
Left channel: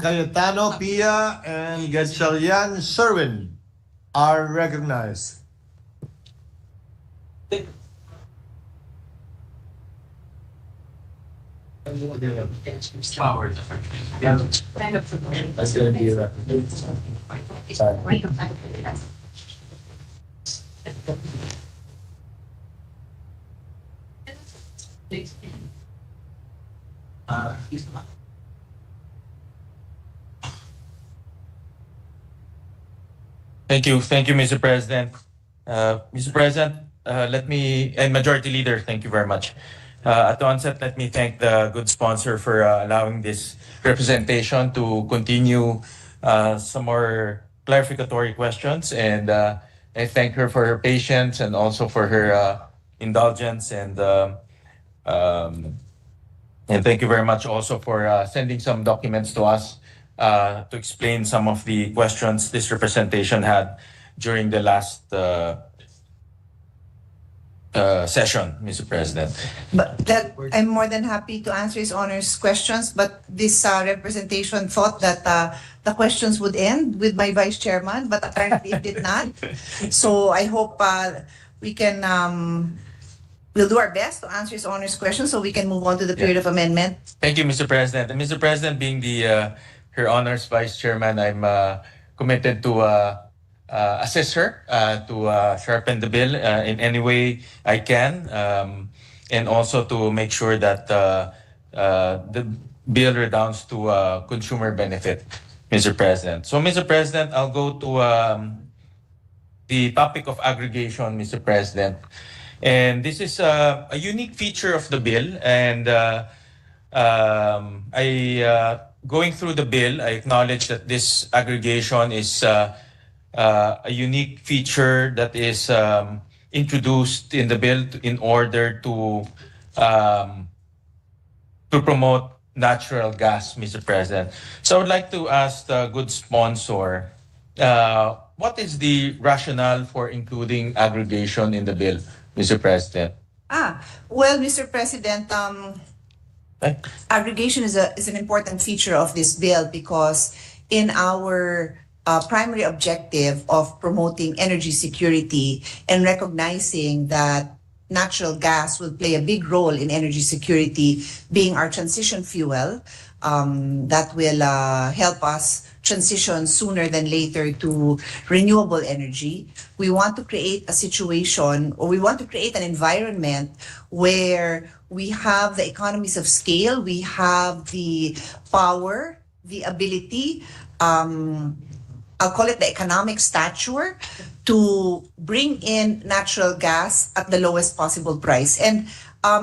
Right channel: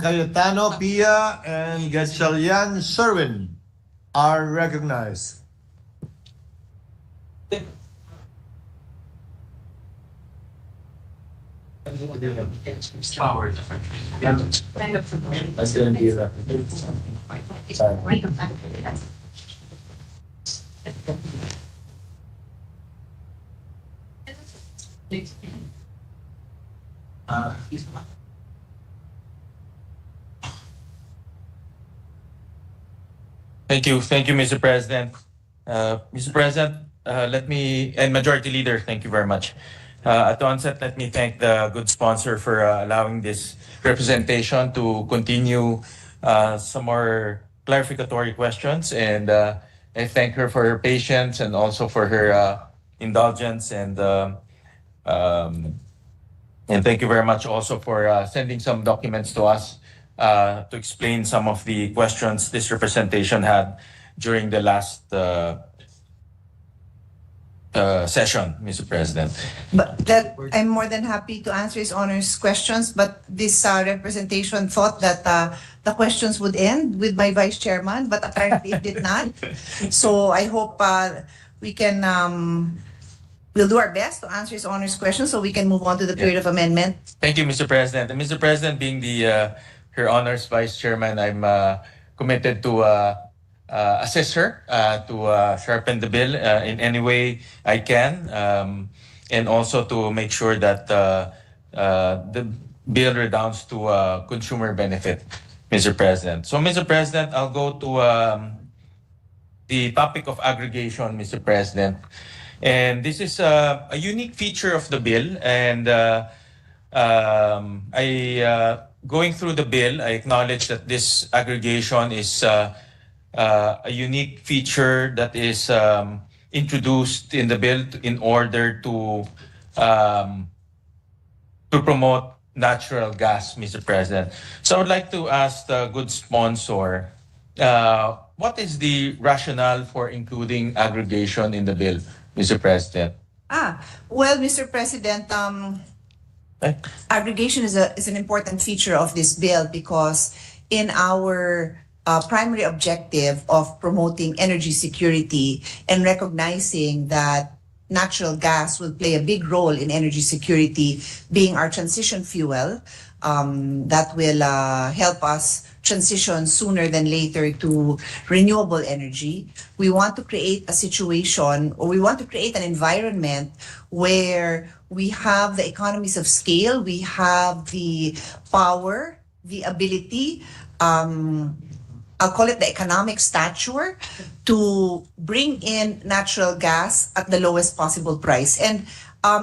Cayetano Pia and Gatchalian Sherwin are recognized. Thank you, Mr. President. Mr. President, and Majority Leader, thank you very much. At the onset, let me thank the good sponsor for allowing this representation to continue some more clarificatory questions. And I thank her for her patience and also for her indulgence. And thank you very much also for sending some documents to us to explain some of the questions this representation had during the last session, Mr. President. But that I'm more than happy to answer His Honor's questions, but this representation thought that the questions would end with my Vice Chairman, but apparently it did not. So I hope we can, we'll do our best to answer His Honor's questions so we can move on to the period of amendment. Thank you, Mr. President. And Mr. President, being the Her Honor's Vice Chairman, I'm committed to assist her to sharpen the bill in any way I can, and also to make sure that the bill redounds to consumer benefit, Mr. President. So, Mr. President, I'll go to the topic of aggregation, Mr. President. And this is a unique feature of the bill, and going through the bill, I acknowledge that this aggregation is a unique feature that is introduced in the bill in order to promote natural gas, Mr. President. So I would like to ask the good sponsor, what is the rationale for including aggregation in the bill, Mr. President? Well, Mr. President, aggregation is an important feature of this bill because in our primary objective of promoting energy security and recognizing that natural gas will play a big role in energy security, being our transition fuel, that will help us transition sooner than later to renewable energy. We want to create a situation, or we want to create an environment where we have the economies of scale, we have the power, the ability, I'll call it the economic stature, to bring in natural gas at the lowest possible price. And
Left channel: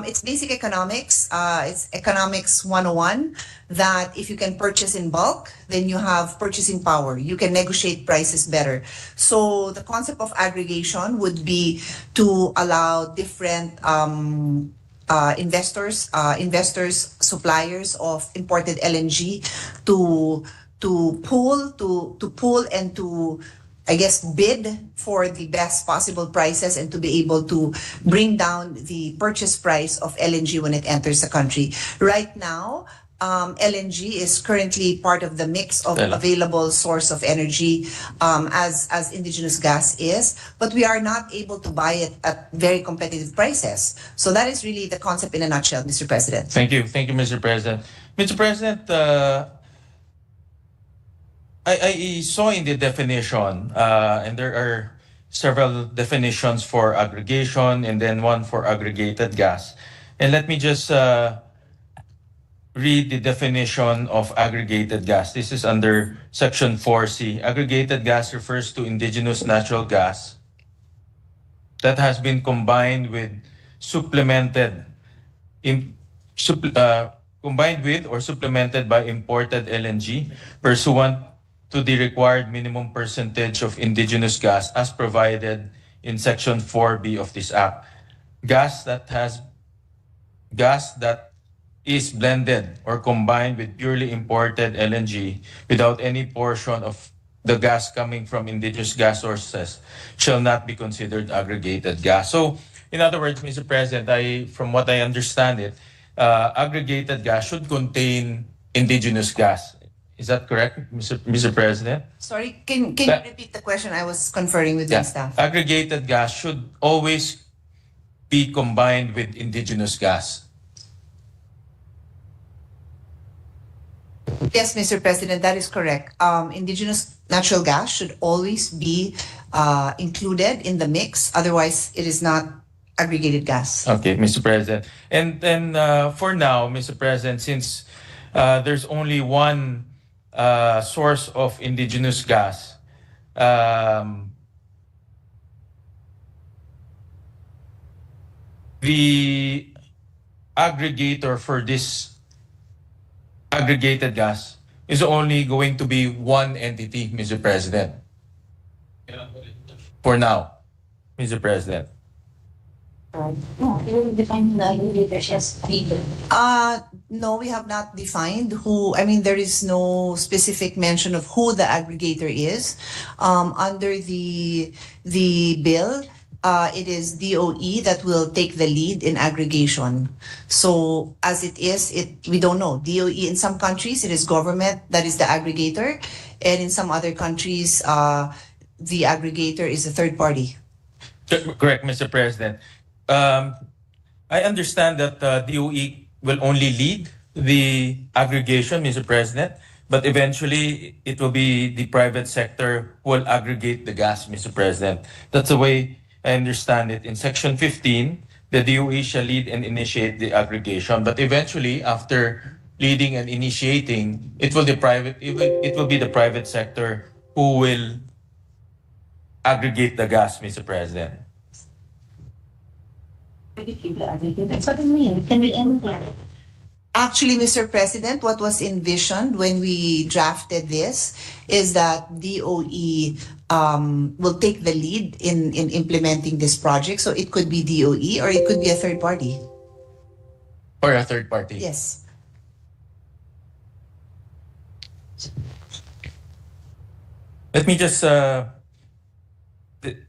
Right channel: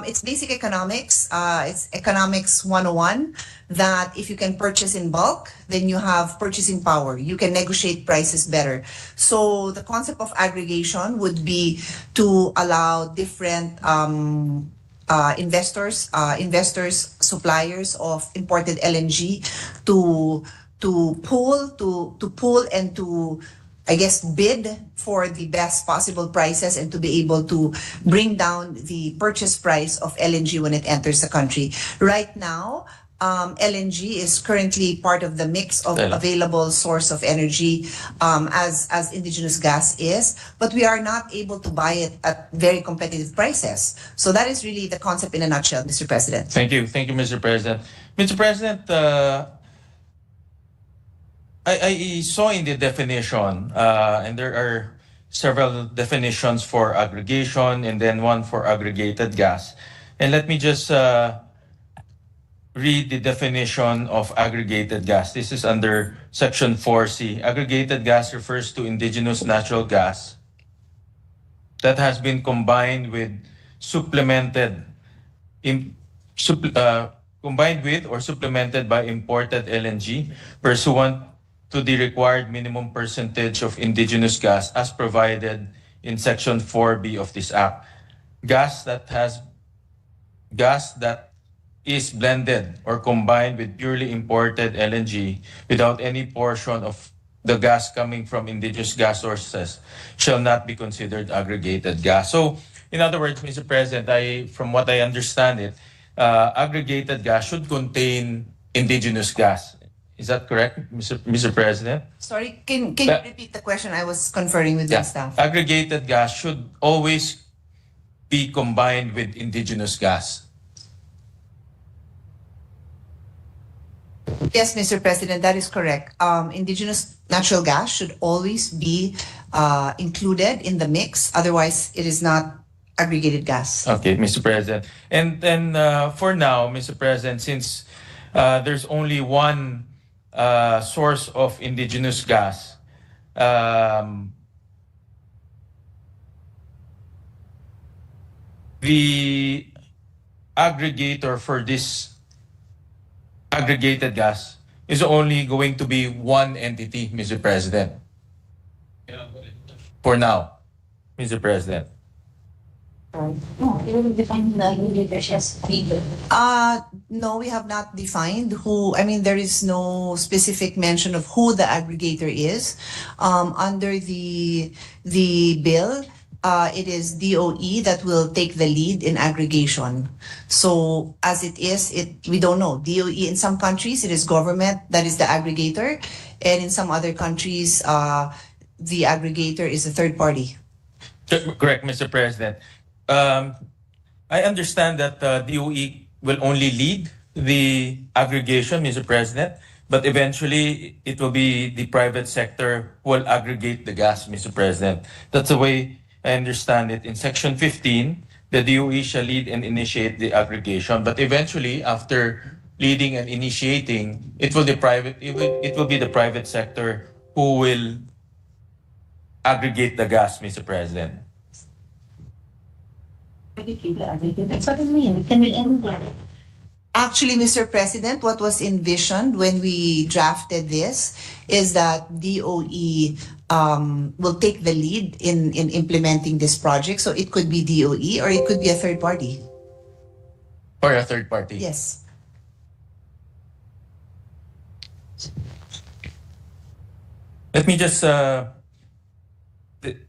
it's basic economics, it's economics 101, that if you can purchase in bulk, then you have purchasing power. You can negotiate prices better. So the concept of aggregation would be to allow different investors, suppliers of imported LNG to pool and to, I guess, bid for the best possible prices and to be able to bring down the purchase price of LNG when it enters the country. Right now, LNG is currently part of the mix of available source of energy, as indigenous gas is, but we are not able to buy it at very competitive prices. So that is really the concept in a nutshell, Mr. President. Thank you, Mr. President. Mr. President, I saw in the definition, and there are several definitions for aggregation and then one for aggregated gas. And let me just read the definition of aggregated gas. This is under Section 4C. Aggregated gas refers to indigenous natural gas that has been combined with or supplemented by imported LNG pursuant to the required minimum percentage of indigenous gas as provided in Section 4B of this Act. Gas that is blended or combined with purely imported LNG without any portion of the gas coming from indigenous gas sources shall not be considered aggregated gas. So, in other words, Mr. President, from what I understand it, aggregated gas should contain indigenous gas. Is that correct, Mr. President? Sorry, can you repeat the question? I was conferring with my staff. Aggregated gas should always be combined with indigenous gas. Yes, Mr. President, that is correct. Indigenous natural gas should always be included in the mix. Otherwise, it is not aggregated gas. Okay, Mr. President. And then for now, Mr. President, since there's only one source of indigenous gas, the aggregator for this aggregated gas is only going to be one entity, Mr. President. For now, Mr. President. No, we have not defined who. I mean, there is no specific mention of who the aggregator is. Under the bill, it is DOE that will take the lead in aggregation. So as it is, we don't know. DOE in some countries, it is government that is the aggregator, and in some other countries, the aggregator is a third party. Correct, Mr. President. I understand that DOE will only lead the aggregation, Mr. President, but eventually it will be the private sector who will aggregate the gas, Mr. President. That's the way I understand it. In Section 15, the DOE shall lead and initiate the aggregation, but eventually, after leading and initiating, it will be the private sector who will aggregate the gas, Mr. President. Actually, Mr. President, what was envisioned when we drafted this is that DOE will take the lead in implementing this project. So it could be DOE or it could be a third party. Or a third party? Yes. Let me just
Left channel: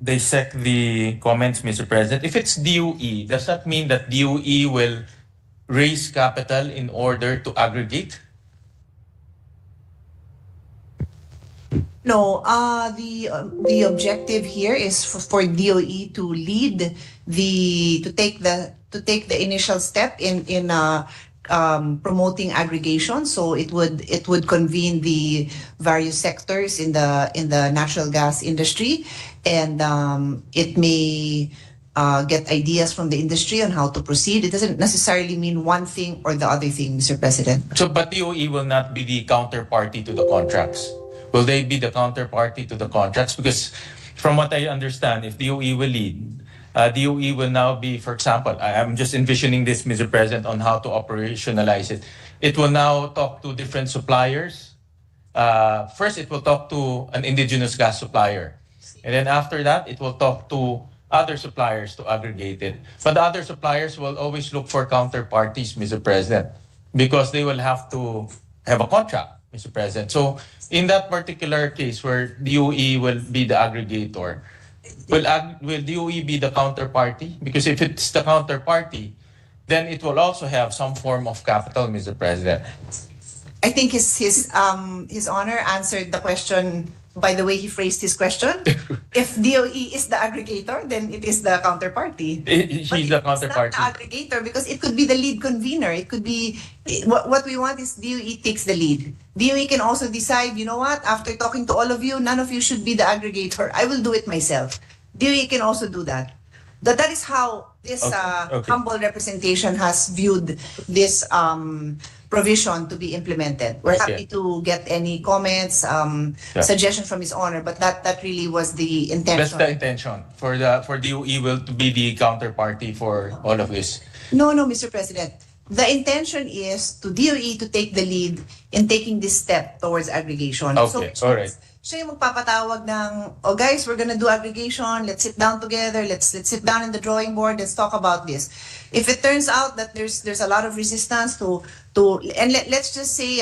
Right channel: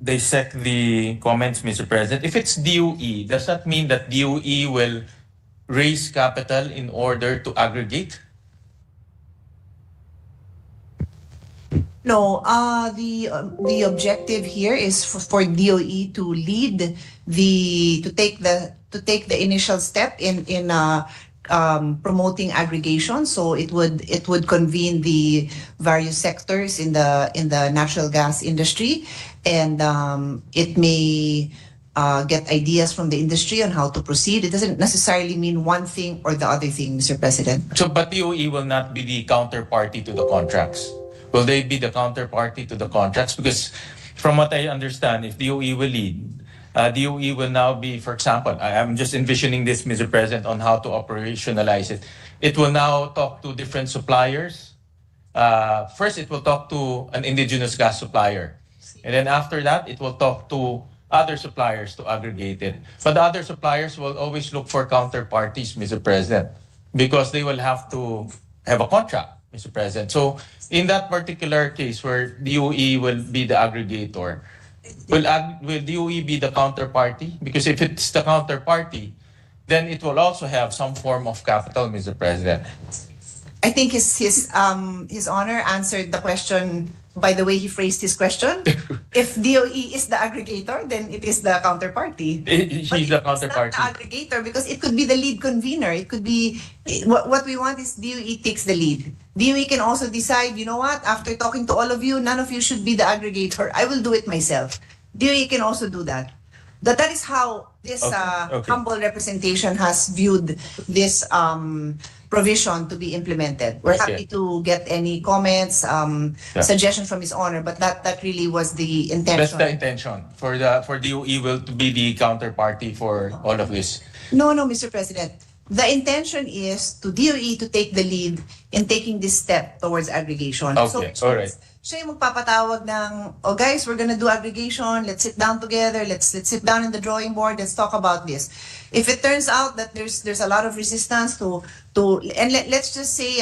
dissect the comments, Mr. President. If it's DOE, does that mean that DOE will raise capital in order to aggregate? No, the objective here is for DOE to lead to take the initial step in promoting aggregation. So it would convene the various sectors in the natural gas industry, and it may get ideas from the industry on how to proceed. It doesn't necessarily mean one thing or the other thing, Mr. President. So, but DOE will not be the counterparty to the contracts. Will they be the counterparty to the contracts? Because from what I understand, if DOE will lead, DOE will now be, for example, I'm just envisioning this, Mr. President, on how to operationalize it. It will now talk to different suppliers. First, it will talk to an indigenous gas supplier. And then after that, it will talk to other suppliers to aggregate it. But the other suppliers will always look for counterparties, Mr. President, because they will have to have a contract, Mr. President. So in that particular case where DOE will be the aggregator, will DOE be the counterparty? Because if it's the counterparty, then it will also have some form of capital, Mr. President. I think his honor answered the question by the way he phrased his question. If DOE is the aggregator, then it is the counterparty. He's the counterparty. It's not the aggregator because it could be the lead convener. It could be what we want is DOE takes the lead. DOE can also decide, you know what, after talking to all of you, none of you should be the aggregator. I will do it myself. DOE can also do that. That is how this humble representation has viewed this provision to be implemented. We're happy to get any comments, suggestions from His Honor, but that really was the intention. That's the intention for DOE will to be the counterparty for all of this. No, Mr. President. The intention is to DOE to take the lead in taking this step towards aggregation. Okay, all right. Siya yung magpapatawag ng, oh guys, we're gonna do aggregation, let's sit down together, let's sit down in the drawing board, let's talk about this. If it turns out that there's a lot of resistance and let's just say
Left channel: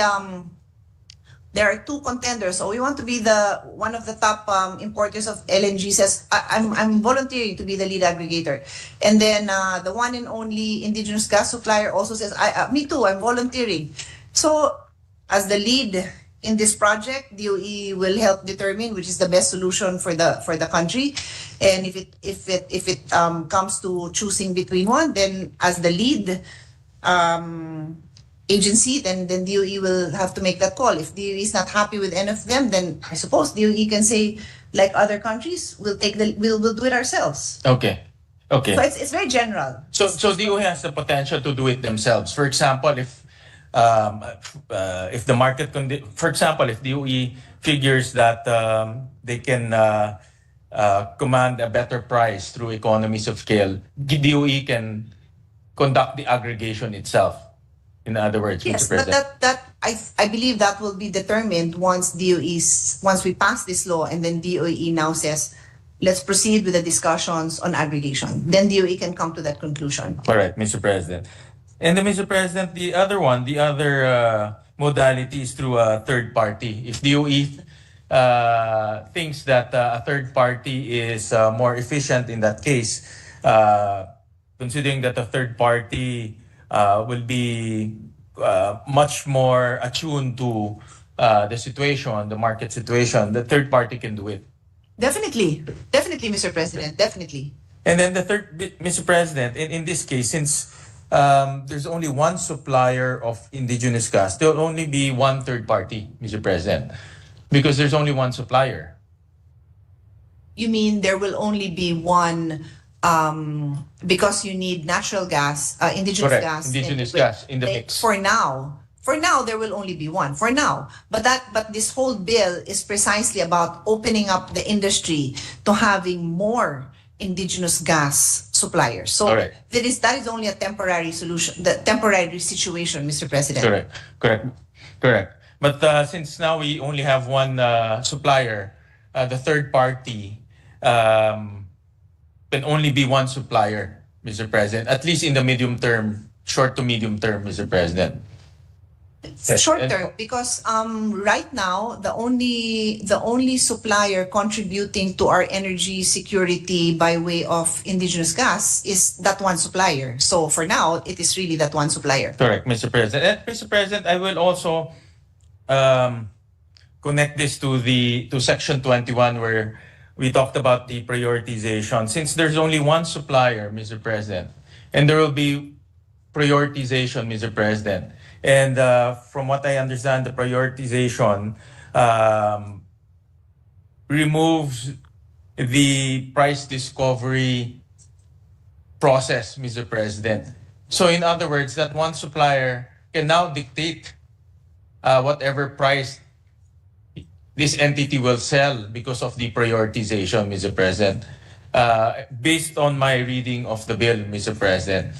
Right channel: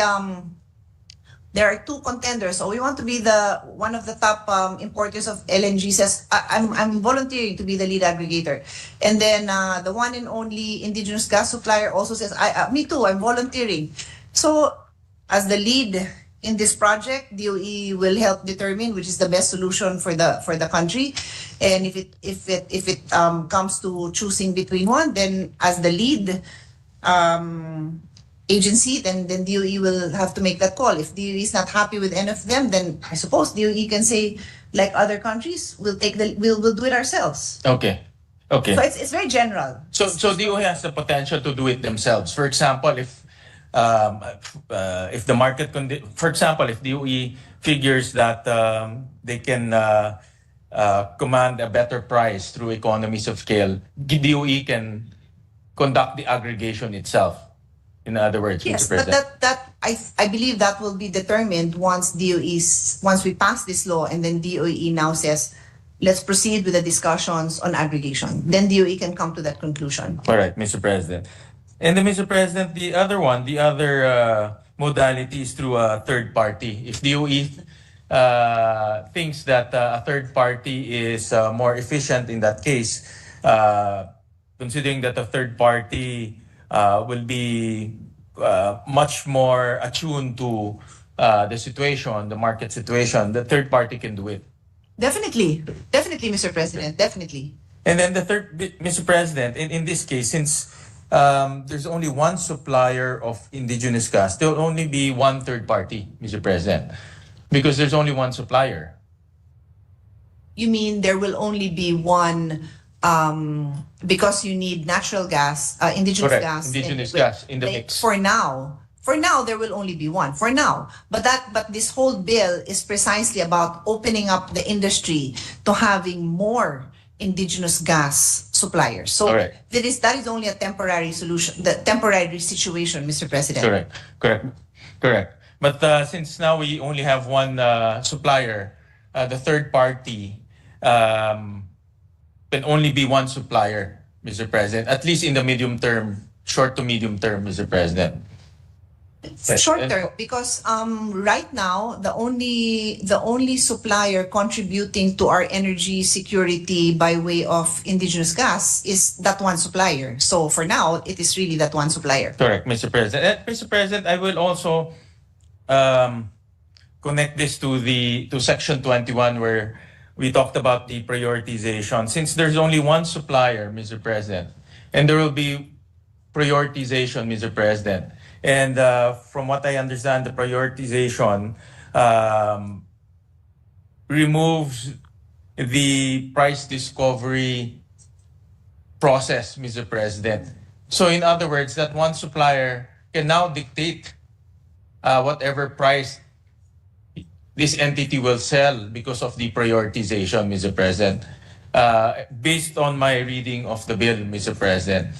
there are two contenders, so we want to be one of the top importers of LNG says, I'm volunteering to be the lead aggregator. And then the one and only indigenous gas supplier also says, me too, I'm volunteering. So as the lead in this project, DOE will help determine which is the best solution for the country. And if it comes to choosing between one, then as the lead agency, then DOE will have to make that call. If DOE is not happy with any of them, then I suppose DOE can say, like other countries, we'll do it ourselves. Okay. Okay. So it's very general. So DOE has the potential to do it themselves. For example, if the market for example, if DOE figures that they can command a better price through economies of scale, DOE can conduct the aggregation itself. In other words, Yes, Mr. but President. I believe that will be determined once we pass this law, and then DOE now says, let's proceed with the discussions on aggregation. Then DOE can come to that conclusion. All right, Mr. President. And then, Mr. President, the other modality is through a third party. If DOE thinks that a third party is more efficient in that case, considering that a third party will be much more attuned to the situation, the market situation, the third party can do it. Definitely, Mr. President, definitely. And then the third, Mr. President, in this case, since there's only one supplier of indigenous gas, there'll only be one third party, Mr. President, because there's only one supplier. You mean there will only be one because you need natural gas, indigenous Correct. gas. Indigenous gas in the mix. For now, there will only be one. For now, but this whole bill is precisely about opening up the industry to having more indigenous gas suppliers. So Correct. that is only a temporary solution, the temporary situation, Mr. President. Correct. But since now we only have one supplier, the third party can only be one supplier, Mr. President, at least in the medium term, short to medium term, Mr. President. Short term, because right now the only supplier contributing to our energy security by way of indigenous gas is that one supplier. So for now, it is really that one supplier. Correct, Mr. President. And Mr. President, I will also connect this to Section 21, where we talked about the prioritization. Since there's only one supplier, Mr. President, and there will be prioritization, Mr. President. And from what I understand, the prioritization removes the price discovery process, Mr. President. So in other words, that one supplier can now dictate whatever price this entity will sell because of the prioritization, Mr. President. Based on my reading of the bill, Mr. President,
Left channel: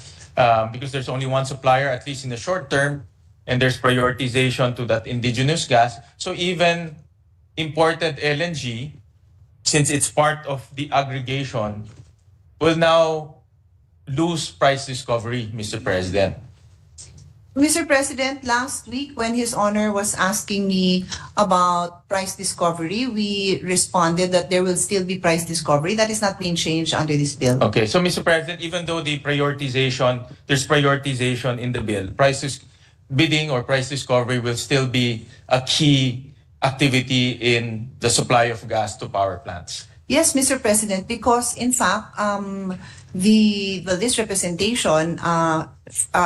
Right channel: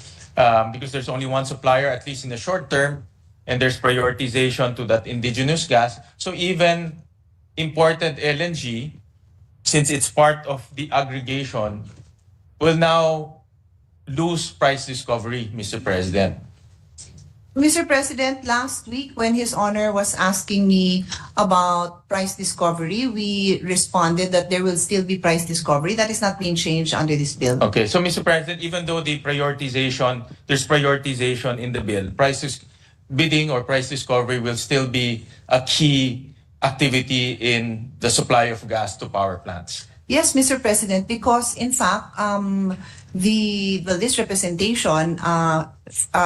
because there's only one supplier, at least in the short term, and there's prioritization to that indigenous gas. So even imported LNG, since it's part of the aggregation, will now lose price discovery, Mr. President. Mr. President, last week when His Honor was asking me about price discovery, we responded that there will still be price discovery. That is not being changed under this bill. Okay, so Mr. President, even though there's prioritization in the bill, bidding or price discovery will still be a key activity in the supply of gas to power plants. Yes, Mr. President, because in fact, this representation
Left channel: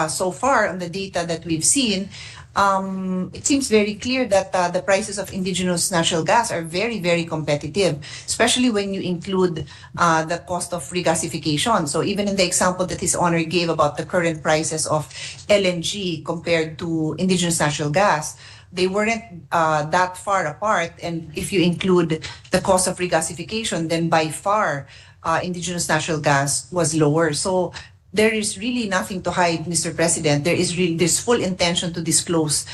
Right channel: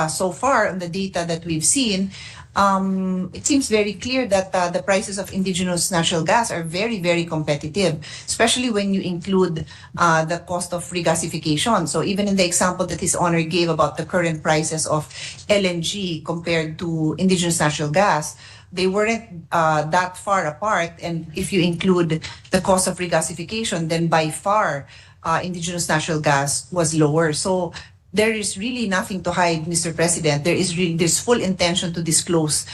so far on the data that we've seen, it seems very clear that the prices of indigenous natural gas are very, very competitive, especially when you include the cost of regasification. So even in the example that His Honor gave about the current prices of LNG compared to indigenous natural gas, they weren't that far apart. And if you include the cost of regasification, then by far, indigenous natural gas was lower. So there is really nothing to hide, Mr. President. There's full intention to disclose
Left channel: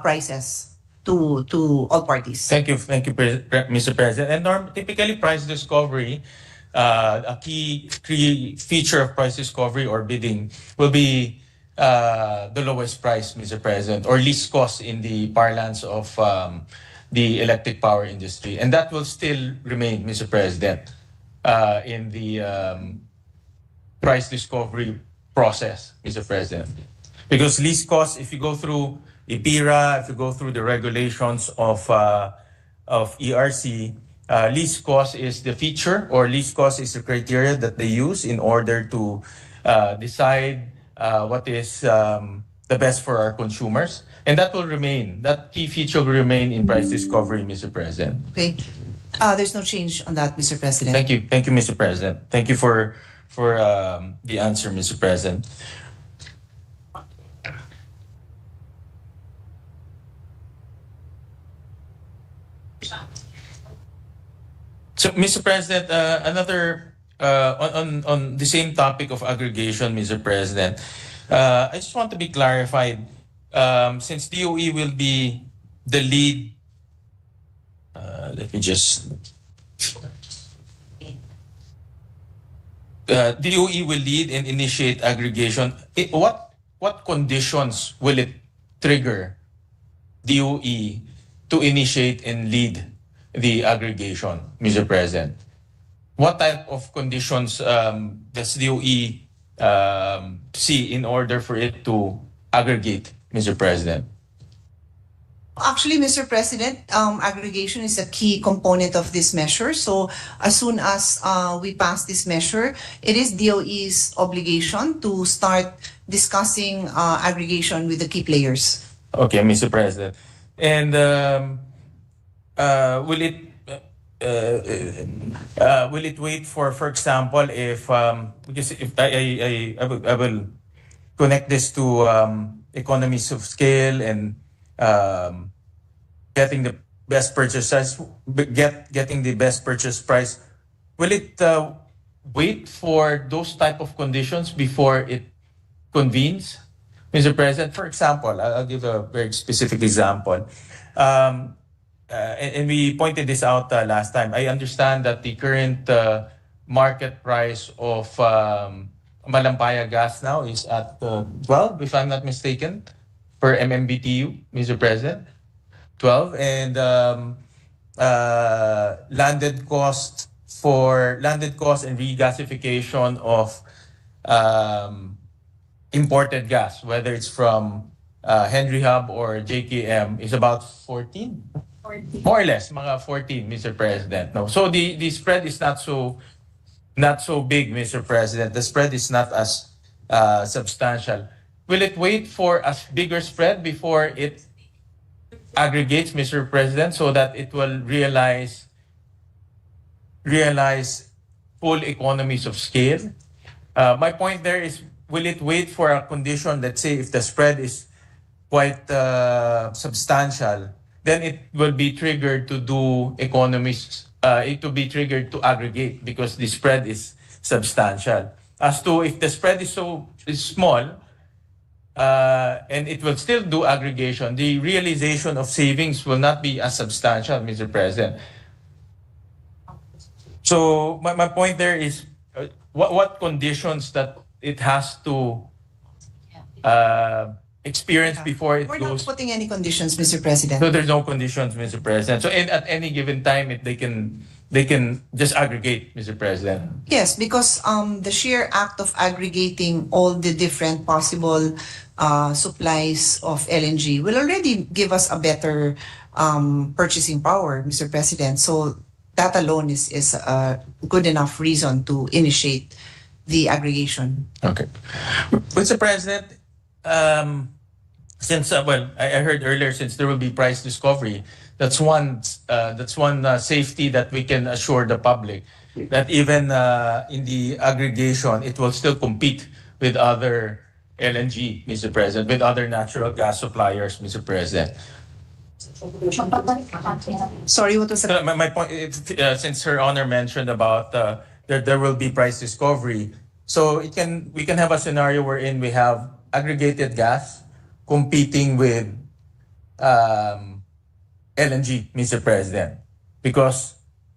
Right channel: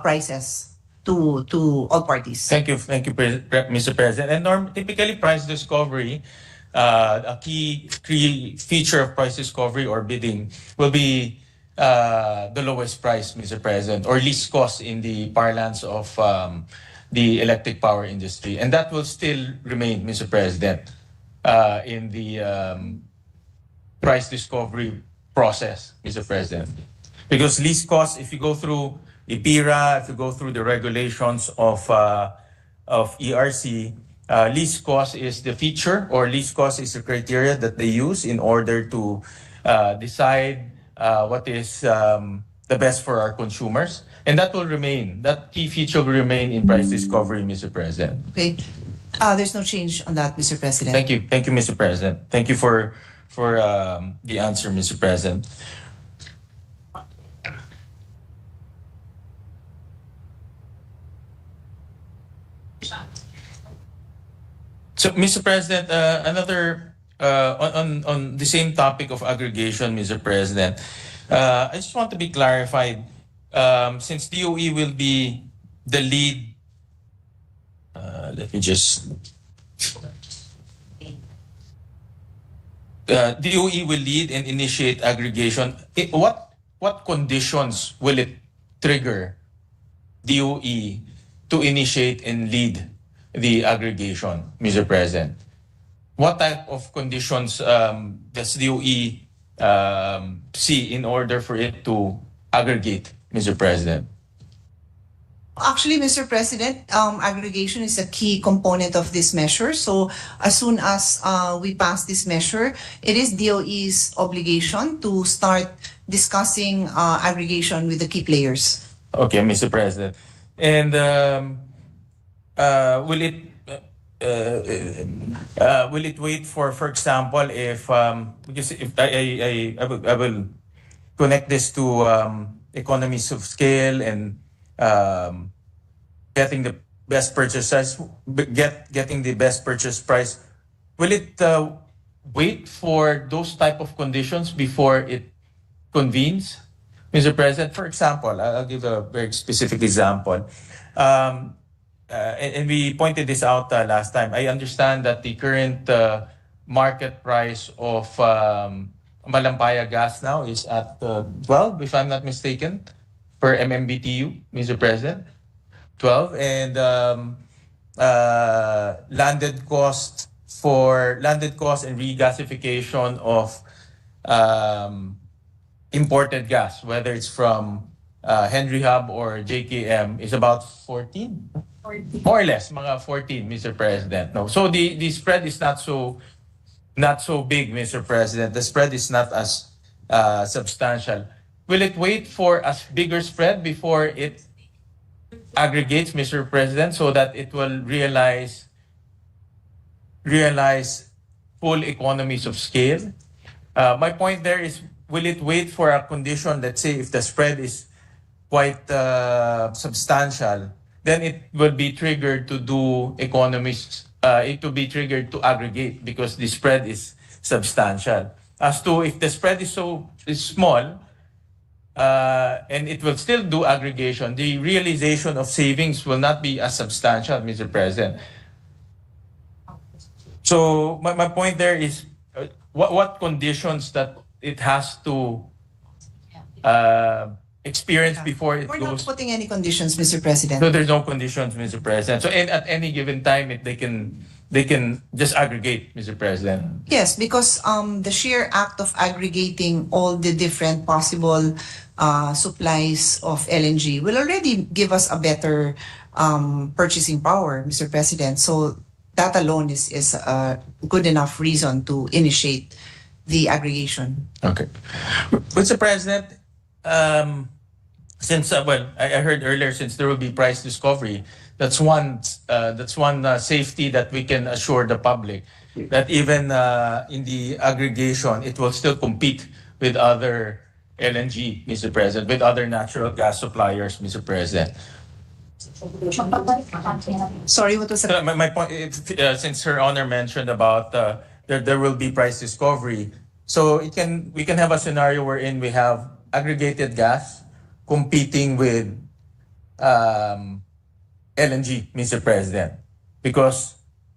prices to all parties. Thank you, Mr. President. And typically, price discovery, a key feature of price discovery or bidding will be the lowest price, Mr. President, or least cost in the parlance of the electric power industry, and that will still remain, Mr. President, in the price discovery process, Mr. President. Because least cost, if you go through IPIRA, if you go through the regulations of ERC, least cost is the feature, or least cost is the criteria that they use in order to decide what is the best for our consumers. And that will remain, that key feature will remain in price discovery, Mr. President. Okay. There's no change on that, Mr. President. Thank you, Mr. President. Thank you for the answer, Mr. President. So, Mr. President, another on the same topic of aggregation, Mr. President, I just want to be clarified. Since DOE will be the lead, let me just. DOE will lead and initiate aggregation. What conditions will it trigger DOE to initiate and lead the aggregation, Mr. President? What type of conditions does DOE see in order for it to aggregate, Mr. President? Actually, Mr. President, aggregation is a key component of this measure. So as soon as we pass this measure, it is DOE's obligation to start discussing aggregation with the key players. Okay, Mr. President. And will it wait for example, if because if I will connect this to economies of scale and getting the best purchase price, getting the best purchase price. Will it wait for those type of conditions before it convenes, Mr. President? For example, I'll give a very specific example. And we pointed this out last time. I understand that the current market price of Malampaya gas now is at 12, if I'm not mistaken, per MMBTU, Mr. President. 12, and landed cost and regasification of imported gas, whether it's from Henry Hub or JKM, is about 14? More or less, mga 14, Mr. President. No, so the spread is not so big, Mr. President. The spread is not as substantial. Will it wait for a bigger spread before it aggregates, Mr. President, so that it will realize full economies of scale? My point there is, will it wait for a condition, let's say if the spread is quite substantial, then it will be triggered to do economies, it will be triggered to aggregate because the spread is substantial. As to if the spread is small, and it will still do aggregation, the realization of savings will not be as substantial, Mr. President. So my point there is, what conditions that it has to experience before it We're goes. not putting any conditions, Mr. President. So there's no conditions, Mr. President. So at any given time, they can just aggregate, Mr. President. Yes, because the sheer act of aggregating all the different possible supplies of LNG will already give us a better purchasing power, Mr. President. So that alone is a good enough reason to initiate the aggregation. Okay. Mr. President, since I heard earlier, since there will be price discovery, that's one safety that we can assure the public, that even in the aggregation, it will still compete with other LNG, Mr. President, with other natural gas suppliers, Mr. President. Sorry, what was that? My point, since Her Honor mentioned about there will be price discovery, so we can have a scenario wherein we have aggregated gas competing with LNG, Mr. President, because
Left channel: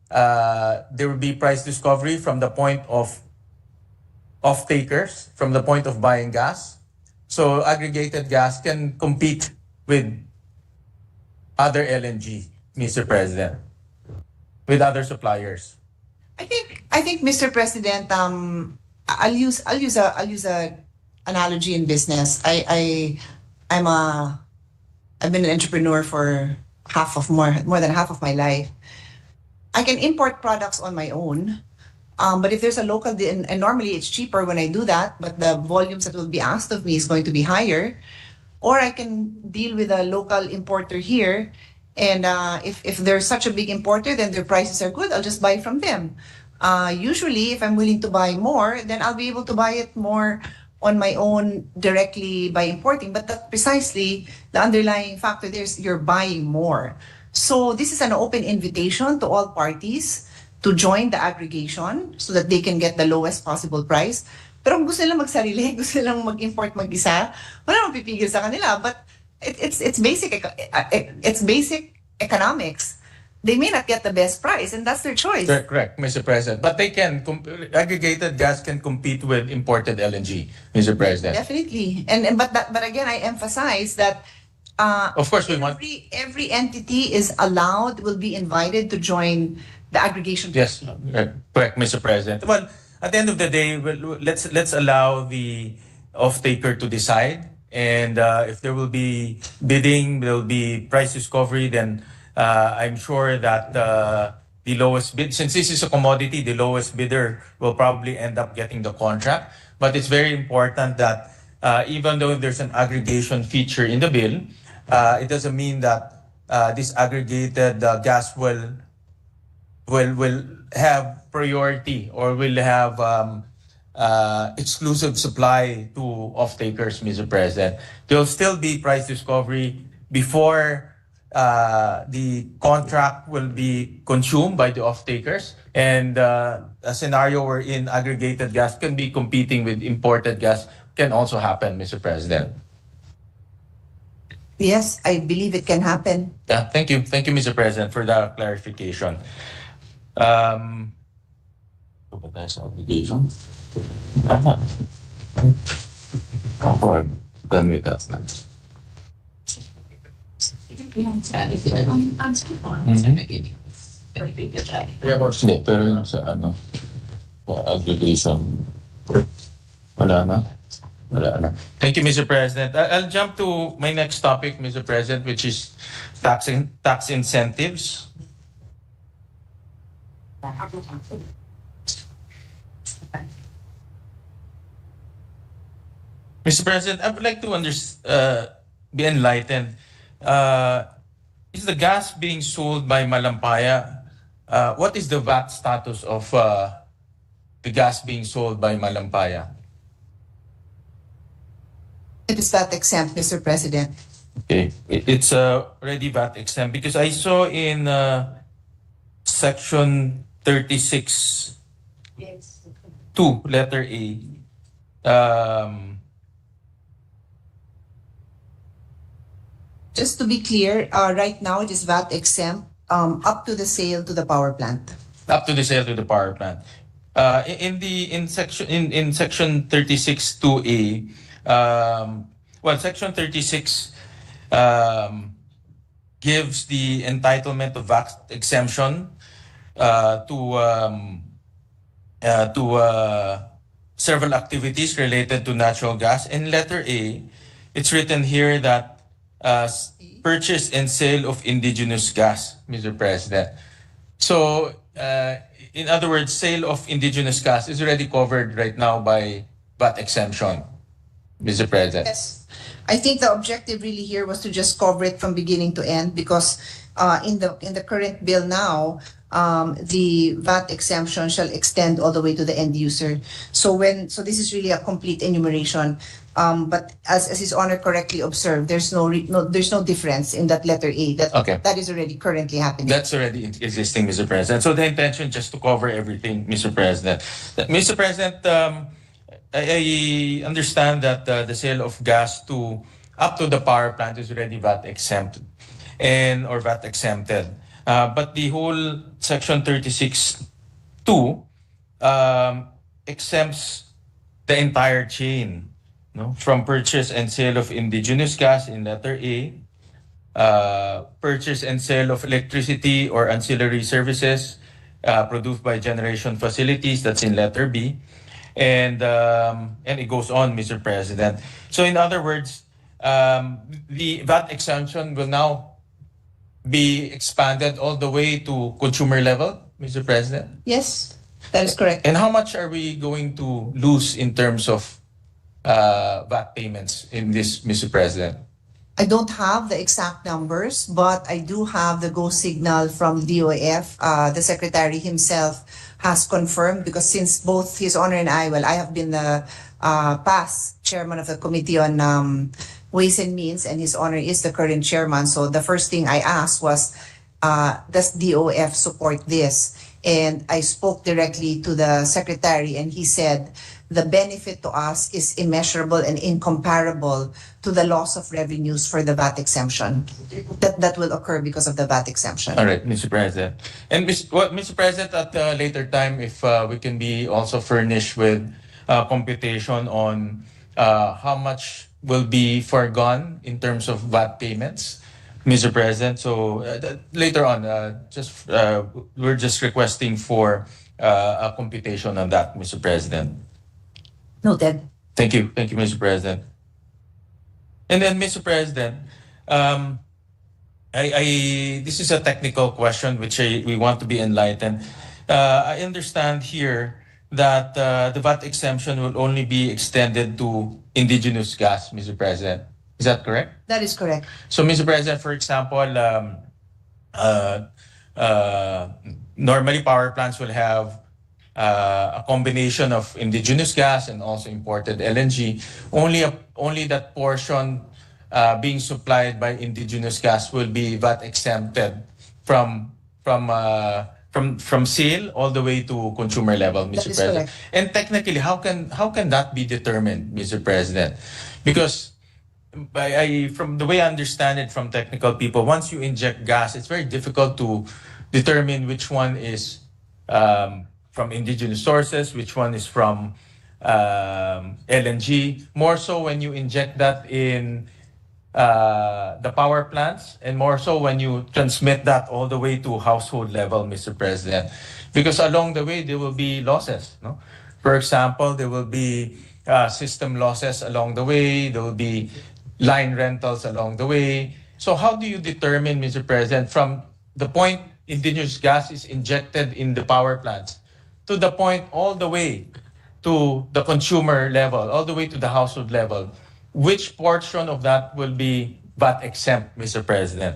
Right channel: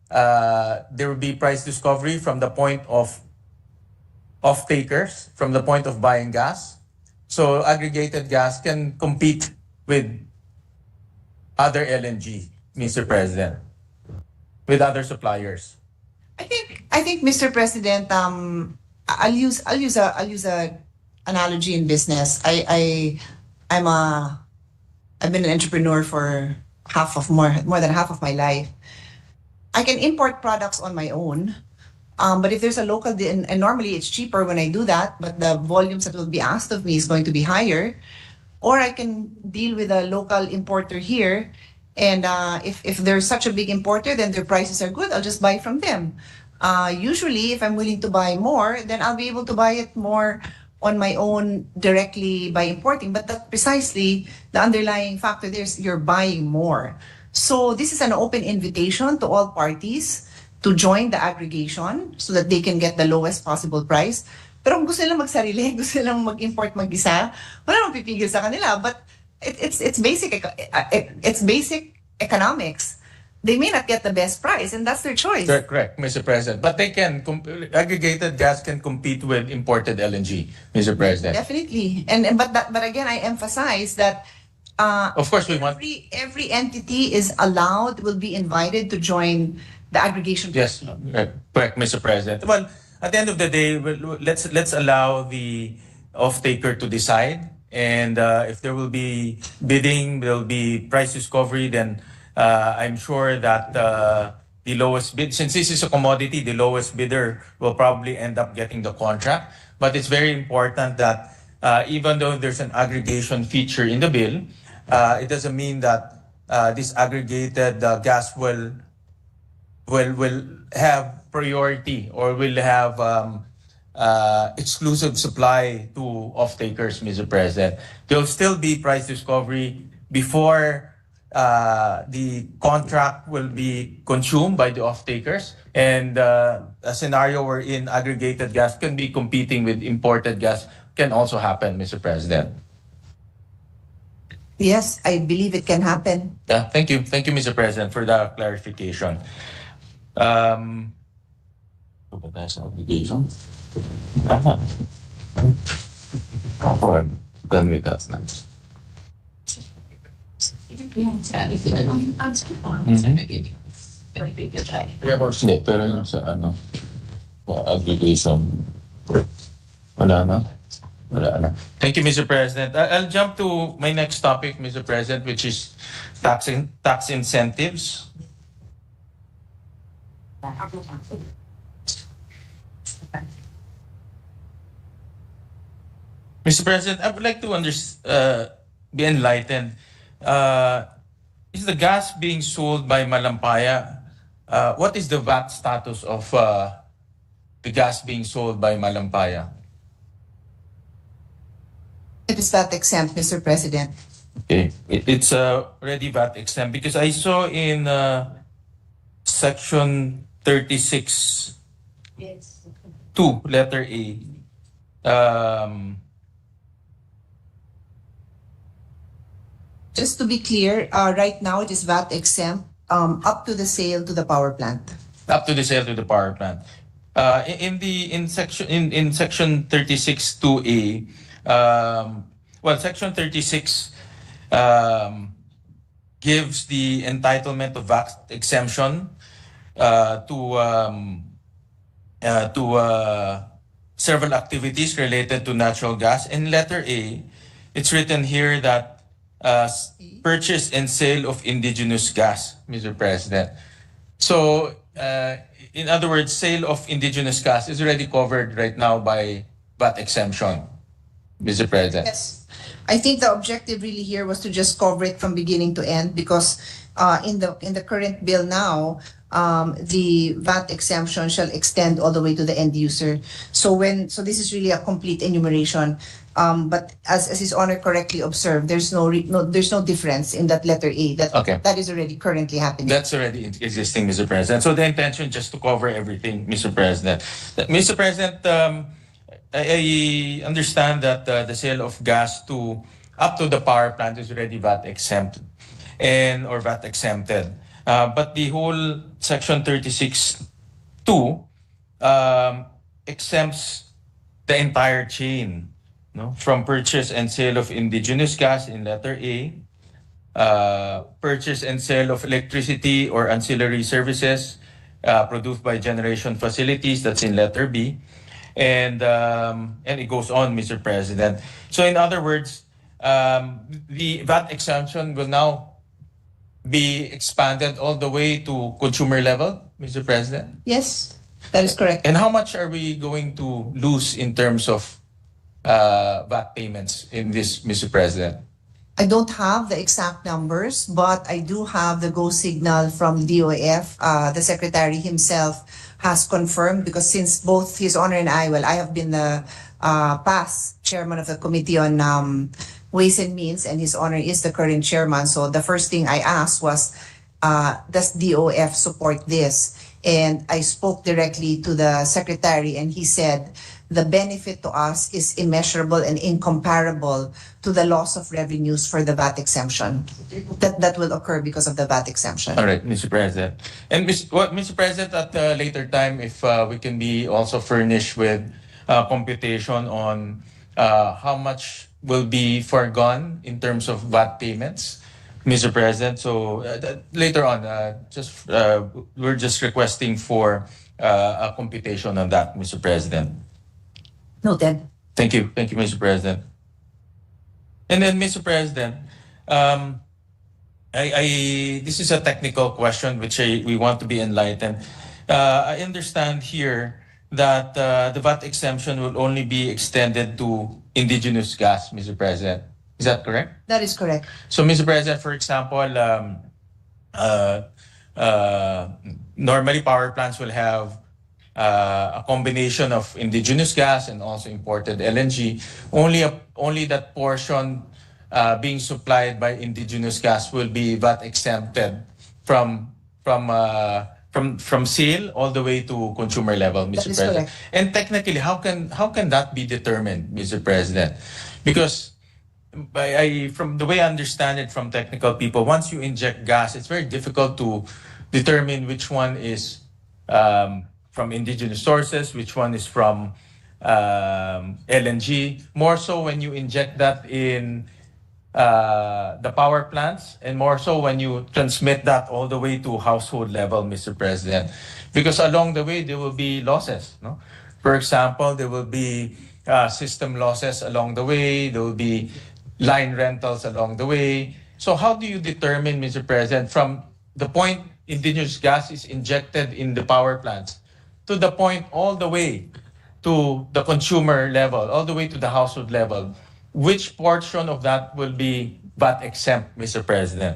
there will be price discovery from the point of off-takers, from the point of buying gas. So aggregated gas can compete with other LNG, Mr. President, with other suppliers. I think, Mr. President, I'll use a analogy in business. I'm a I've been an entrepreneur for more than half of my life. I can import products on my own. But if there's a local, and normally it's cheaper when I do that, but the volumes that will be asked of me is going to be higher. Or I can deal with a local importer here. And if they're such a big importer, then their prices are good, I'll just buy from them. Usually, if I'm willing to buy more, then I'll be able to buy it more on my own directly by importing. But that's precisely the underlying factor there is you're buying more. So this is an open invitation to all parties to join the aggregation so that they can get the lowest possible price. Pero kung gusto nilang magsarili, gusto nilang mag-import mag-isa, wala namang pipigil sa kanila. But it's basic economics. They may not get the best price, and that's their choice. Correct, Mr. President. But they can, aggregated gas can compete with imported LNG, Mr. President. Definitely. But again, I emphasize that Of course, we want. every entity is allowed, will be invited to join the aggregation. Yes, correct, Mr. President. Well, at the end of the day, let's allow the off-taker to decide. And if there will be bidding, there will be price discovery, then I'm sure that the lowest bid, since this is a commodity, the lowest bidder will probably end up getting the contract. But it's very important that even though there's an aggregation feature in the bill, it doesn't mean that this aggregated gas will have priority or will have exclusive supply to off-takers, Mr. President. There will still be price discovery before the contract will be consumed by the off-takers. And a scenario wherein aggregated gas can be competing with imported gas can also happen, Mr. President. Yes, I believe it can happen. Yeah, thank you. Thank you, Mr. President, for that clarification. Obligation. Or done with that now. Hindi, pero yung sa ano, aggregation, wala na. Wala na. Thank you, Mr. President. I'll jump to my next topic, Mr. President, which is tax incentives. Mr. President, I would like to be enlightened. Is the gas being sold by Malampaya? What is the VAT status of the gas being sold by Malampaya? It is VAT exempt, Mr. President. Okay, it's already VAT exempt because I saw in section 36 2, letter A. Just to be clear, right now it is VAT exempt up to the sale to the power plant. Up to the sale to the power plant. In section 36 2A, section 36 gives the entitlement of VAT exemption to several activities related to natural gas. In letter A, it's written here that purchase and sale of indigenous gas, Mr. President. So, in other words, sale of indigenous gas is already covered right now by VAT exemption, Mr. President. Yes. I think the objective really here was to just cover it from beginning to end because in the current bill now, the VAT exemption shall extend all the way to the end user. So this is really a complete enumeration. But as His Honor correctly observed, there's no difference in that letter A. That is already currently happening. That's already existing, Mr. President. So the intention just to cover everything, Mr. President. Mr. President, I understand that the sale of gas up to the power plant is already VAT exempt or VAT exempted. But the whole section 36(2) exempts the entire chain, from purchase and sale of indigenous gas in letter A, purchase and sale of electricity or ancillary services produced by generation facilities, that's in letter B, and it goes on, Mr. President. So in other words, the VAT exemption will now be expanded all the way to consumer level, Mr. President? Yes, that is correct. And how much are we going to lose in terms of VAT payments in this, Mr. President? I don't have the exact numbers, but I do have the go signal from DOF. The secretary himself has confirmed, because since both His Honor and I have been the past chairman of the Committee on Ways and Means, and His Honor is the current chairman. So the first thing I asked was, does DOF support this? And I spoke directly to the secretary, and he said, the benefit to us is immeasurable and incomparable to the loss of revenues for the VAT exemption that will occur because of the VAT exemption. All right, Mr. President. And Mr. President, at a later time, if we can be also furnished with computation on how much will be foregone in terms of VAT payments, Mr. President. So later on, we're just requesting for a computation on that, Mr. President. Noted. Thank you, Mr. President. And then, Mr. President, this is a technical question which we want to be enlightened. I understand here that the VAT exemption will only be extended to indigenous gas, Mr. President. Is that correct? That is correct. So, Mr. President, for example, normally power plants will have a combination of indigenous gas and also imported LNG. Only that portion being supplied by indigenous gas will be VAT exempted from sale all the way to consumer level, Mr. President. Correct. And technically, how can that be determined, Mr. President? Because from the way I understand it from technical people, once you inject gas, it's very difficult to determine which one is from indigenous sources, which one is from LNG. More so when you inject that in the power plants, and more so when you transmit that all the way to household level, Mr. President. Because along the way, there will be losses. No? For example, there will be system losses along the way. There will be line rentals along the way. So how do you determine, Mr. President, from the point indigenous gas is injected in the power plants to the point all the way to the consumer level, all the way to the household level, which portion of that will be VAT exempt, Mr. President?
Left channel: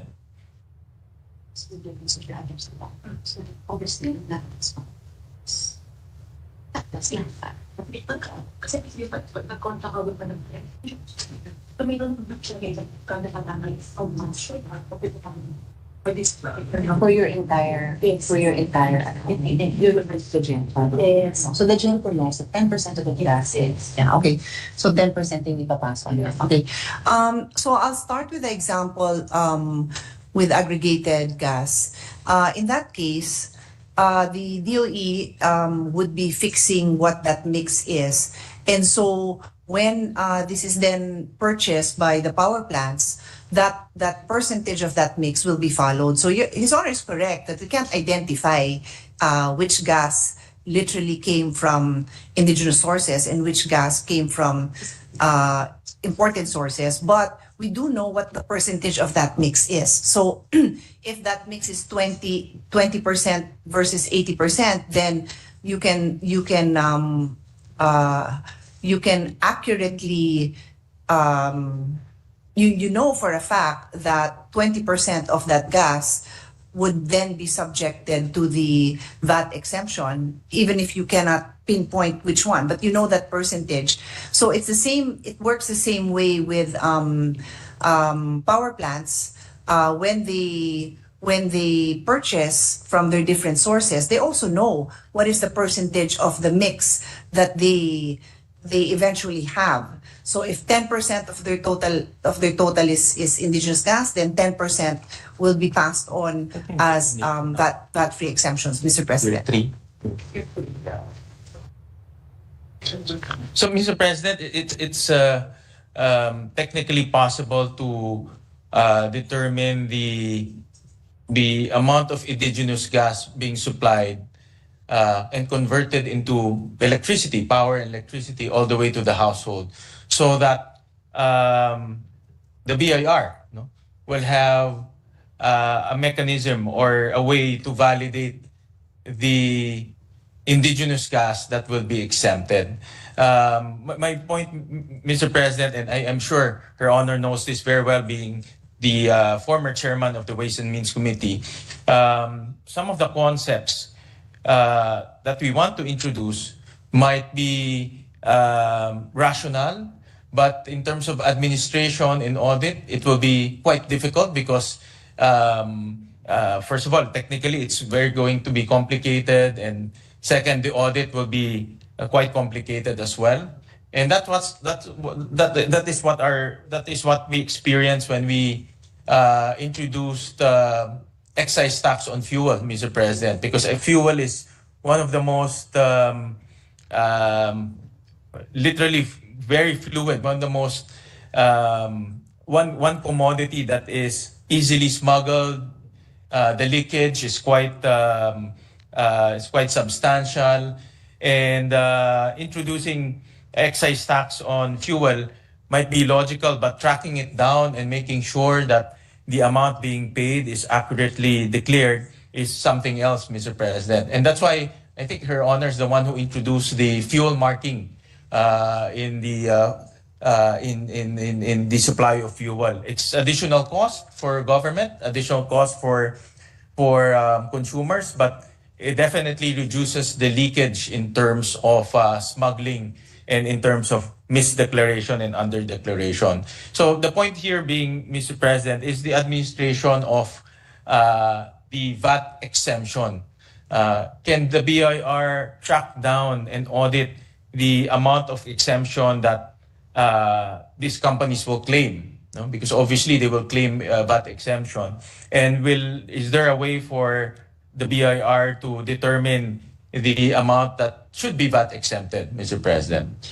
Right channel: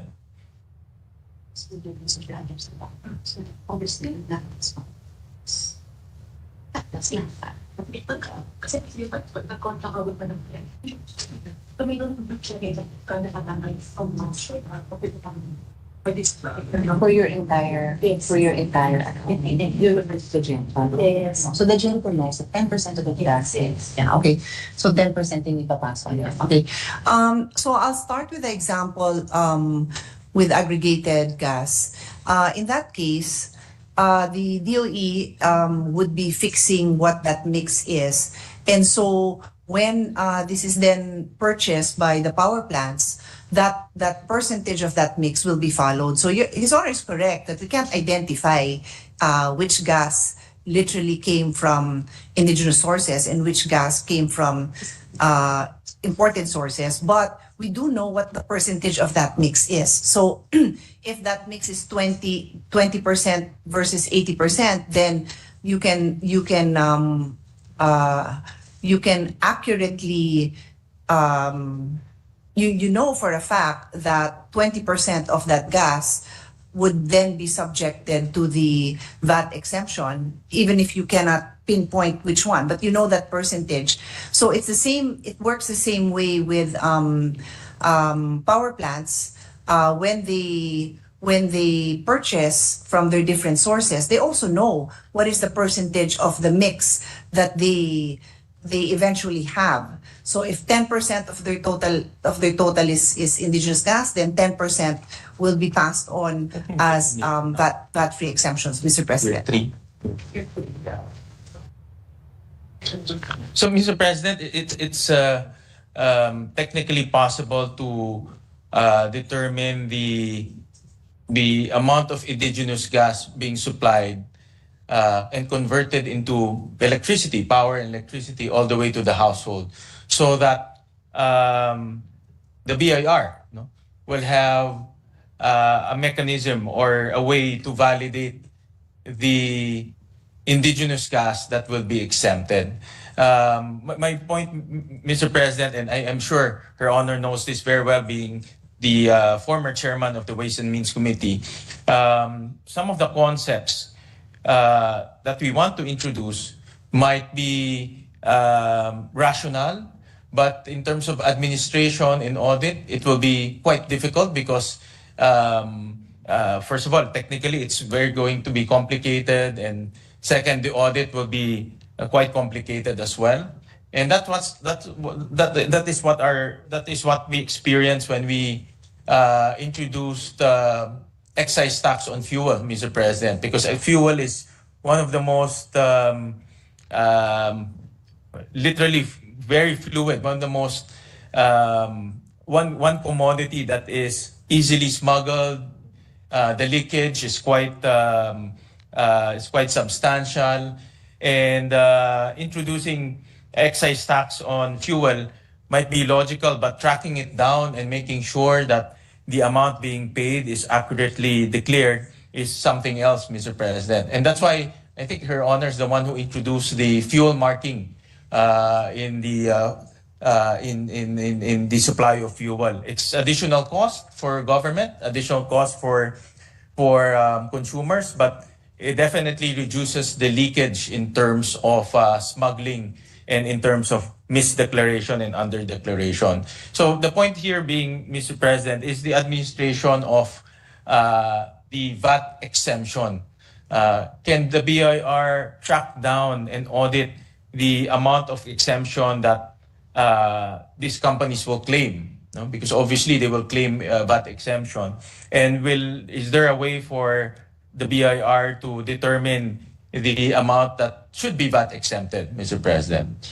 For your entire, yes. So the GENCO knows that 10% of the gas is, yeah, okay. So 10% yung ipapasok. Yeah. Okay. So I'll start with the example with aggregated gas. In that case, the DOE would be fixing what that mix is. And so when this is then purchased by the power plants, that percentage of that mix will be followed. So His Honor is correct that we can't identify which gas literally came from indigenous sources and which gas came from imported sources, but we do know what the percentage of that mix is. So if that mix is 20% versus 80%, then you can accurately you know for a fact that 20% of that gas would then be subjected to the VAT exemption, even if you cannot pinpoint which one, but you know that percentage. So it's the same, it works the same way with power plants. When they purchase from their different sources, they also know what is the percentage of the mix that they eventually have. So if 10% of their total is indigenous gas, then 10% will be passed on as VAT-free exemptions, Mr. President. So, Mr. President, it's technically possible to determine the amount of indigenous gas being supplied and converted into electricity, power and electricity, all the way to the household, so that the BIR, no, will have a mechanism or a way to validate the indigenous gas that will be exempted. My point, Mr. President, and I am sure Her Honor knows this very well, being the former chairman of the Ways and Means Committee, some of the concepts that we want to introduce might be rational, but in terms of administration and audit, it will be quite difficult because first of all, technically, it's very going to be complicated, and second, the audit will be quite complicated as well. And that is what we experienced when we introduced excise tax on fuel, Mr. President, because fuel is one of the most literally very fluid, one of the most one commodity that is easily smuggled. The leakage is quite substantial, and introducing excise tax on fuel might be logical, but tracking it down and making sure that the amount being paid is accurately declared is something else, Mr. President. And that's why I think Her Honor is the one who introduced the fuel marking in the supply of fuel. It's additional cost for government, additional cost for consumers, but it definitely reduces the leakage in terms of smuggling and in terms of misdeclaration and underdeclaration. So the point here being, Mr. President, is the administration of the VAT exemption. Can the BIR track down and audit the amount of exemption that these companies will claim? No? Because obviously they will claim VAT exemption. And is there a way for the BIR to determine the amount that should be VAT exempted, Mr. President?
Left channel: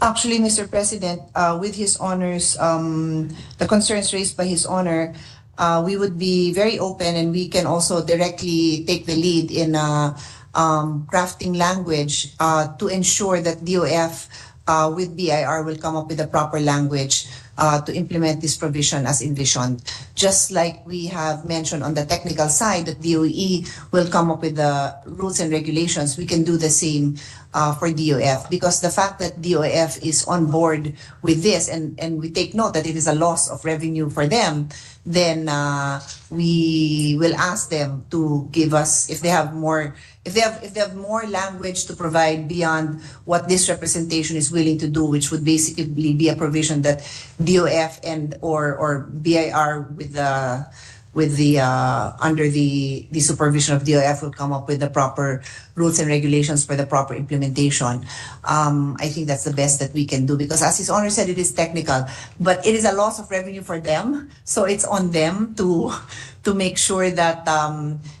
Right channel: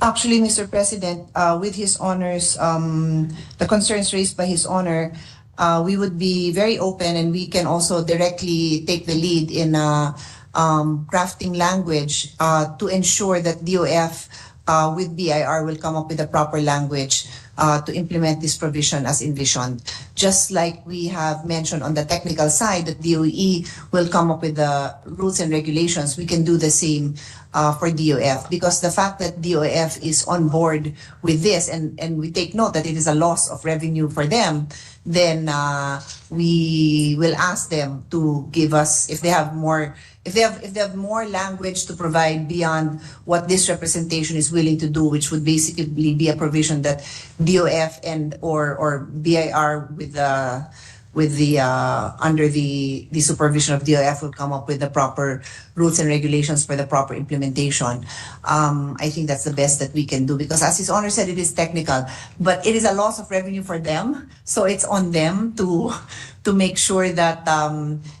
Actually, Mr. President, with His Honor's, the concerns raised by His Honor, we would be very open, and we can also directly take the lead in crafting language to ensure that DOF with BIR will come up with the proper language to implement this provision as envisioned. Just like we have mentioned on the technical side that DOE will come up with the rules and regulations, we can do the same for DOF, because the fact that DOF is on board with this, and we take note that it is a loss of revenue for them, then we will ask them to give us, if they have more language to provide beyond what this representation is willing to do, which would basically be a provision that DOF and or BIR with the under the supervision of DOF will come up with the proper rules and regulations for the proper implementation. I think that's the best that we can do, because as His Honor said, it is technical, but it is a loss of revenue for them, so it's on them to make sure that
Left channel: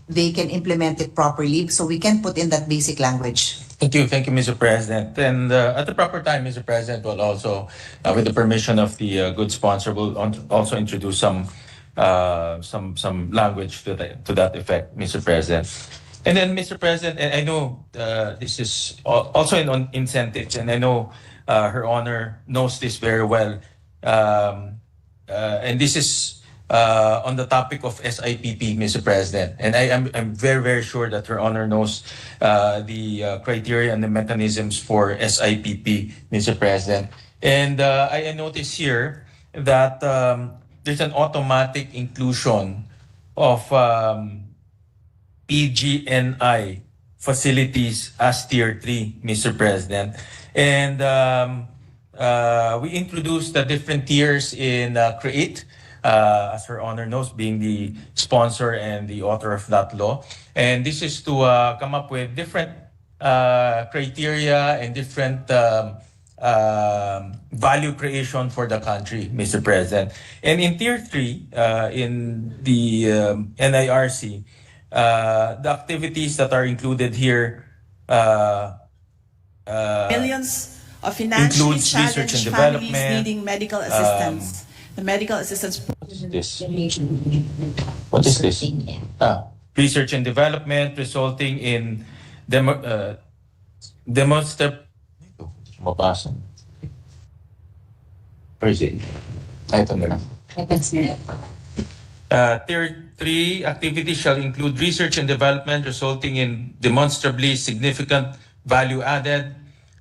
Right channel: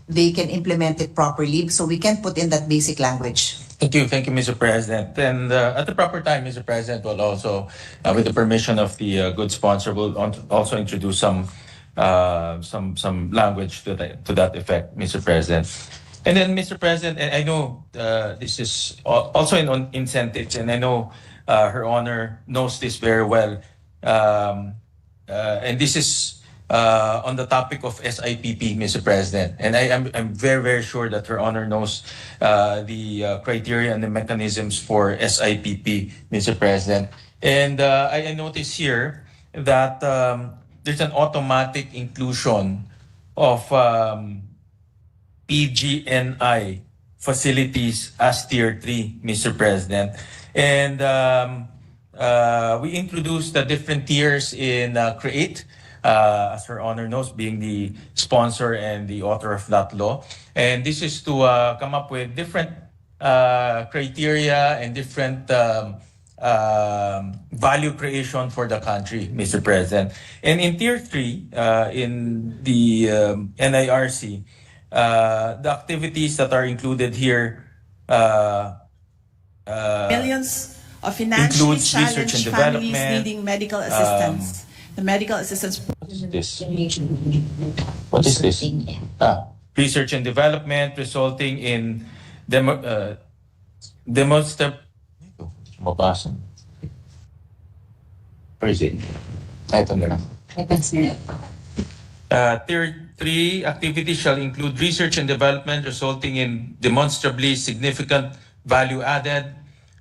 they can implement it properly. So we can put in that basic language. Thank you, Mr. President. And at the proper time, Mr. President will also, with the permission of the good sponsor, will also introduce some language to that effect, Mr. President. And then, Mr. President, and I know this is also in incentives, and I know Her Honor knows this very well. And this is on the topic of SIPP, Mr. President. And I'm very, very sure that Her Honor knows the criteria and the mechanisms for SIPP, Mr. President. And I notice here that there's an automatic inclusion of PGNI facilities as Tier 3, Mr. President. And we introduced the different tiers in CREATE, as Her Honor knows, being the sponsor and the author of that law. And this is to come up with different criteria and different value creation for the country, Mr. President. And in Tier 3, in the NIRC, the activities that are included here millions of financially includes research and challenged families development, needing medical assistance. The medical assistance. This. What is this? Research and development resulting in Where is it? Ito na lang. Tier 3 activities shall include research and development resulting in demonstrably significant value added,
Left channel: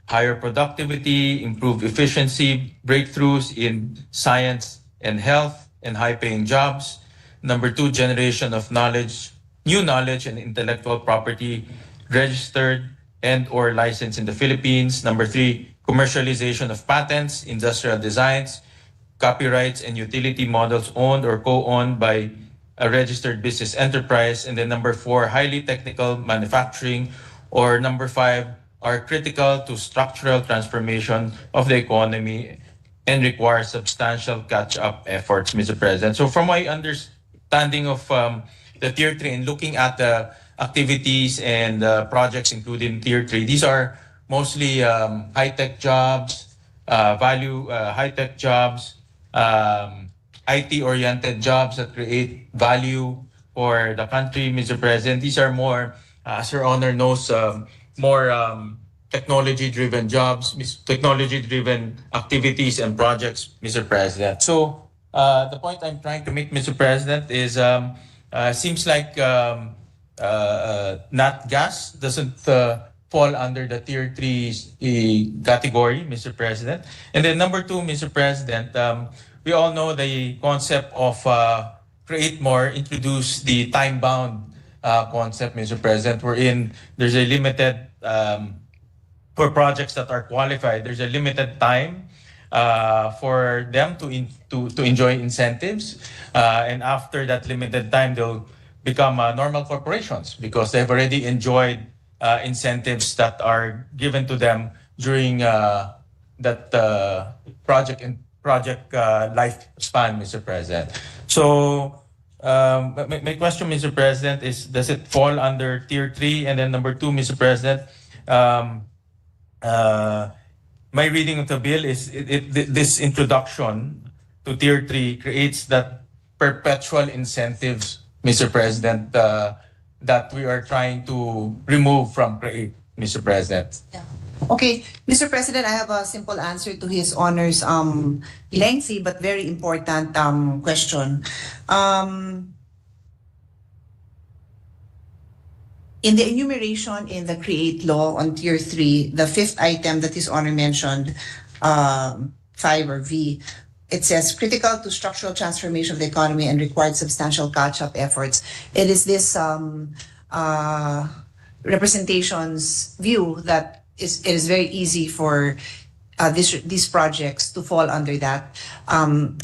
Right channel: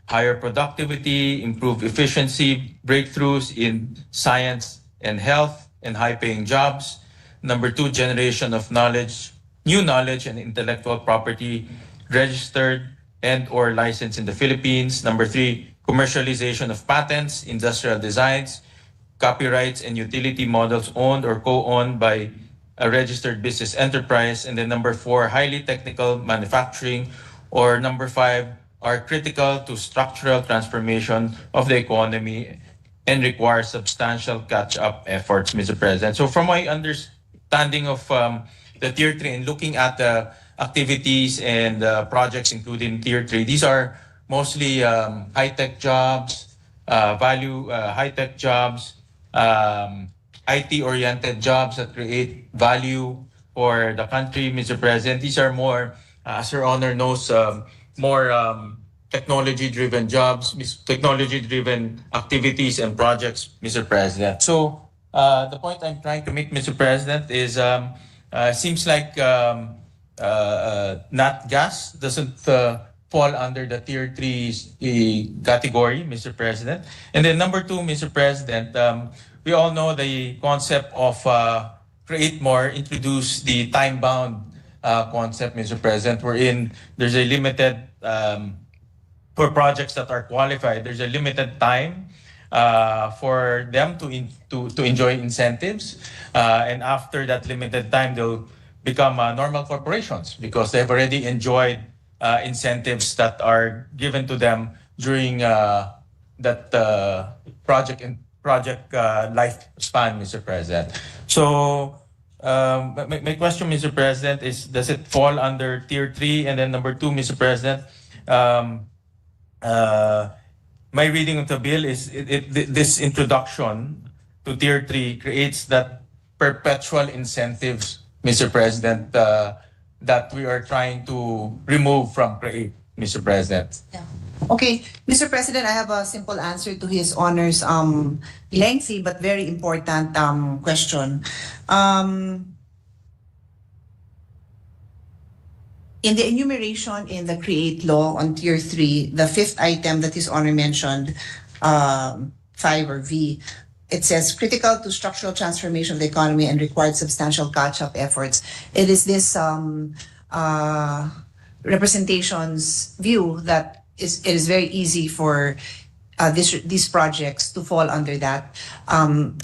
higher productivity, improved efficiency, breakthroughs in science and health, and high-paying jobs. Number 2, generation of knowledge, new knowledge and intellectual property registered and or licensed in the Philippines. Number 3, commercialization of patents, industrial designs, copyrights, and utility models owned or co-owned by a registered business enterprise. And then number 4, highly technical manufacturing, or number 5, are critical to structural transformation of the economy and require substantial catch-up efforts, Mr. President. So from my understanding of the Tier 3 and looking at the activities and projects included in Tier 3, these are mostly high-tech jobs, high-tech jobs, IT-oriented jobs that create value for the country, Mr. President. These are more, as your honor knows, more technology-driven jobs, technology-driven activities and projects, Mr. President. So the point I'm trying to make, Mr. President, is seems like nat gas doesn't fall under the Tier 3 category, Mr. President. And then number 2, Mr. President, we all know the concept of create more, introduce the time-bound concept, Mr. President, wherein there's a limited, for projects that are qualified, there's a limited time for them to enjoy incentives. And after that limited time, they'll become normal corporations because they've already enjoyed incentives that are given to them during that project lifespan, Mr. President. So my question, Mr. President, is does it fall under Tier 3? And then number 2, Mr. President, my reading of the bill is this introduction to Tier 3 creates that perpetual incentives, Mr. President, that we are trying to remove from CREATE, Mr. President. Yeah. Okay, Mr. President, I have a simple answer to His Honor's lengthy but very important question. In the enumeration in the CREATE law on Tier 3, the 5th item that His Honor mentioned, 5 or V, it says critical to structural transformation of the economy and required substantial catch-up efforts. It is this representation's view that it is very easy for these projects to fall under that.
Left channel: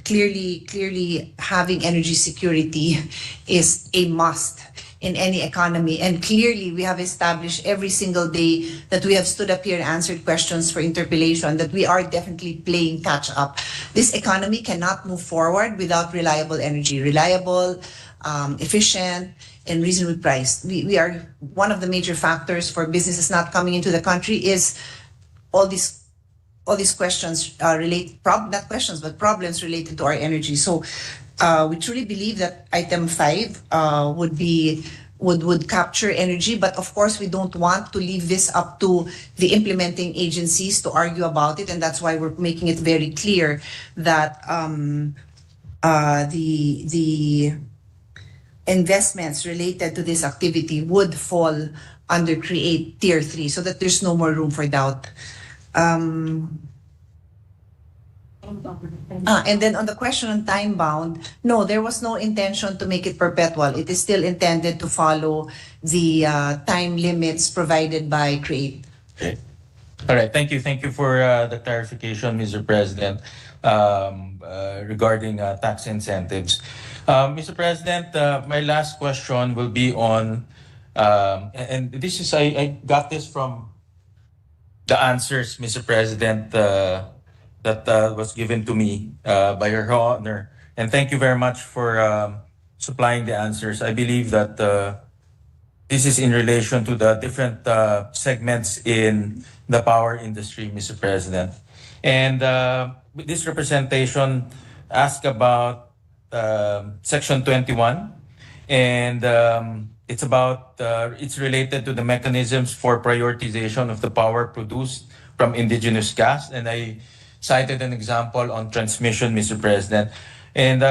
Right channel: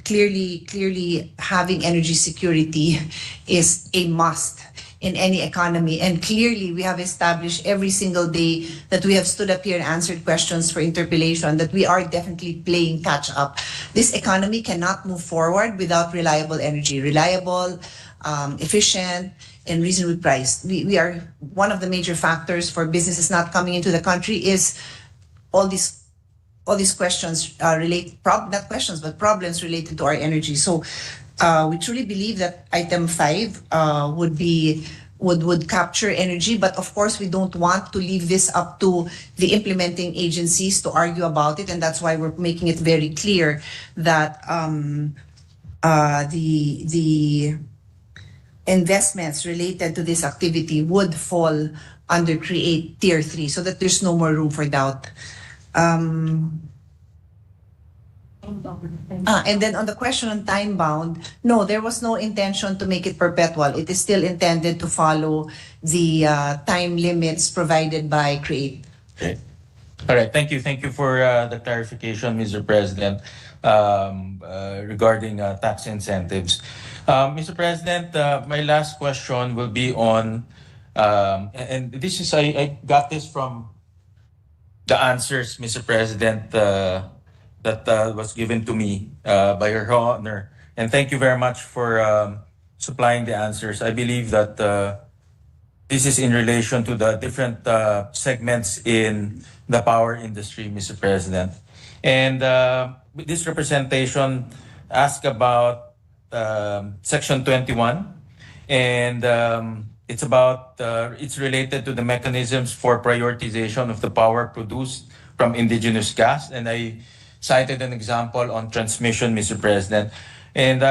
Clearly, having energy security is a must in any economy. And clearly, we have established every single day that we have stood up here and answered questions for interpellation that we are definitely playing catch up. This economy cannot move forward without reliable energy, reliable, efficient, and reasonably priced. We are one of the major factors for businesses not coming into the country is all these questions not questions, but problems related to our energy. So we truly believe that item 5 would capture energy, but of course we don't want to leave this up to the implementing agencies to argue about it, and that's why we're making it very clear that the investments related to this activity would fall under CREATE Tier 3 so that there's no more room for doubt. And then on the question on time bound, no, there was no intention to make it perpetual. It is still intended to follow the time limits provided by CREATE. Okay. All right. Thank you. Thank you for the clarification, Mr. President, regarding tax incentives. Mr. President, my last question will be on, and this is, I got this from the answers, Mr. President, that was given to me by Her Honor. And thank you very much for supplying the answers. I believe that this is in relation to the different segments in the power industry, Mr. President. And this representation asked about Section 21, and it's related to the mechanisms for prioritization of the power produced from indigenous gas. And I cited an example on transmission, Mr. President. And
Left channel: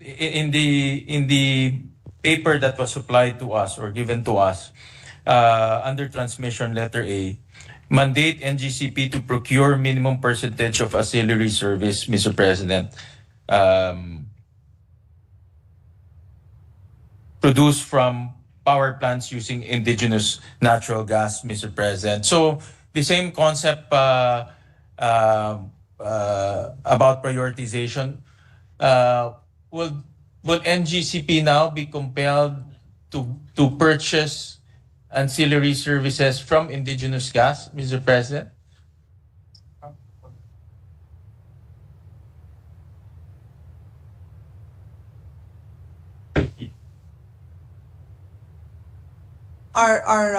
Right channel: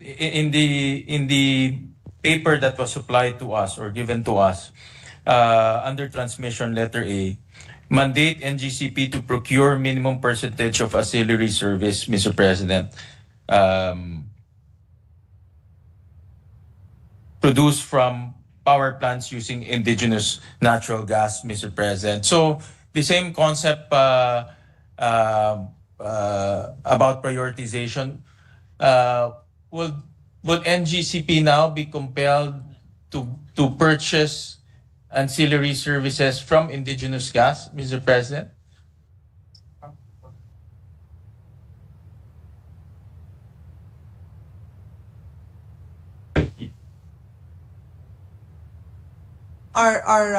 in the paper that was supplied to us or given to us under transmission letter A, mandate NGCP to procure minimum percentage of auxiliary service, Mr. President, produced from power plants using indigenous natural gas, Mr. President. So the same concept about prioritization, would NGCP now be compelled to purchase ancillary services from indigenous gas, Mr. President? Our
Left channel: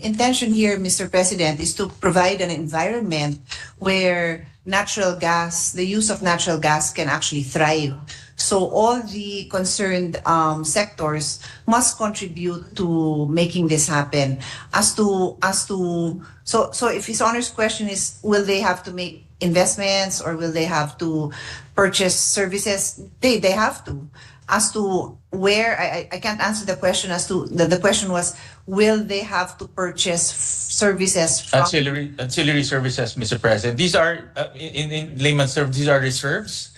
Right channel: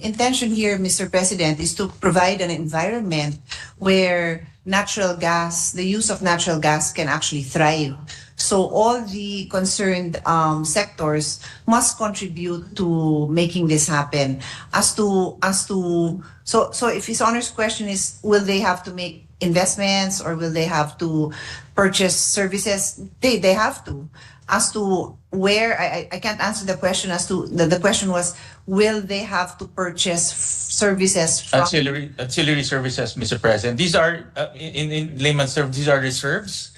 intention here, Mr. President, is to provide an environment where natural gas, the use of natural gas can actually thrive. So all the concerned sectors must contribute to making this happen. So if His Honor's question is, will they have to make investments or will they have to purchase services? They have to. As to where, I can't answer the question as to, the question was, will they have to purchase services from? Ancillary services, Mr. President. These are, in layman's terms, these are reserves.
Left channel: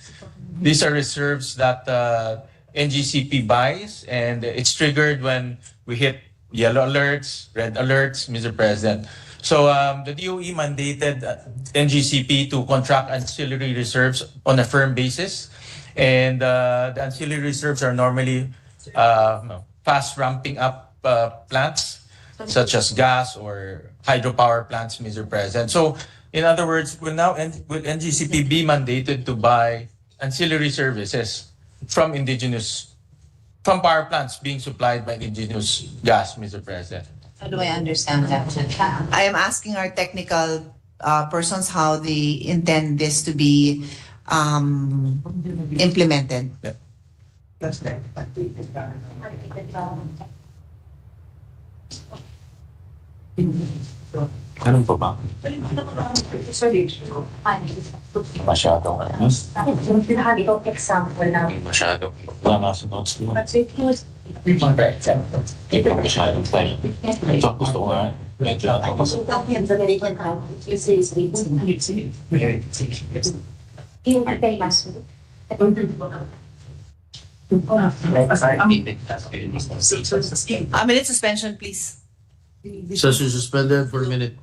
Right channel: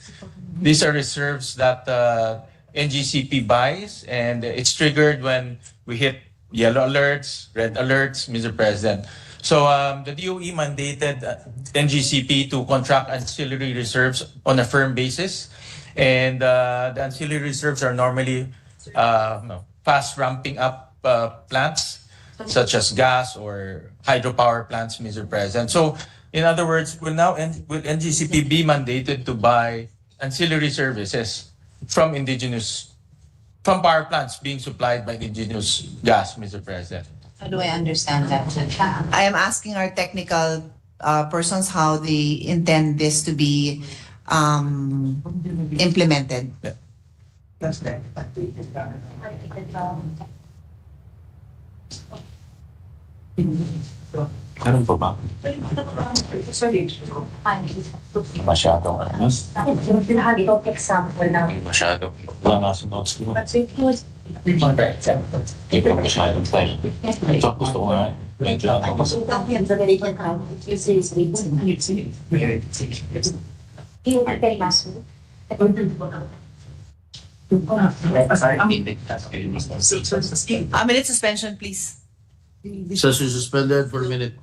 These are reserves that NGCP buys, and it's triggered when we hit yellow alerts, red alerts, Mr. President. So the DOE mandated NGCP to contract ancillary reserves on a firm basis. And the ancillary reserves are normally fast ramping up plants, such as gas or hydropower plants, Mr. President. So, in other words, will NGCP be mandated to buy ancillary services from power plants being supplied by indigenous gas, Mr. President? How do I understand that? I am asking our technical persons how they intend this to be implemented. Yeah. Ganun po ba? Masyado. Masyado. Wala nga sa notes mo. Hindi pa masyadong tayo. Ito gusto ko nga. Medyo A minute suspension, please. Session suspended for a minute.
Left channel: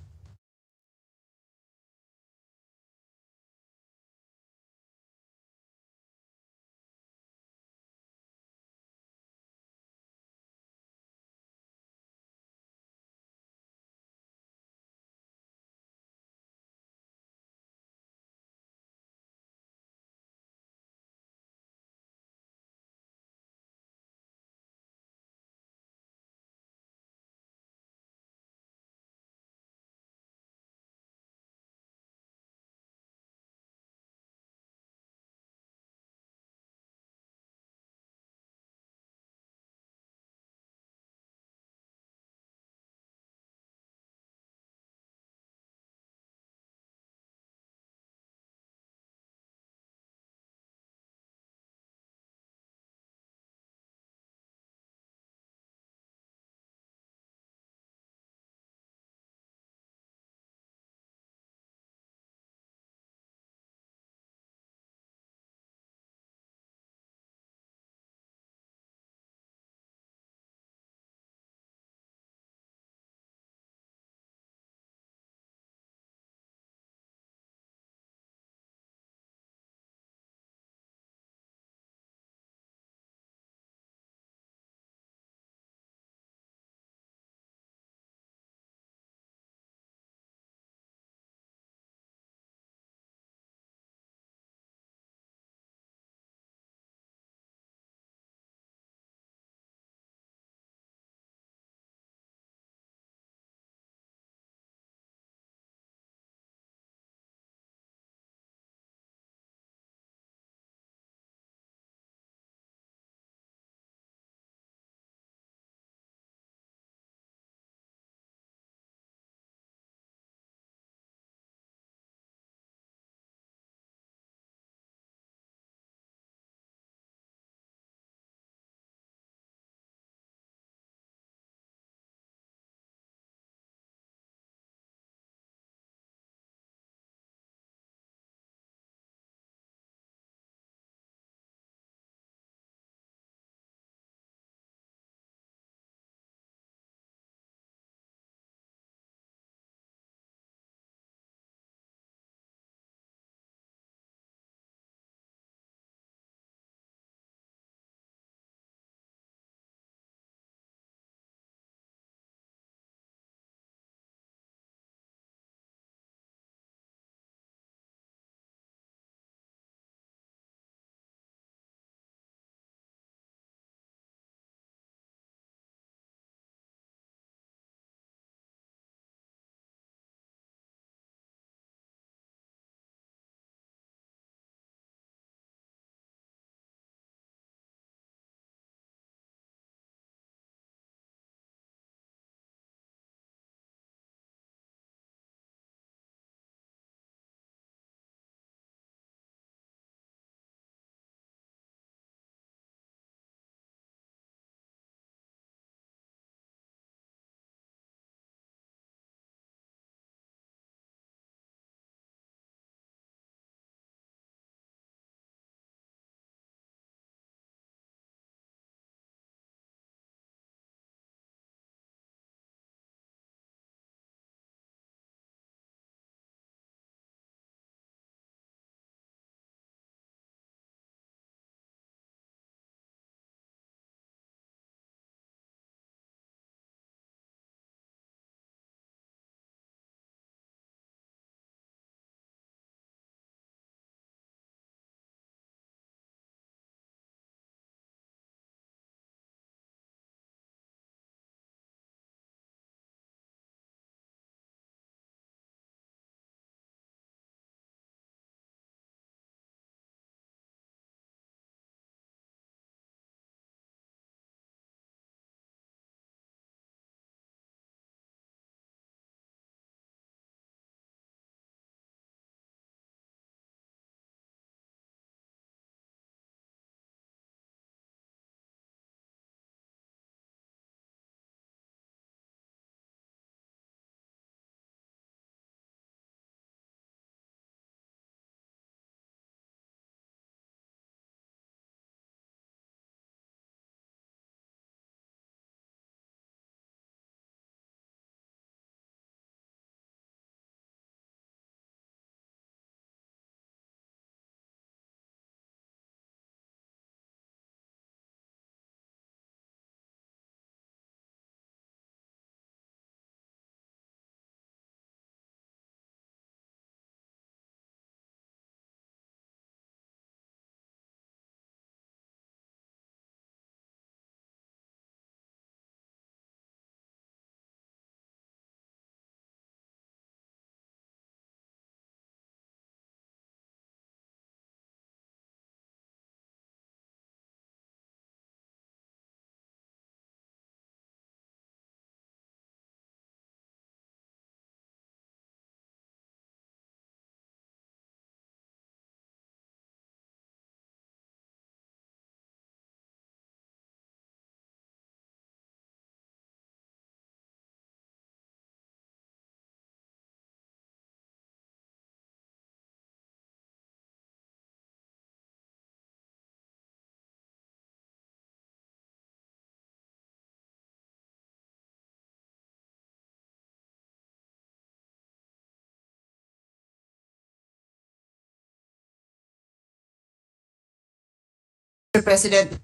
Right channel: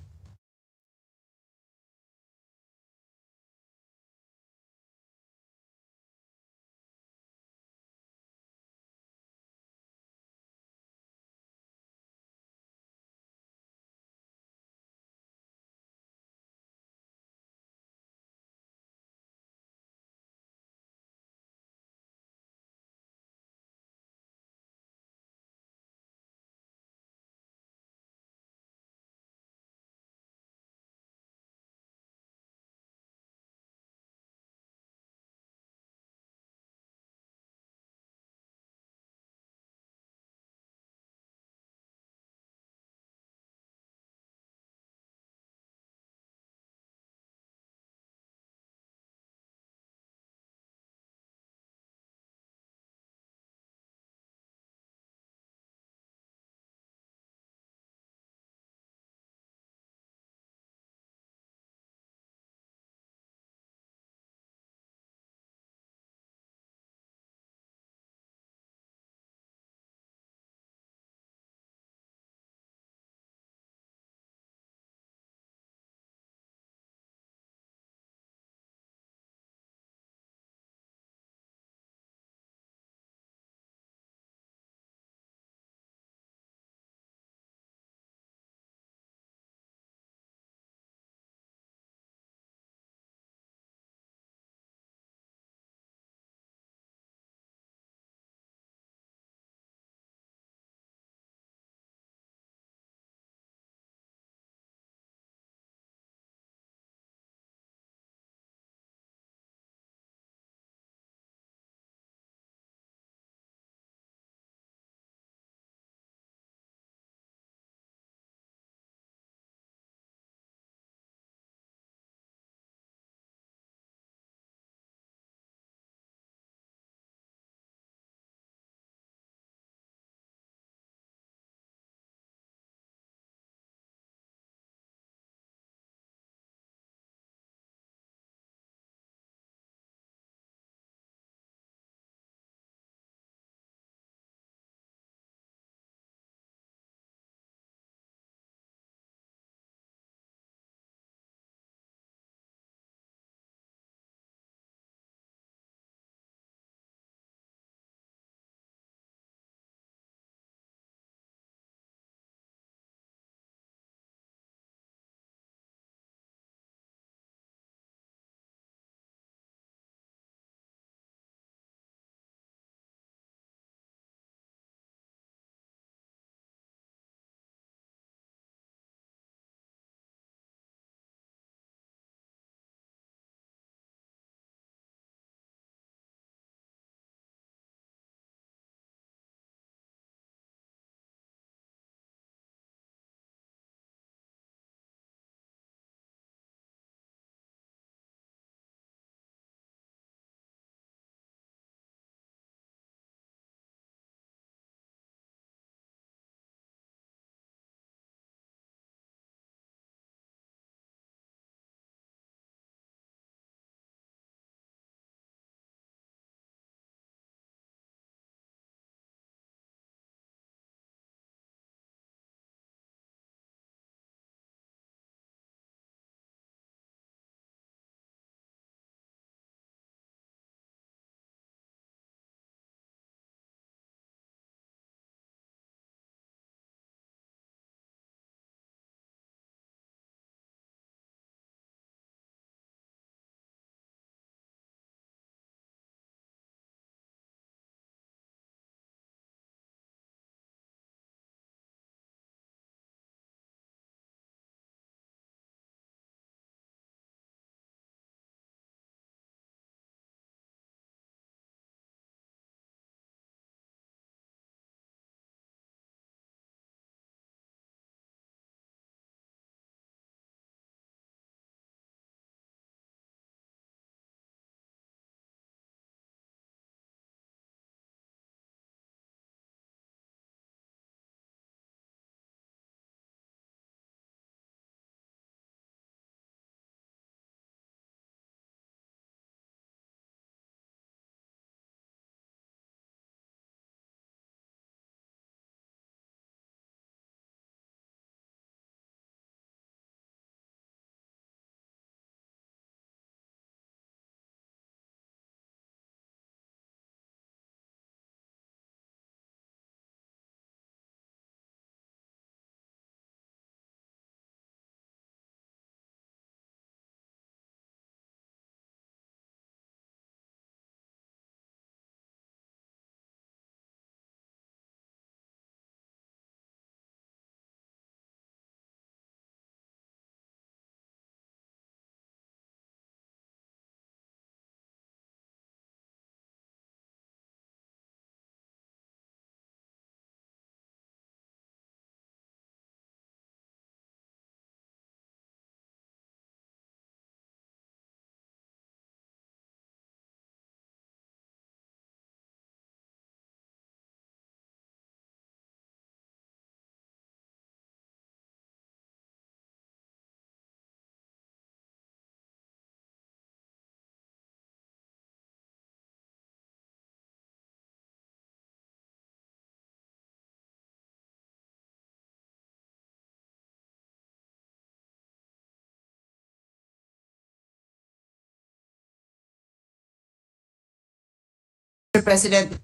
Mr. President,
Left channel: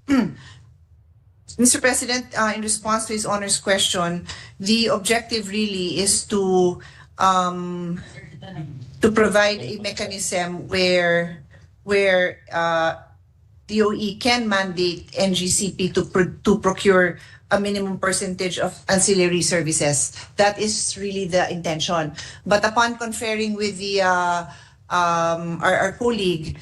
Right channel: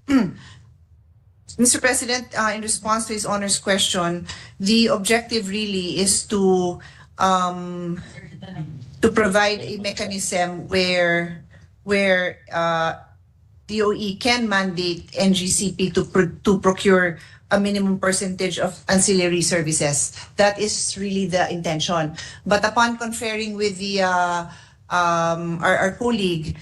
Mr. President, in response to His Honor's question, the objective really is to provide a mechanism where DOE can mandate NGCP to procure a minimum percentage of ancillary services. That is really the intention. But upon conferring with the our colleague,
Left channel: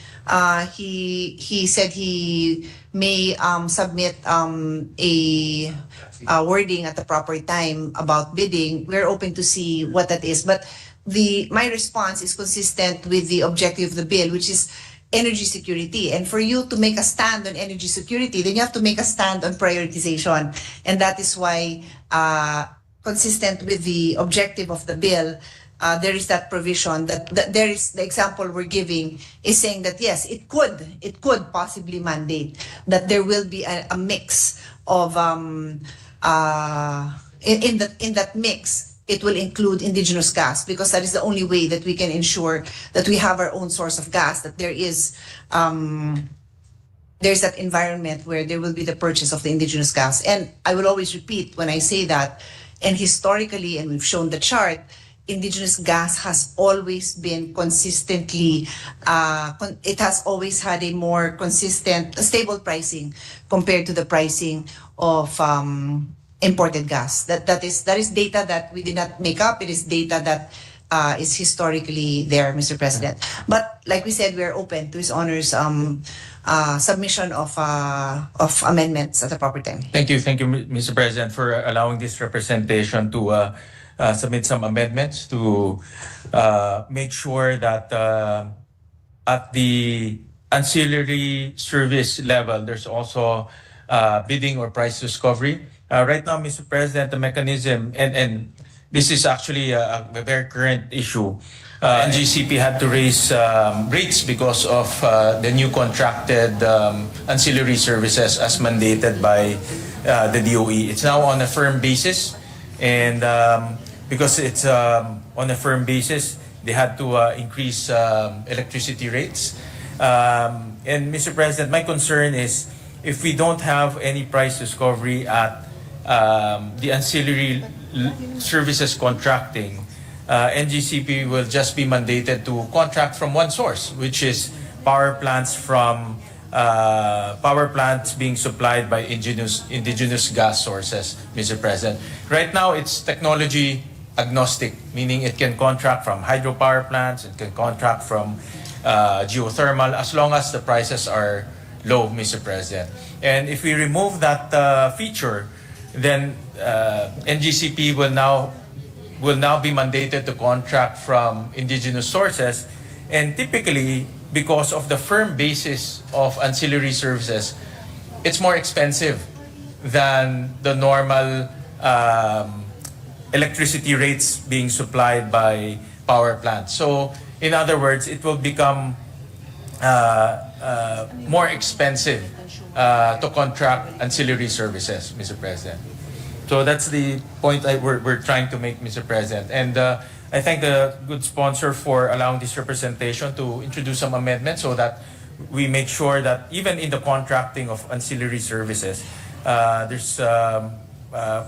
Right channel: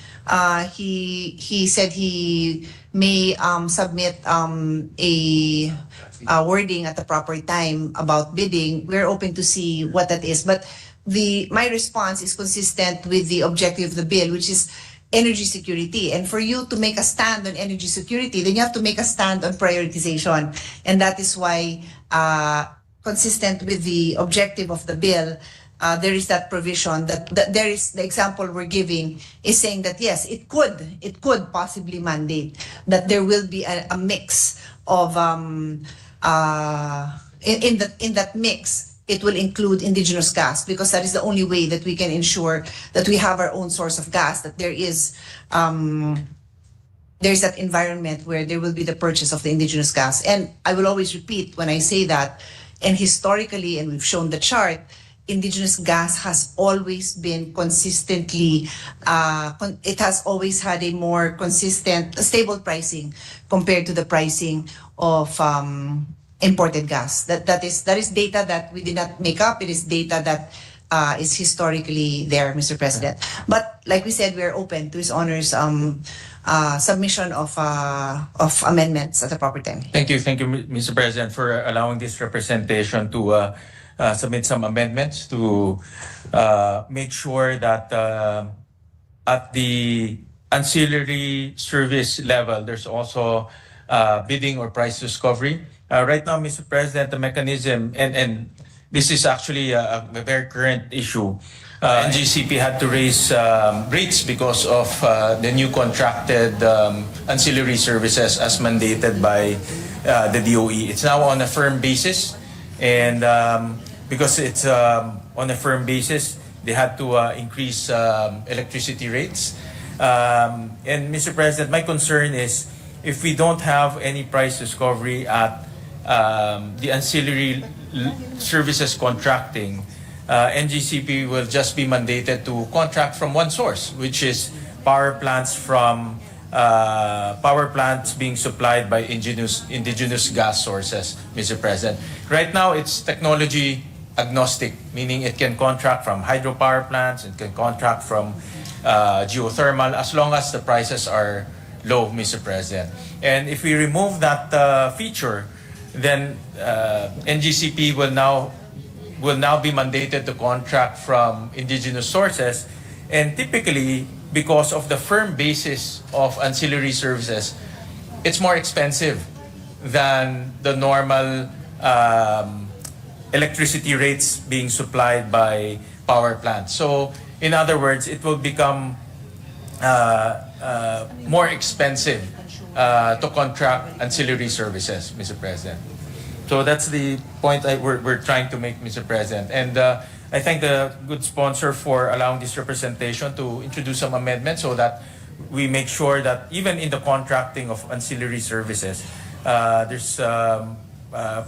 he said he may submit a wording at the proper time about bidding. We're open to see what that is. But my response is consistent with the objective of the bill, which is energy security. And for you to make a stand on energy security, then you have to make a stand on prioritization. And that is why, consistent with the objective of the bill, there is that provision that there is the example we're giving is saying that yes, it could possibly mandate that there will be a mix of in that mix. It will include indigenous gas, because that is the only way that we can ensure that we have our own source of gas, that there's that environment where there will be the purchase of the indigenous gas. And I will always repeat when I say that, and historically, and we've shown the chart, indigenous gas has always been consistently, it has always had a more consistent, stable pricing compared to the pricing of imported gas. That is data that we did not make up. It is data that is historically there, Mr. President. But like we said, we are open to His Honor's submission of amendments at the proper time. Thank you, Mr. President, for allowing this representation to submit some amendments to make sure that at the ancillary service level, there's also bidding or price discovery. Right now, Mr. President, the mechanism, and this is actually a very current issue. NGCP had to raise rates because of the new contracted ancillary services as mandated by the DOE. It's now on a firm basis, and because it's on a firm basis, they had to increase electricity rates. And Mr. President, my concern is if we don't have any price discovery at the ancillary services contracting, NGCP will just be mandated to contract from one source, which is power plants being supplied by indigenous gas sources, Mr. President. Right now, it's technology agnostic, meaning it can contract from hydropower plants, it can contract from geothermal, as long as the prices are low, Mr. President. And if we remove that feature, then NGCP will now be mandated to contract from indigenous sources, and typically, because of the firm basis of ancillary services, it's more expensive than the normal electricity rates being supplied by power plants. So, in other words, it will become more expensive to contract ancillary services, Mr. President. So that's the point we're trying to make, Mr. President. And I thank the good sponsor for allowing this representation to introduce some amendments so that we make sure that even in the contracting of ancillary services, there's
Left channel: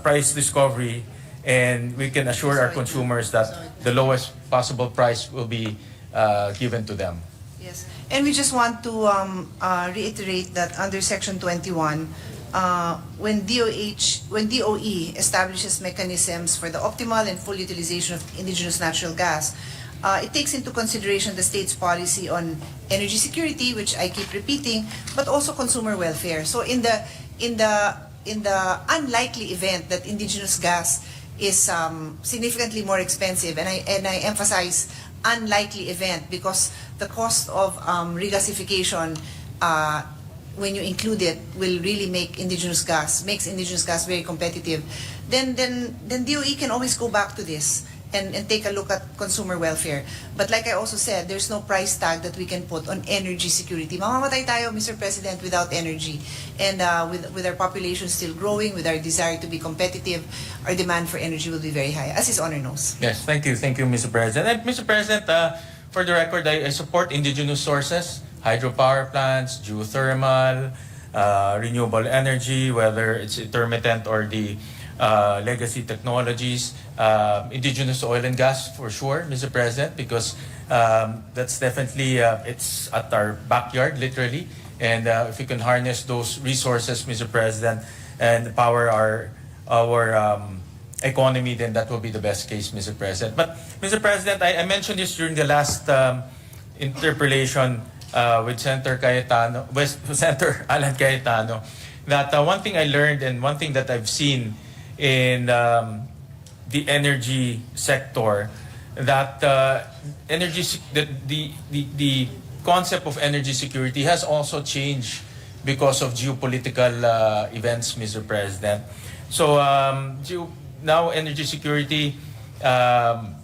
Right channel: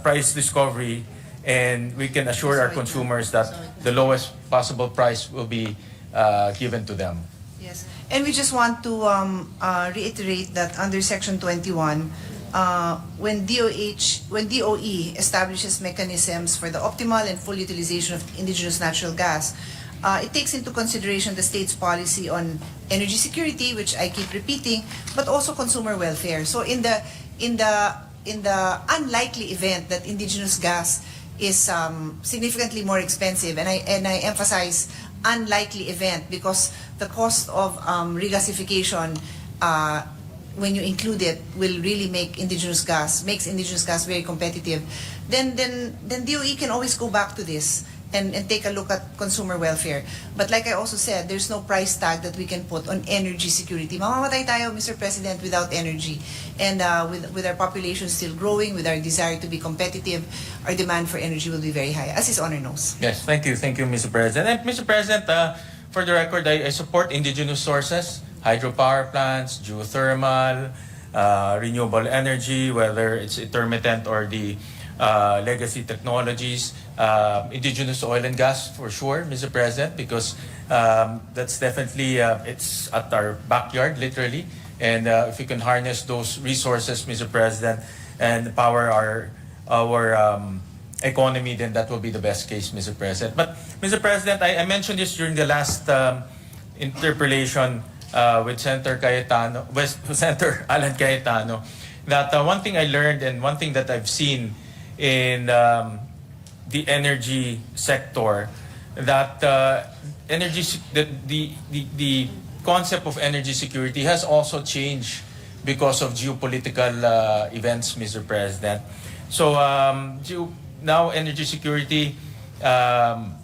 price discovery, and we can assure our consumers that the lowest possible price will be given to them. Yes, and we just want to reiterate that under Section 21, when DOE establishes mechanisms for the optimal and full utilization of indigenous natural gas, it takes into consideration the state's policy on energy security, which I keep repeating, but also consumer welfare. So in the unlikely event that indigenous gas is significantly more expensive, and I emphasize unlikely event because the cost of regasification, when you include it, will really makes indigenous gas very competitive. Then DOE can always go back to this and take a look at consumer welfare. But like I also said, there's no price tag that we can put on energy security. Mamamatay tayo, Mr. President, without energy. And with our population still growing, with our desire to be competitive, our demand for energy will be very high, as His Honor knows. Yes, thank you, Mr. President. And Mr. President, for the record, I support indigenous sources, hydropower plants, geothermal, renewable energy, whether it's intermittent or the legacy technologies, indigenous oil and gas for sure, Mr. President, because that's definitely, it's at our backyard, literally. And if we can harness those resources, Mr. President, and power our economy, then that will be the best case, Mr. President. But, Mr. President, I mentioned this during the last interpellation with Senator Alan Cayetano, that one thing I learned and one thing that I've seen in the energy sector, that the concept of energy security has also changed because of geopolitical events, Mr. President. So now energy security, the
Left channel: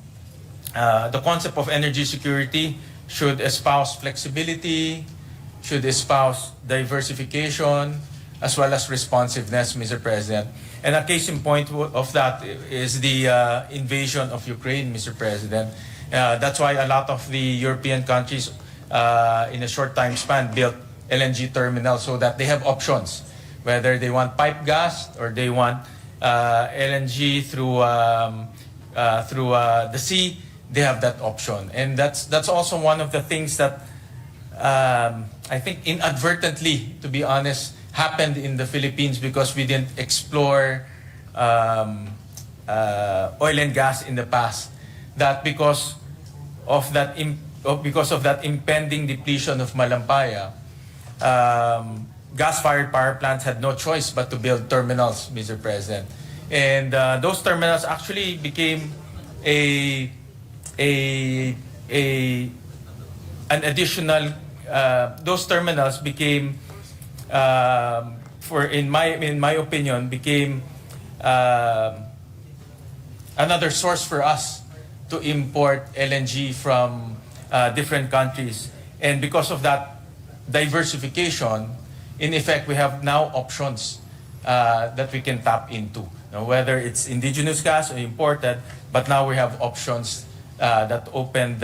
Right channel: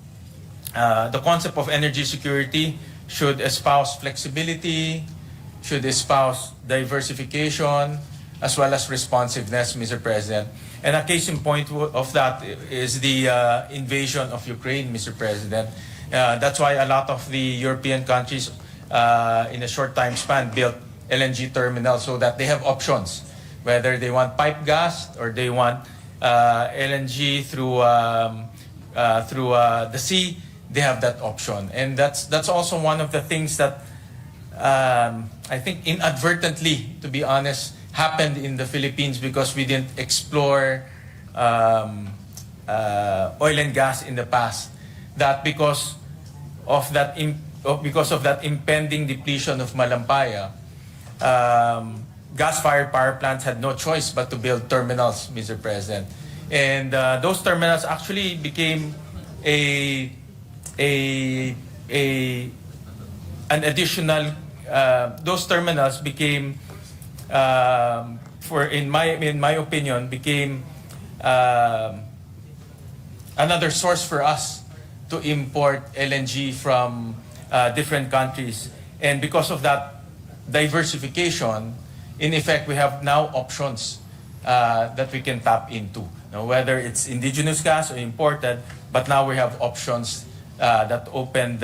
concept of energy security should espouse flexibility, should espouse diversification, as well as responsiveness, Mr. President. And a case in point of that is the invasion of Ukraine, Mr. President. That's why a lot of the European countries in a short time span built LNG terminals so that they have options, whether they want pipe gas or they want LNG through the sea. They have that option, and that's also one of the things that I think inadvertently, to be honest, happened in the Philippines because we didn't explore oil and gas in the past. That because of that impending depletion of Malampaya, gas-fired power plants had no choice but to build terminals, Mr. President, and those terminals actually became an additional. Those terminals became, in my opinion, became another source for us to import LNG from different countries. And because of that diversification, in effect, we have now options that we can tap into, whether it's indigenous gas or imported, but now we have options that open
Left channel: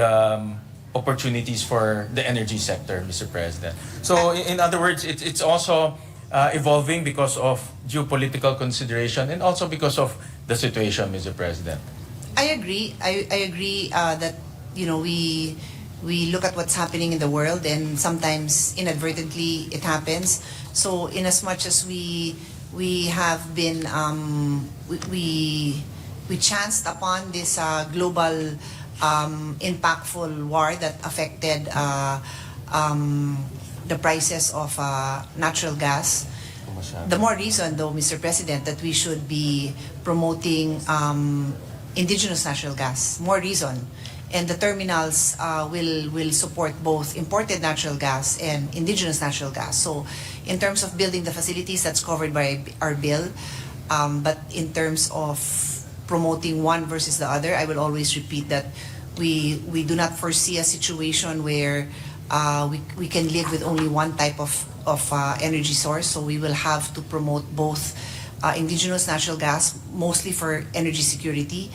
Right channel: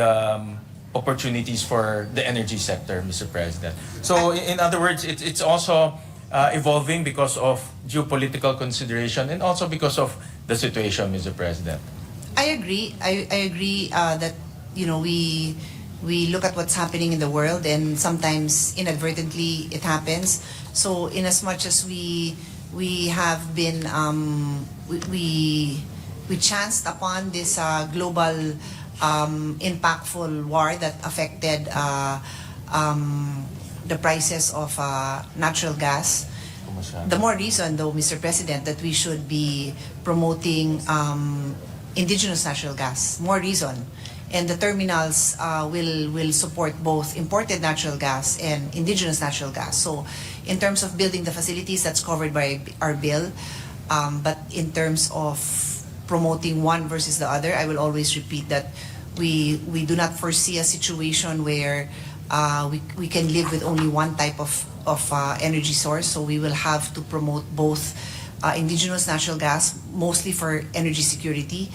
opportunities for the energy sector, Mr. President. So in other words, it's also evolving because of geopolitical consideration and also because of the situation, Mr. President. I agree. I agree that we look at what's happening in the world, and sometimes inadvertently it happens. So in as much as we have been we chanced upon this global impactful war that affected the prices of natural gas. The more reason, though, Mr. President, that we should be promoting indigenous natural gas. More reason. And the terminals will support both imported natural gas and indigenous natural gas. So in terms of building the facilities, that's covered by our bill. But in terms of promoting one versus the other, I will always repeat that we do not foresee a situation where we can live with only one type of energy source. So we will have to promote both indigenous natural gas, mostly for energy security,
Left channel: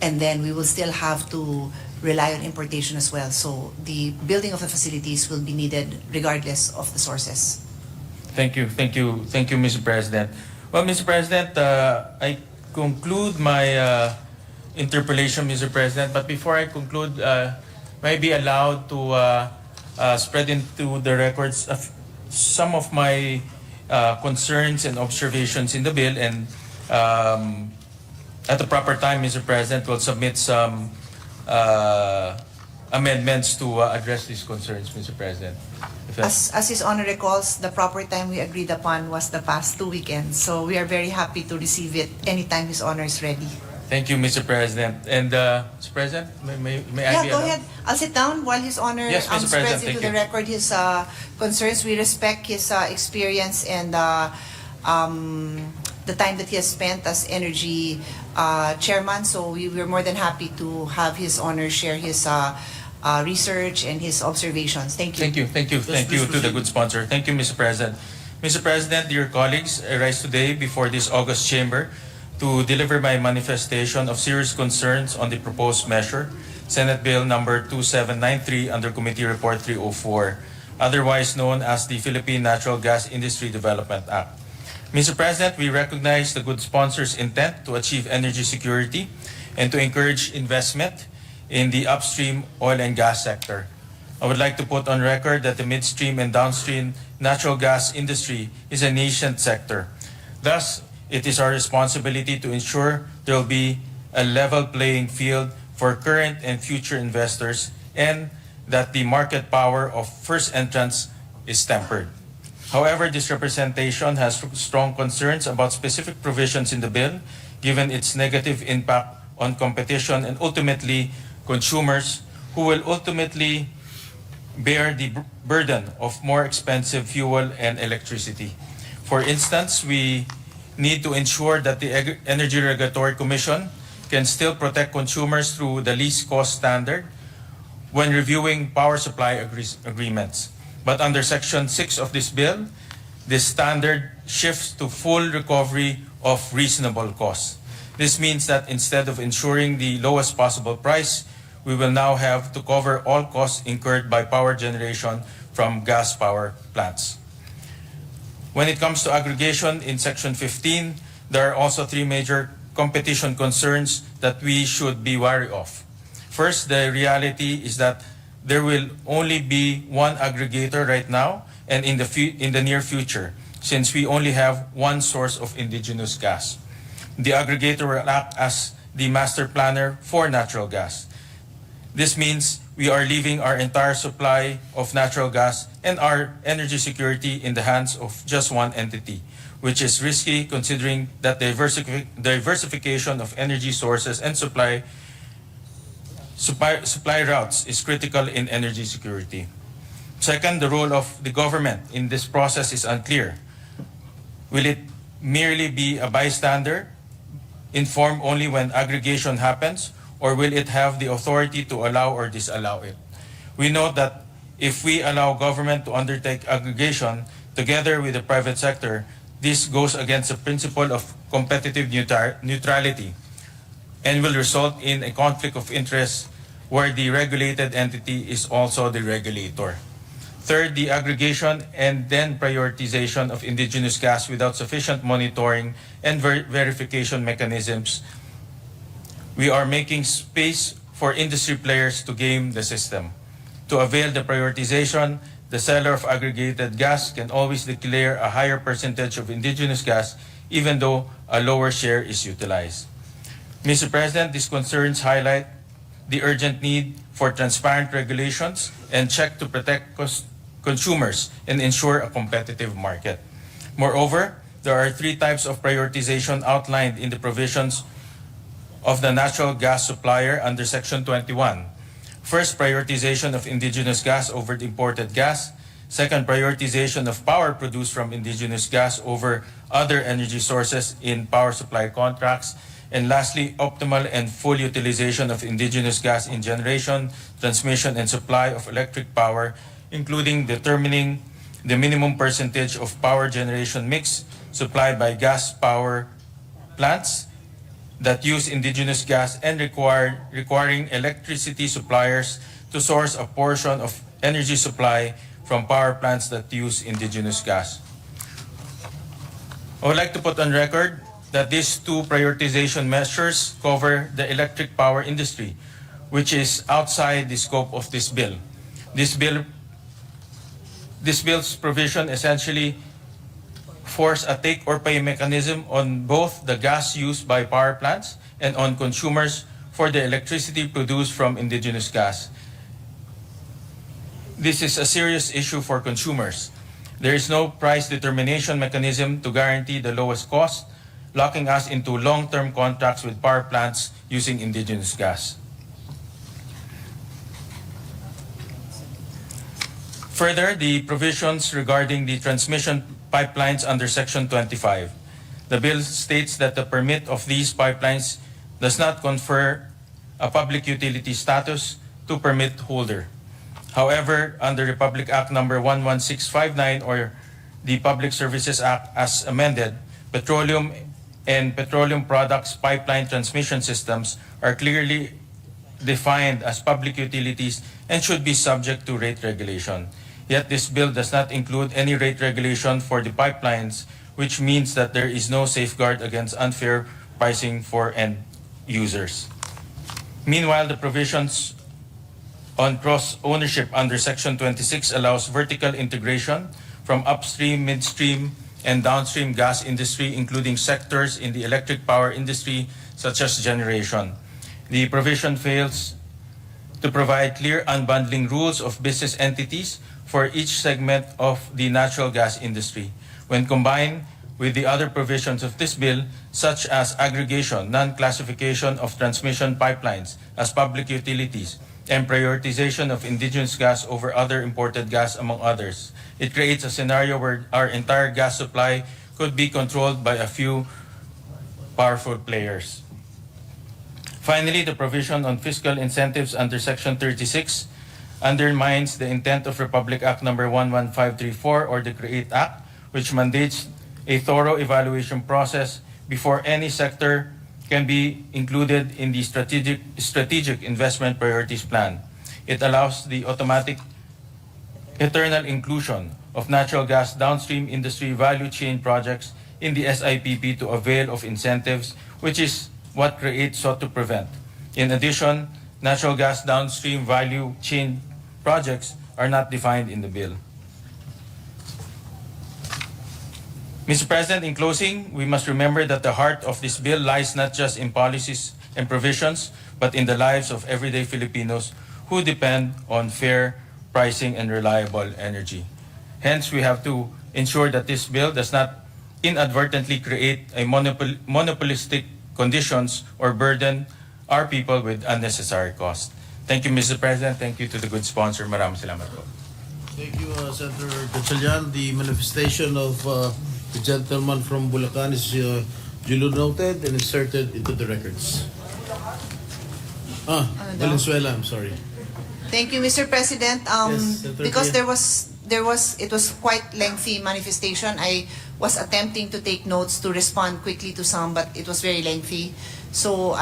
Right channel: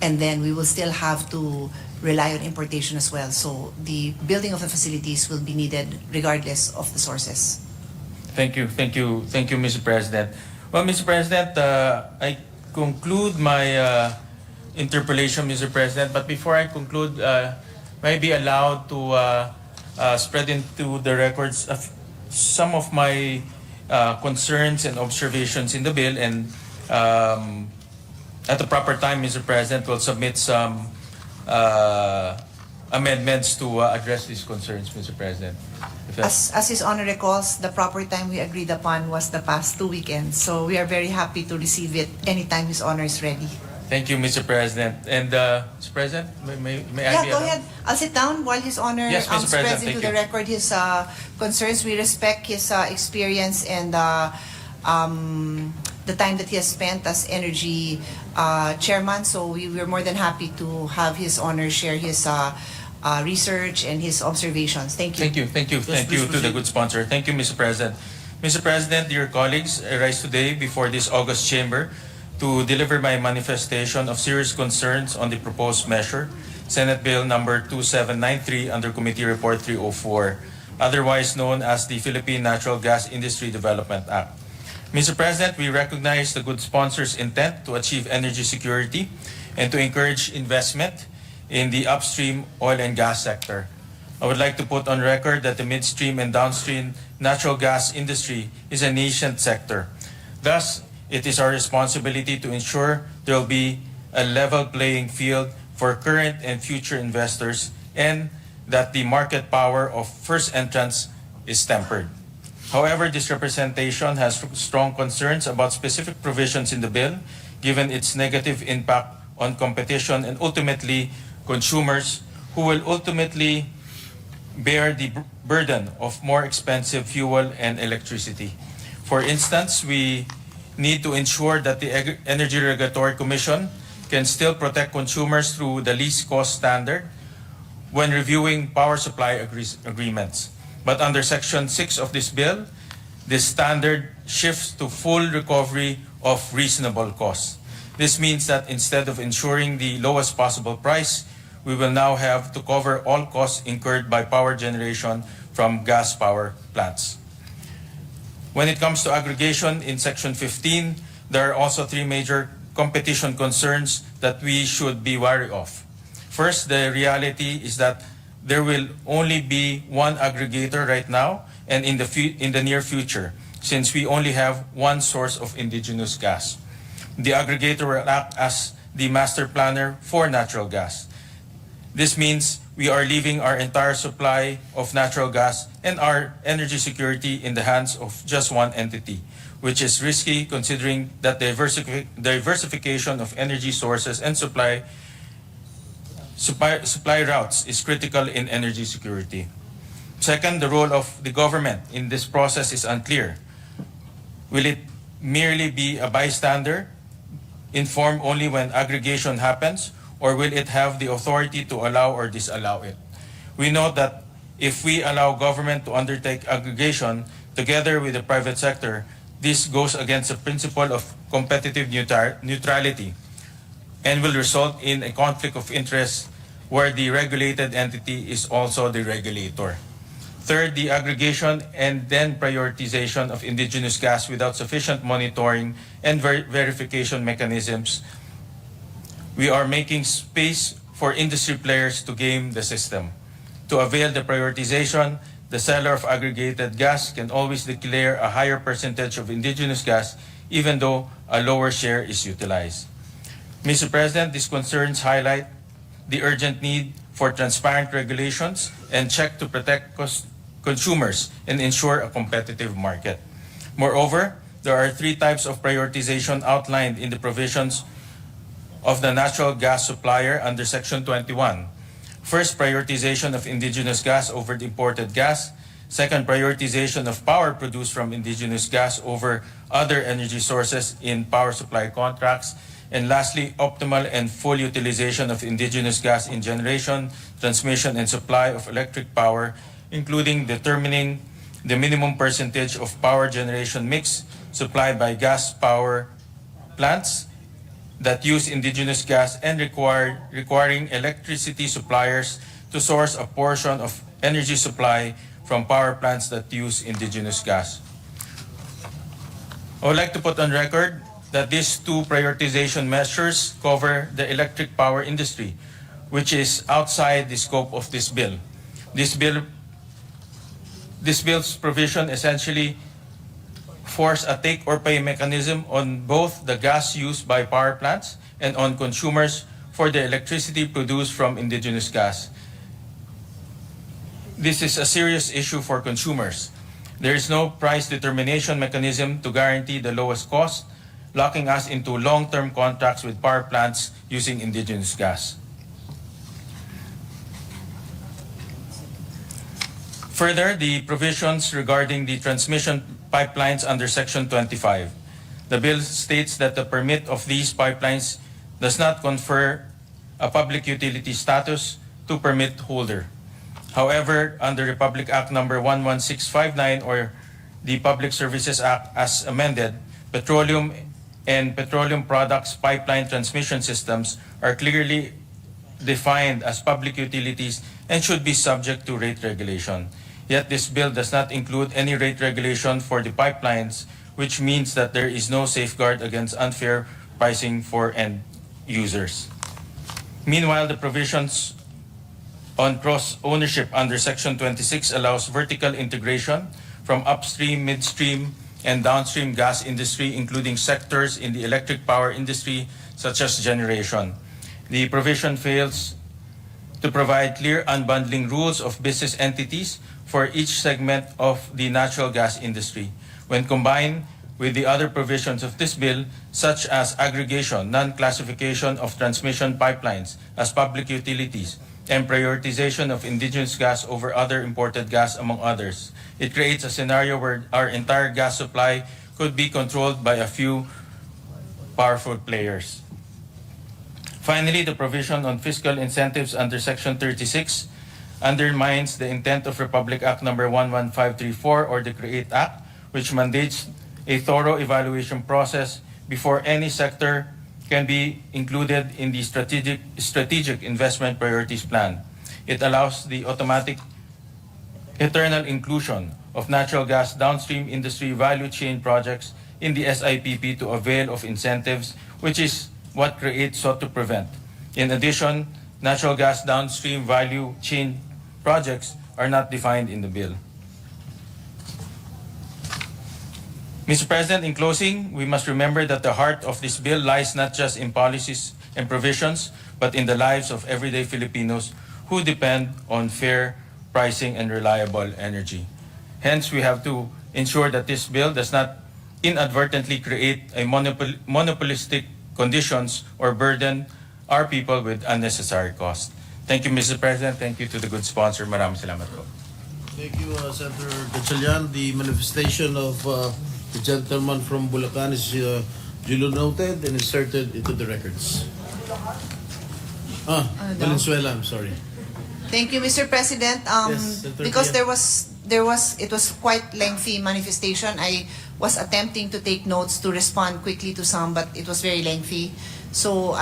and then we will still have to rely on importation as well. So the building of the facilities will be needed regardless of the sources. Thank you, Mr. President. Well, Mr. President, I conclude my interpellation, Mr. President. But before I conclude, may I be allowed to spread into the records of some of my concerns and observations in the bill, and at the proper time, Mr. President, will submit some amendments to address these concerns, Mr. President. As His Honor recalls, the proper time we agreed upon was the past 2 weekends. So we are very happy to receive it anytime His Honor is ready. Thank you, Mr. President. And Mr. President, may I be go allowed? ahead. I'll sit down while His Honor Yes, Mr. spreads President, into thank the you. record his concerns. We respect his experience and the time that he has spent as energy chairman. So we're more than happy to have His Honor share his research and his observations. Thank you. Thank you to the good sponsor. Thank you, Mr. President. Mr. President, dear colleagues, I rise today before this August chamber to deliver my manifestation of serious concerns on the proposed measure, Senate Bill number 2793 under Committee Report 304, otherwise known as the Philippine Natural Gas Industry Development Act. Mr. President, we recognize the good sponsor's intent to achieve energy security and to encourage investment in the upstream oil and gas sector. I would like to put on record that the midstream and downstream natural gas industry is a nascent sector. Thus, it is our responsibility to ensure there will be a level playing field for current and future investors and that the market power of first entrants is tempered. However, this representation has strong concerns about specific provisions in the bill, given its negative impact on competition and ultimately consumers who will ultimately bear the burden of more expensive fuel and electricity. For instance, we need to ensure that the Energy Regulatory Commission can still protect consumers through the least cost standard when reviewing power supply agreements. But under Section 6 of this bill, this standard shifts to full recovery of reasonable costs. This means that instead of ensuring the lowest possible price, we will now have to cover all costs incurred by power generation from gas power plants. When it comes to aggregation in Section 15, there are also three major competition concerns that we should be wary of. First, the reality is that there will only be one aggregator right now and in the near future, since we only have one source of indigenous gas. The aggregator will act as the master planner for natural gas. This means we are leaving our entire supply of natural gas and our energy security in the hands of just one entity, which is risky considering that diversification of energy sources and supply routes is critical in energy security. Second, the role of the government in this process is unclear. Will it merely be a bystander, informed only when aggregation happens, or will it have the authority to allow or disallow it? We note that if we allow government to undertake aggregation together with the private sector, this goes against the principle of competitive neutrality and will result in a conflict of interest where the regulated entity is also the regulator. Third, the aggregation and then prioritization of indigenous gas without sufficient monitoring and verification mechanisms. We are making space for industry players to game the system. To avail the prioritization, the seller of aggregated gas can always declare a higher percentage of indigenous gas even though a lower share is utilized. Mr. President, these concerns highlight the urgent need for transparent regulations and check to protect consumers and ensure a competitive market. Moreover, there are three types of prioritization outlined in the provisions of the natural gas supplier under Section 21. First, prioritization of indigenous gas over the imported gas. Second, prioritization of power produced from indigenous gas over other energy sources in power supply contracts. And lastly, optimal and full utilization of indigenous gas in generation, transmission, and supply of electric power, including determining the minimum percentage of power generation mix supplied by gas power plants that use indigenous gas and requiring electricity suppliers to source a portion of energy supply from power plants that use indigenous gas. I would like to put on record that these two prioritization measures cover the electric power industry, which is outside the scope of this bill. This bill's provision essentially force a take or pay mechanism on both the gas used by power plants and on consumers for the electricity produced from indigenous gas. This is a serious issue for consumers. There is no price determination mechanism to guarantee the lowest cost, locking us into long-term contracts with power plants using indigenous gas. Further, the provisions regarding the transmission pipelines under Section 25. The bill states that the permit of these pipelines does not confer a public utility status to permit holder. However, under Republic Act number 11659 or the Public Services Act as amended, petroleum and petroleum products pipeline transmission systems are clearly defined as public utilities and should be subject to rate regulation. Yet this bill does not include any rate regulation for the pipelines, which means that there is no safeguard against unfair pricing for end users. Meanwhile, the provisions on cross-ownership under Section 26 allows vertical integration from upstream, midstream, and downstream gas industry, including sectors in the electric power industry, such as generation. The provision fails to provide clear unbundling rules of business entities for each segment of the natural gas industry. When combined with the other provisions of this bill, such as aggregation, non-classification of transmission pipelines as public utilities, and prioritization of indigenous gas over other imported gas, among others, it creates a scenario where our entire gas supply could be controlled by a few powerful players. Finally, the provision on fiscal incentives under Section 36 undermines the intent of Republic Act No. 11534 or the CREATE Act, which mandates a thorough evaluation process before any sector can be included in the strategic investment priorities plan. It allows the automatic eternal inclusion of natural gas downstream industry value chain projects in the SIPP to avail of incentives, which is what CREATE sought to prevent. In addition, natural gas downstream value chain projects are not defined in the bill. Mr. President, in closing, we must remember that the heart of this bill lies not just in policies and provisions, but in the lives of everyday Filipinos who depend on fair pricing and reliable energy. Hence, we have to ensure that this bill does not inadvertently create a monopolistic conditions or burden our people with unnecessary cost. Thank you, Mr. President. Thank you to the good sponsor. Maraming salamat po. Thank you, Senator Gatchalian. The manifestation of the gentleman from Bulacan is duly noted and inserted into the records. Valenzuela, I'm sorry. Thank you, Mr. President. Yes, Senator Because Pia. it was quite lengthy manifestation. I was attempting to take notes to respond quickly to some, but it was very lengthy. So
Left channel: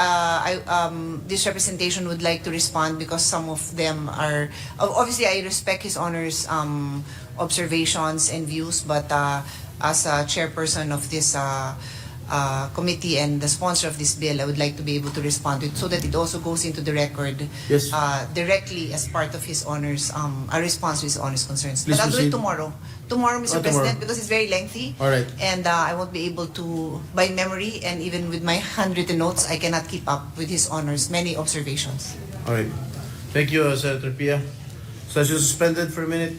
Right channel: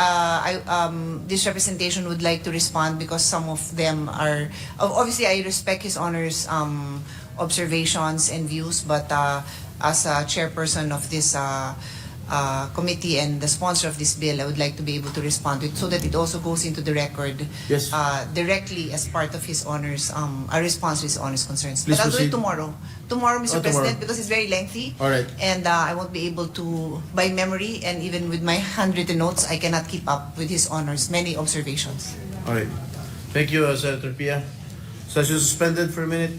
this representation would like to respond because some of them are obviously I respect His Honor's observations and views, but as a chairperson of this committee and the sponsor of this bill, I would like to be able to respond to it so that it also goes into the record Yes. directly as part of His Honor's a response to His Honor's concerns. Please But I'll do it proceed. tomorrow. Tomorrow, Mr. Tomorrow. President, because it's very lengthy. All right. And I won't be able to, by memory and even with my handwritten notes, I cannot keep up with His Honor's many observations. All right. Thank you, Senator Pia. Session suspended for a minute.